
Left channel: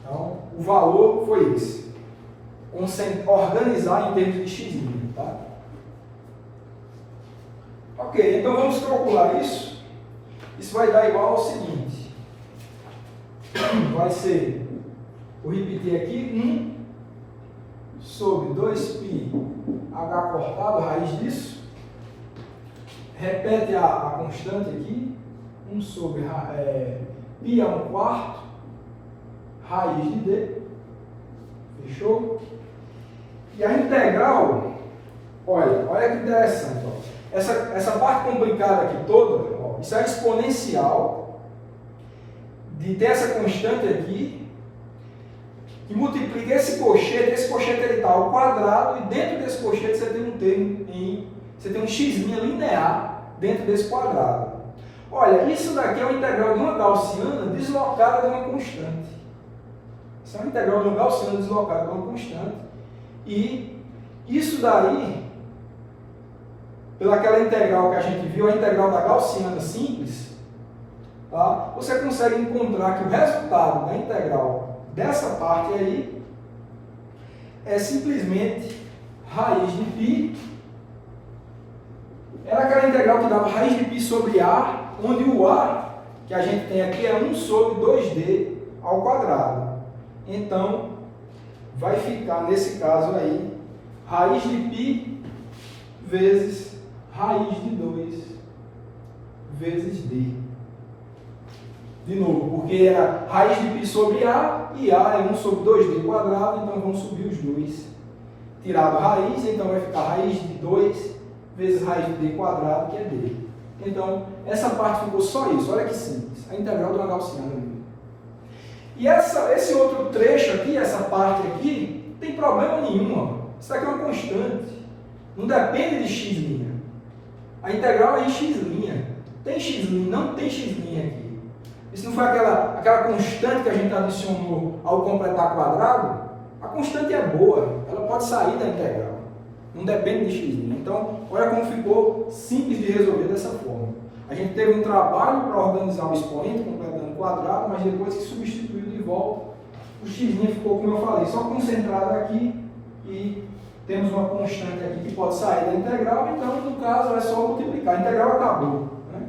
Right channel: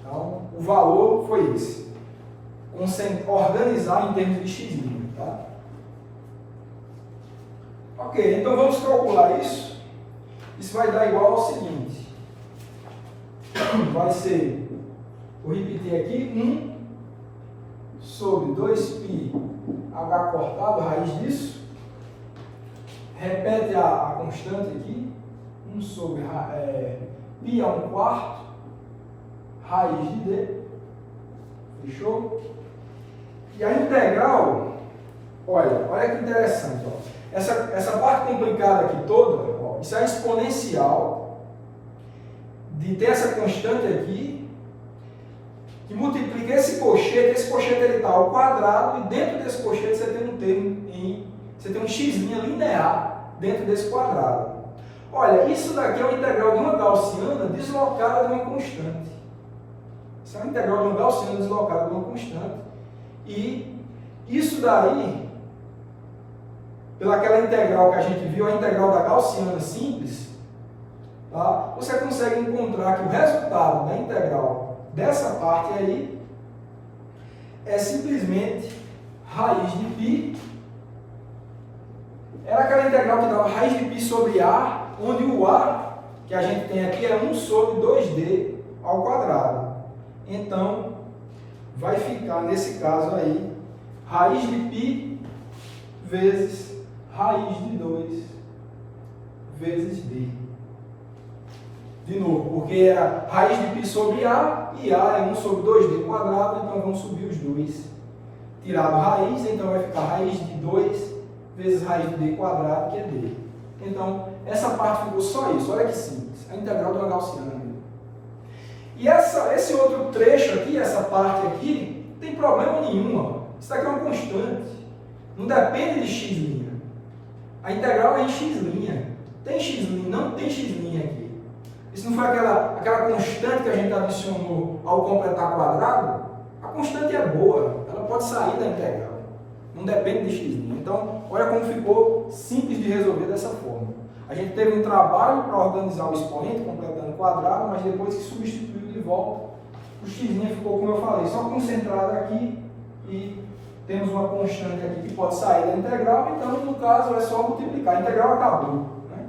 Então, o valor foi esse. Organizar em termos de x', tá? Ok, então vamos calcular isso. Isso vai dar igual ao seguinte. Vai ser, vou repetir aqui, 1 sobre 2π h cortado, raiz disso. Repete a constante aqui. 1 sobre π a 1/4 raiz de d. Fechou? E a integral, olha que interessante. Ó. Essa parte complicada aqui toda, ó, isso é exponencial de ter essa constante aqui, que multiplica esse colchete ele está ao quadrado, e dentro desse colchete você tem um termo, você tem um x' linear dentro desse quadrado. Olha, isso daqui é uma integral de uma gaussiana deslocada de uma constante. Isso é uma integral de uma gaussiana deslocada de uma constante. E isso daí, pelaquela integral que a gente viu, a integral da gaussiana simples, tá? Você consegue encontrar que o resultado da integral dessa parte aí é simplesmente raiz de π. Era aquela integral que dava raiz de π sobre A, onde o A que a gente tem aqui é 1 sobre 2d ao quadrado. Então, vai ficar, nesse caso aí, raiz de π vezes raiz de 2 vezes d. De novo, porque era raiz de π sobre a, e a é 1 sobre 2d quadrado, então vamos subir os dois. Tirado raiz, então vai ficar raiz de 2 vezes raiz de d quadrado, que é d. Então, essa parte ficou só isso, olha que simples, a integral de uma gaussiana mesmo. E esse outro trecho aqui, essa parte aqui, não tem problema nenhum, ó. Isso aqui é uma constante, não depende de x'. A integral é em x'. Tem x'? Não tem x' aqui. Isso não foi aquela constante que a gente adicionou ao completar quadrado? A constante é boa, ela pode sair da integral. Não depende de x'. Então, olha como ficou simples de resolver dessa forma. A gente teve um trabalho para organizar o expoente, completando o quadrado, mas depois que substituiu de volta, o x' ficou, como eu falei, só concentrado aqui e temos uma constante aqui que pode sair da integral, então, no caso, é só multiplicar. A integral acabou, né?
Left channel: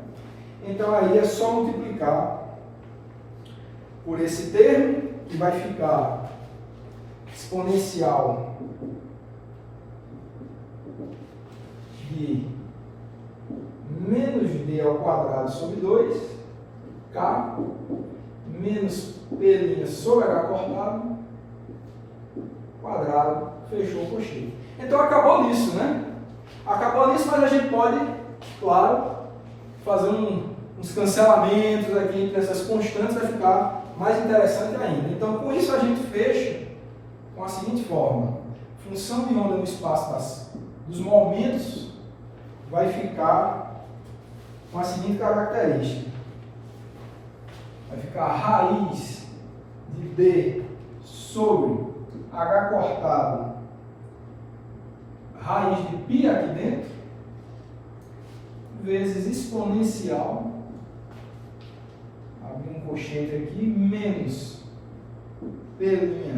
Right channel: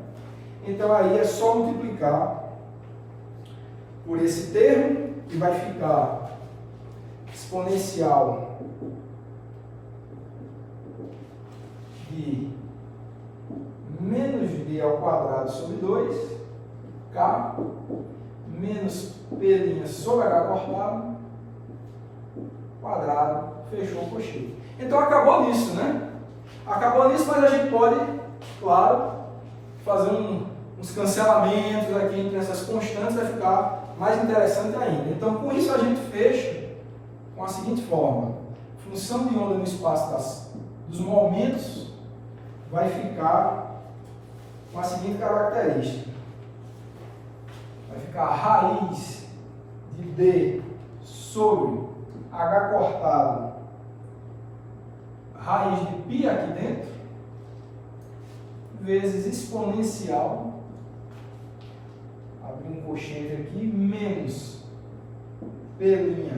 Então, aí é só multiplicar por esse termo, que vai ficar exponencial de menos d ao quadrado sobre 2, k, menos p' sobre h cortado, quadrado, fechou o cocheiro. Então acabou nisso, né? Acabou nisso, mas a gente pode, claro, fazer uns cancelamentos aqui entre essas constantes, vai ficar mais interessante ainda. Então, com isso, a gente fecha com a seguinte forma: função de onda no espaço dos momentos vai ficar com a seguinte característica. Vai ficar a raiz de d sobre h cortado, raiz de π aqui dentro, vezes exponencial, abrir um colchete aqui, menos p'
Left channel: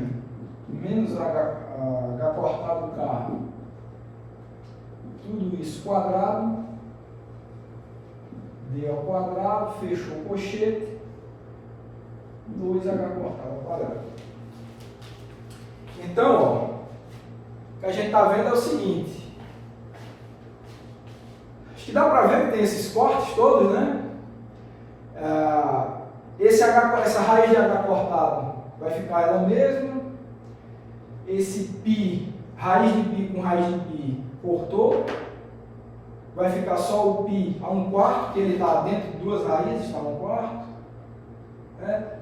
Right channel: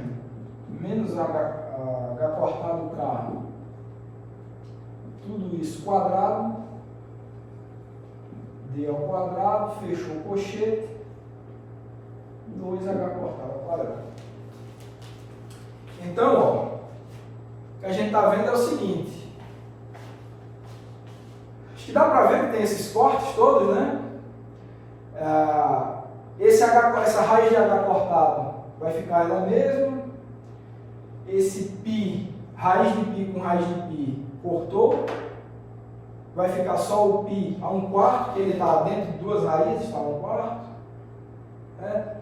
menos h cortado k, tudo isso quadrado, d ao quadrado, fechou o colchete, 2h cortado ao quadrado. Então, ó, o que a gente está vendo é o seguinte, acho que dá para ver que tem esses cortes todos, né? Essa raiz de h cortado vai ficar ela mesma, esse π, raiz de π com raiz de π cortou, vai ficar só o π a 1/4, que ele está dentro de duas raízes, está a 1/4,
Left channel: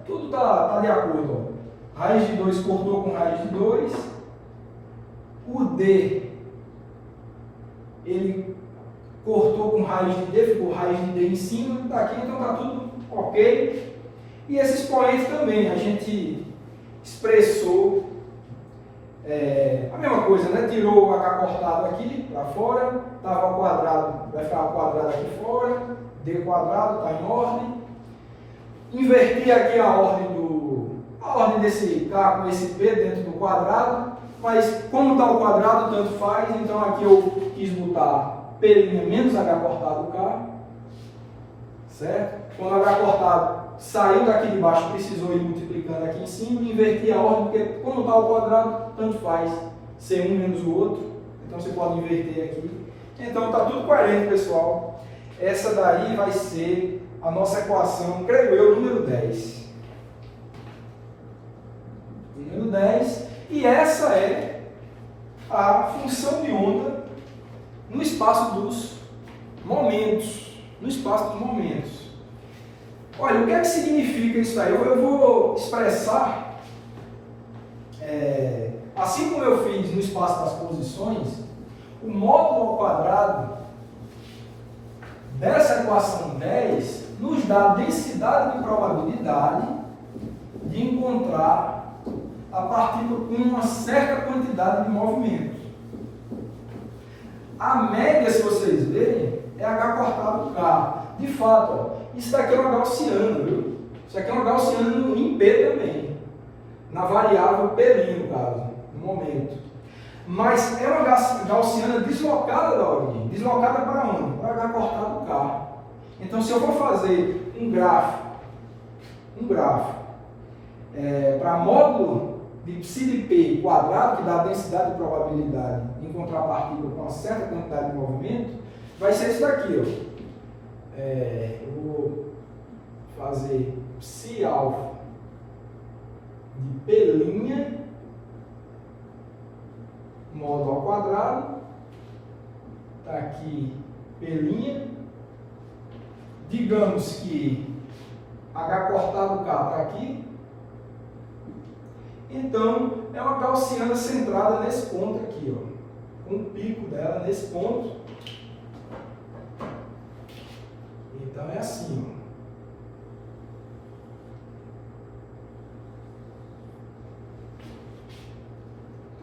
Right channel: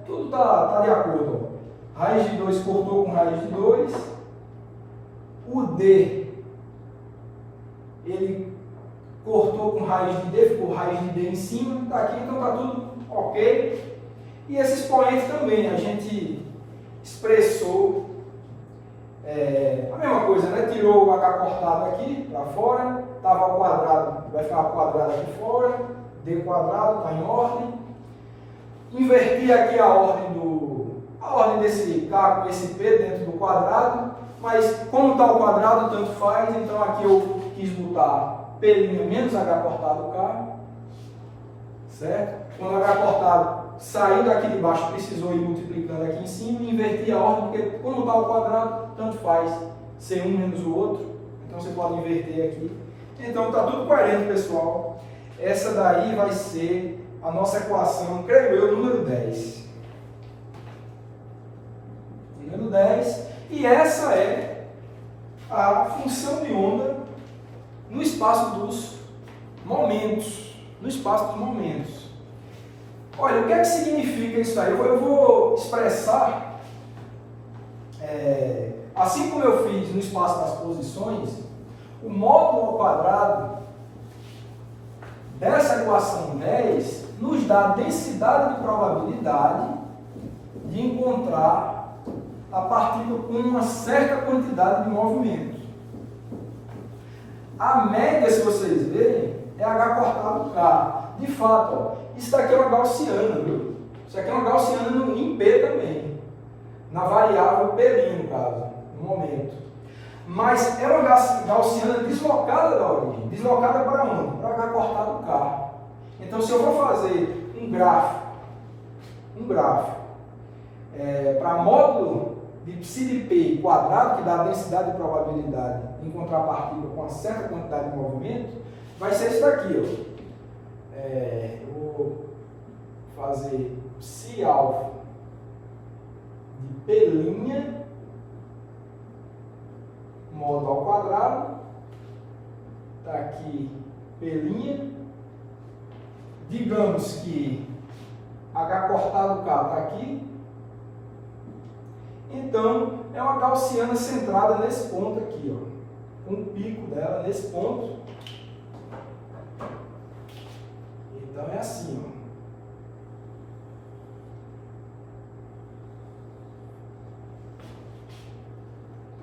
tudo está de acordo, ó. Raiz de 2 cortou com raiz de 2, o d, ele cortou com raiz de d, ficou raiz de d em cima, está aqui, então está tudo ok. E esse expoente também, a gente expressou a mesma coisa, né? Tirou o h cortado aqui para fora, estava ao quadrado, vai ficar ao quadrado aqui fora, d quadrado, está em ordem. Inverti aqui a ordem desse k com esse p dentro do quadrado, mas como está o quadrado, tanto faz, então aqui eu quis botar p' menos h cortado k, certo? Quando h cortado saiu daqui de baixo, precisou ir multiplicando aqui em cima, inverti a ordem, porque como está o quadrado, tanto faz ser um menos o outro, então você pode inverter aqui. Então está tudo coerente, pessoal. Essa daí vai ser a nossa equação, creio eu, número 10. Número 10, e essa é a função de onda no espaço dos momentos. No espaço dos momentos. Olha, o que é que significa isso aí? Eu vou expressar, assim como eu fiz no espaço das posições, o módulo ao quadrado dessa equação 10 nos dá a densidade de probabilidade de encontrar a partícula com uma certa quantidade de movimento. A média, se vocês verem, é H cortado K. De fato, ó, isso daqui é uma gaussiana, viu? Isso aqui é uma gaussiana em P também, na variável P', no caso, no momento. Mas é uma gaussiana deslocada da origem. Deslocada para onde? Para H cortado K. Então, se eu for fazer um gráfico para módulo de psi de P quadrado, que dá a densidade de probabilidade de encontrar a partícula com uma certa quantidade de movimento, vai ser isso daqui, ó. Eu vou fazer psi alfa de P' modo ao quadrado, está aqui P', digamos que H cortado K está aqui, então é uma gaussiana centrada nesse ponto aqui, ó, com o pico dela nesse ponto. Então é assim, ó.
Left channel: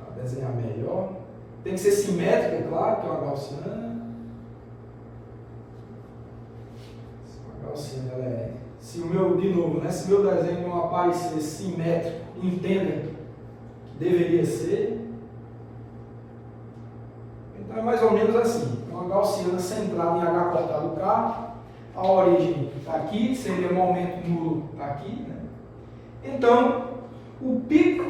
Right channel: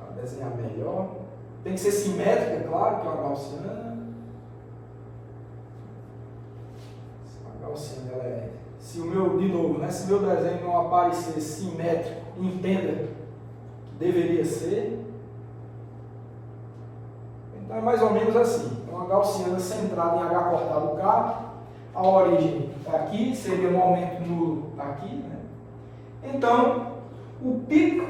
Para desenhar melhor. Tem que ser simétrica, é claro, que é uma gaussiana. A gaussiana, ela é... Se o meu, de novo, né, se o meu desenho não aparecer simétrico, entenda que deveria ser. Então é mais ou menos assim. É uma gaussiana centrada em H cortado K. A origem está aqui, seria momento nulo aqui, né? Então, o pico,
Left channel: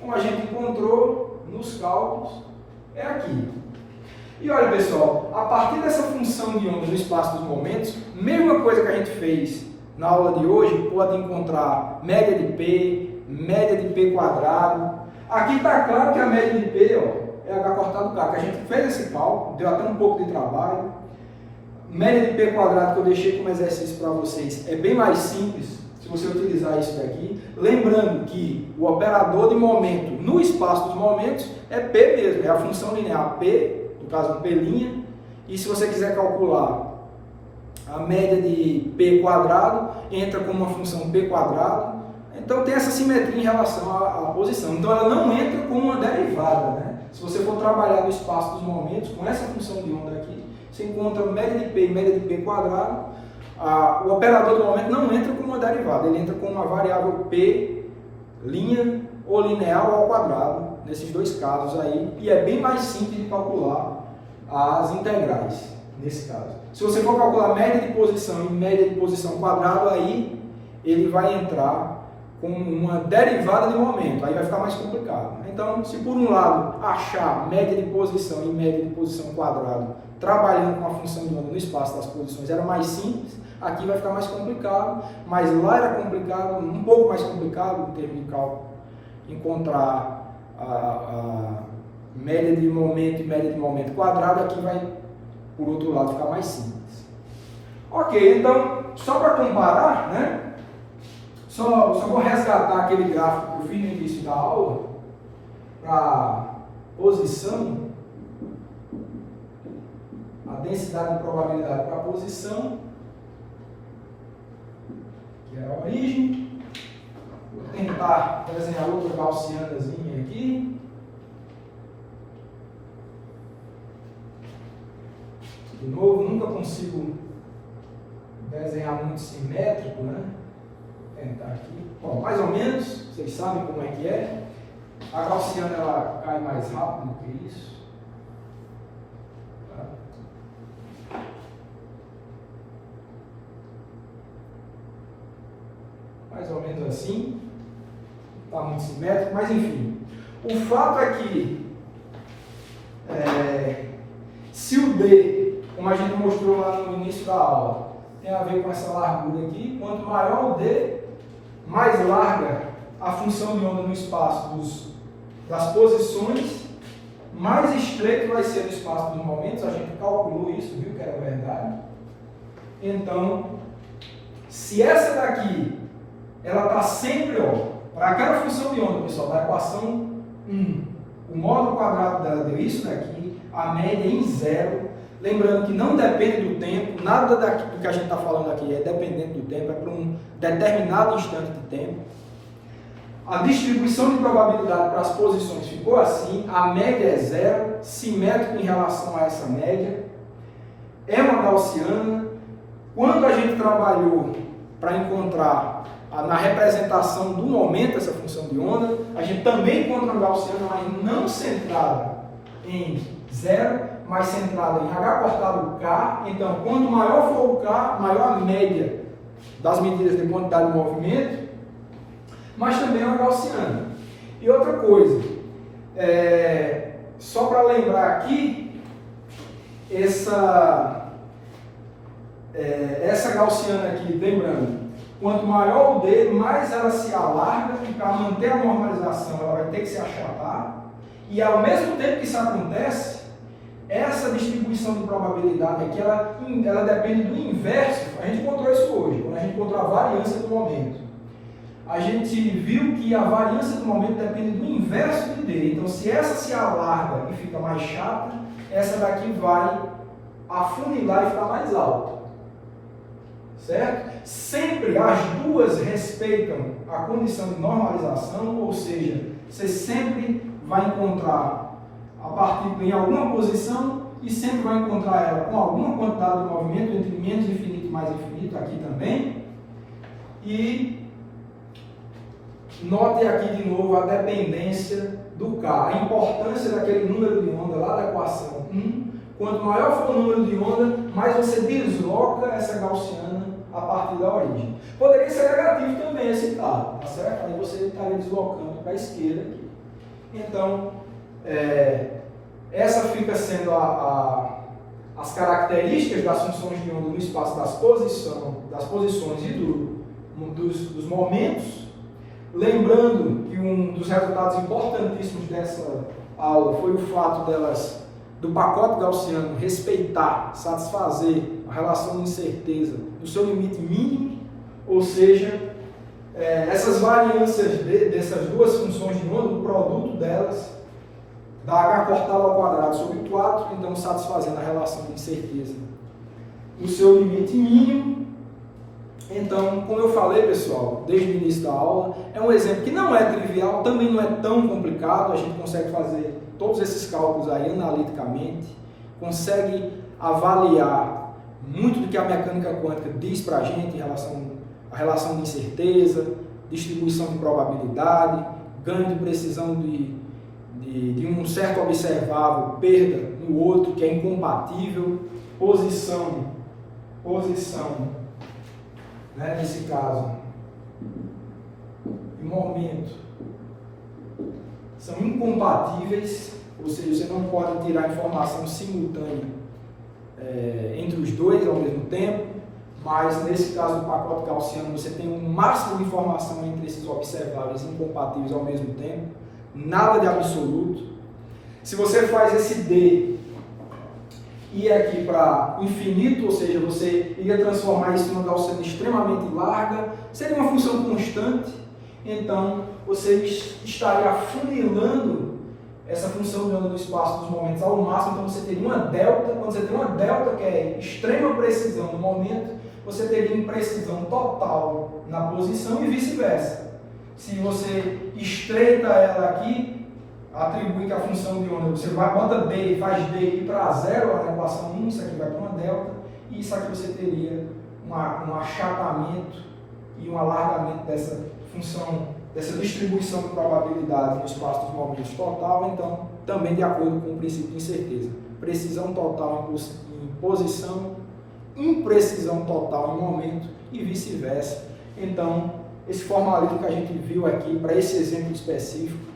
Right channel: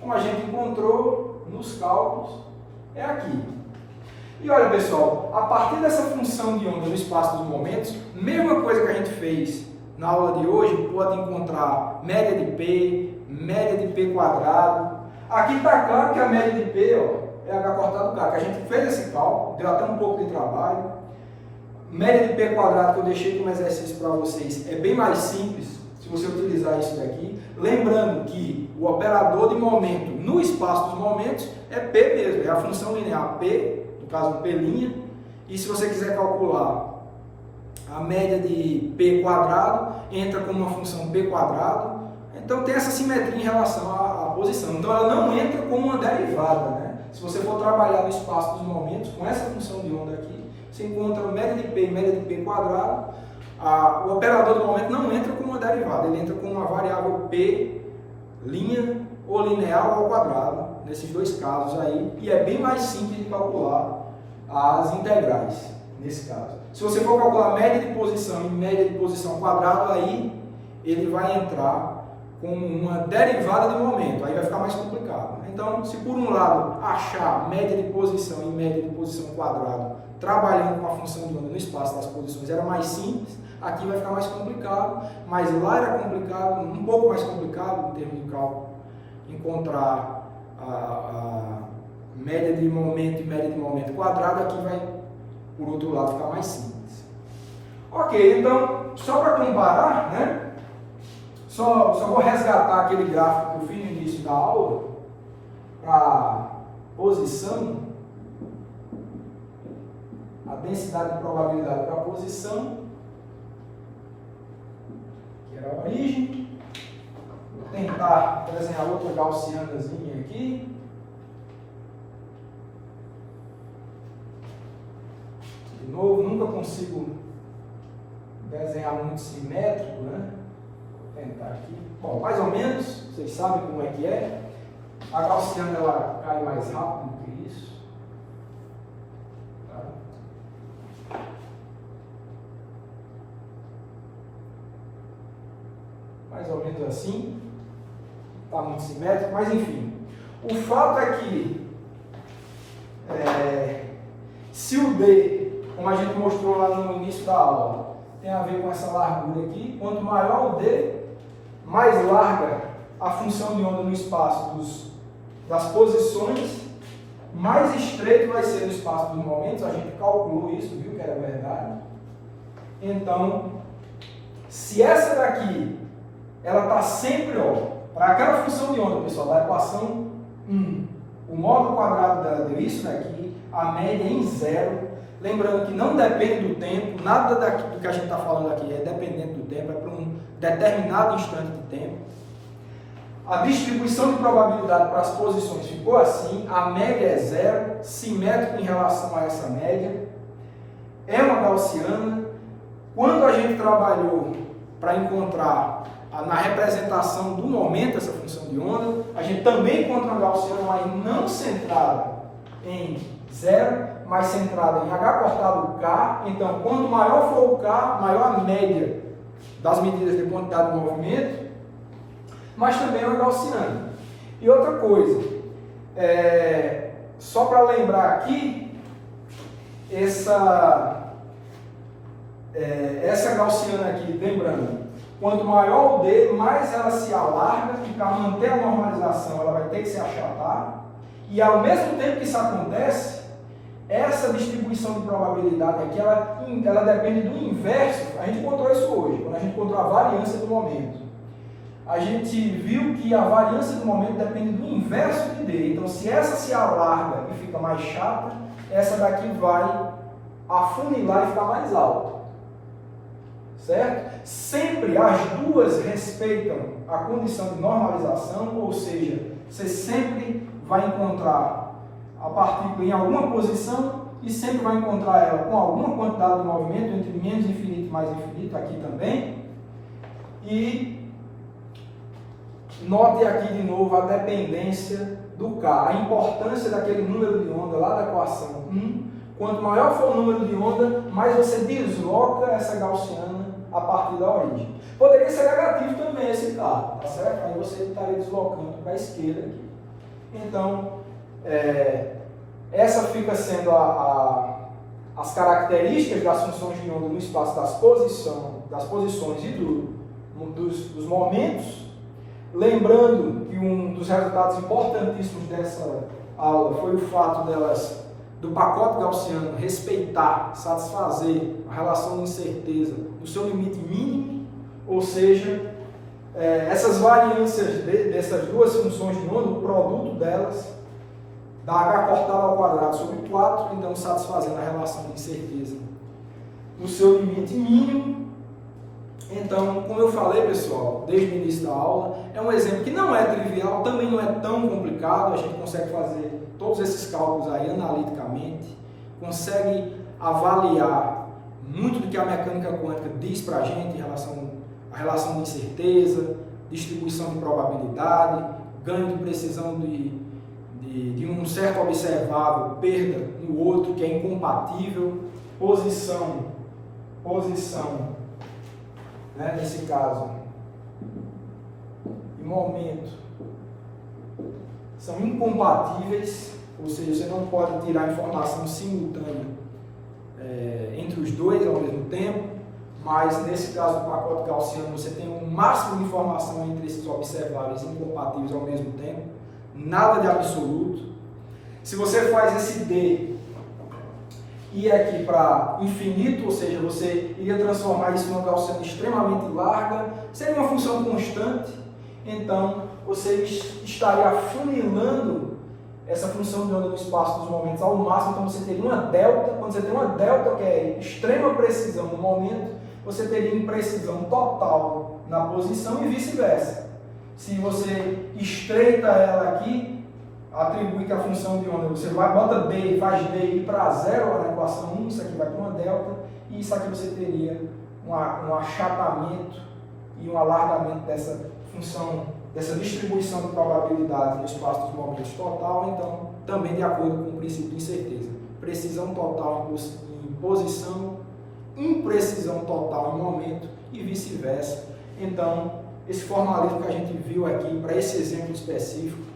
como a gente encontrou nos cálculos, é aqui. E olha, pessoal, a partir dessa função de onda no espaço dos momentos, mesma coisa que a gente fez na aula de hoje, pode encontrar média de P, média de P quadrado. Aqui está claro que a média de P, ó, é H cortado K, que a gente fez esse cálculo, deu até um pouco de trabalho. Média de P quadrado que eu deixei como exercício para vocês é bem mais simples se você utilizar isso daqui. Lembrando que o operador de momento no espaço dos momentos é P mesmo, é a função linear P, no caso P', e se você quiser calcular a média de P quadrado, entra como uma função P quadrado, então tem essa simetria em relação à posição. Então ela não entra como uma derivada, né? Se você for trabalhar no espaço dos momentos com essa função de onda aqui, você encontra média de P e média de P quadrado, o operador de momento não entra como uma derivada, ele entra com uma variável P, linha ou linear ao quadrado, nesses dois casos aí, e é bem mais simples de calcular as integrais, nesse caso. Se você for calcular média de posição e média de posição quadrado, aí ele vai entrar com uma derivada de momento, aí vai ficar mais complicado. Então, se por um lado achar média de posição e média de posição quadrado trabalhando com a função de onda no espaço das posições era mais simples, aqui vai ficar mais complicado, mas lá era complicado, um pouco mais complicado em termos de cálculo, encontrar a média de momento e média de momento quadrado, aqui vai, por outro lado, ficar mais simples. Ok, então, só para comparar, né? Só vou resgatar aquele gráfico que eu fiz no início da aula, para posição, a densidade de probabilidade para a posição, que é a origem. Vou tentar desenhar outra gaussianazinha aqui. De novo, nunca consigo desenhar muito simétrico, né? Vou tentar aqui. Bom, mais ou menos, vocês sabem como é que é. A gaussiana ela cai mais rápido do que isso. Tá? Mais ou menos assim. Está muito simétrico, mas enfim. O fato é que se o D, como a gente mostrou lá no início da aula, tem a ver com essa largura aqui, quanto maior o D, mais larga a função de onda no espaço das posições, mais estreito vai ser o espaço dos momentos. A gente calculou isso, viu que era verdade. Então, se essa daqui, ela está sempre, ó, para aquela função de onda, pessoal, da equação 1, o módulo quadrado dela deu isso daqui, a média em zero. Lembrando que não depende do tempo, nada do que a gente está falando aqui é dependente do tempo, é para um determinado instante de tempo. A distribuição de probabilidade para as posições ficou assim, a média é zero, simétrico em relação a essa média, é uma gaussiana. Quando a gente trabalhou para encontrar na representação do momento essa função de onda, a gente também encontra uma gaussiana aí não centrada em zero, mas centrada em H cortado K. Então, quanto maior for o K, maior a média das medidas de quantidade de movimento, mas também é uma gaussiana. E outra coisa, só para lembrar aqui, essa gaussiana aqui, lembrando, quanto maior o D, mais ela se alarga, e para manter a normalização ela vai ter que se achatar, e ao mesmo tempo que isso acontece, essa distribuição de probabilidade aqui, ela depende do inverso. A gente encontrou isso hoje, quando a gente encontrou a variância do momento. A gente viu que a variância do momento depende do inverso de D. Então, se essa se alarga e fica mais chata, essa daqui vai afunilar e ficar mais alta. Certo? Sempre as duas respeitam a condição de normalização, ou seja, você sempre vai encontrar a partícula em alguma posição e sempre vai encontrar ela com alguma quantidade de movimento entre menos infinito e mais infinito, aqui também. E note aqui de novo a dependência do K, a importância daquele número de onda lá da equação 1. Quanto maior for o número de onda, mais você desloca essa gaussiana a partir da origem. Poderia ser negativo também esse K, tá certo? Aí você estaria deslocando para a esquerda aqui. Então, essa fica sendo as características das funções de onda no espaço das posições e dos momentos. Lembrando que um dos resultados importantíssimos dessa aula foi o fato do pacote gaussiano respeitar, satisfazer a relação de incerteza no seu limite mínimo, ou seja, essas variâncias dessas duas funções de onda, o produto delas, dá h cortado ao quadrado sobre 4, então satisfazendo a relação de incerteza no seu limite mínimo. Então, como eu falei, pessoal, desde o início da aula, é um exemplo que não é trivial, também não é tão complicado, a gente consegue fazer todos esses cálculos aí analiticamente, consegue avaliar muito do que a mecânica quântica diz para a gente em relação à relação de incerteza, distribuição de probabilidade, ganho de precisão de um certo observável, perda no outro, que é incompatível, posição, né, nesse caso, e momento, são incompatíveis, ou seja, você não pode tirar informação simultânea entre os dois ao mesmo tempo, mas nesse caso do pacote gaussiano você tem um máximo de informação entre esses observáveis incompatíveis ao mesmo tempo, nada de absoluto. Se você faz esse D ir aqui para infinito, ou seja, você iria transformar isso em uma gaussiana extremamente larga, seria uma função constante, então você estaria afunilando essa função de onda do espaço dos momentos ao máximo, então você teria uma delta. Quando você tem uma delta que é extrema precisão no momento, você teria imprecisão total na posição e vice-versa. Se você estreita ela aqui, atribui que a função de onda, você bota D e faz D ir para zero lá na equação 1, isso aqui vai para uma delta, e isso aqui você teria um achatamento e um alargamento dessa função, dessa distribuição de probabilidade no espaço dos momentos total, então, também de acordo com o princípio de incerteza. Precisão total em posição, imprecisão total em momento e vice-versa. Então, esse formalismo que a gente viu aqui, para esse exemplo específico,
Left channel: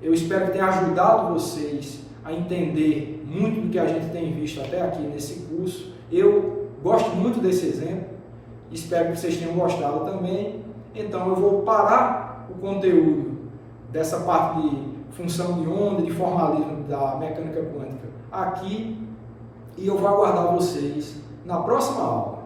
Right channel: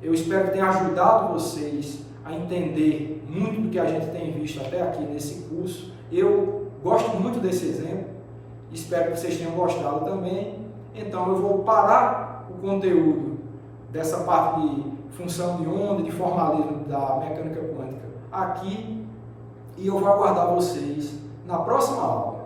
eu espero que tenha ajudado vocês a entender muito do que a gente tem visto até aqui nesse curso. Eu gosto muito desse exemplo, espero que vocês tenham gostado também. Então eu vou parar o conteúdo dessa parte de função de onda, de formalismo da mecânica quântica aqui, e eu vou aguardar vocês na próxima aula.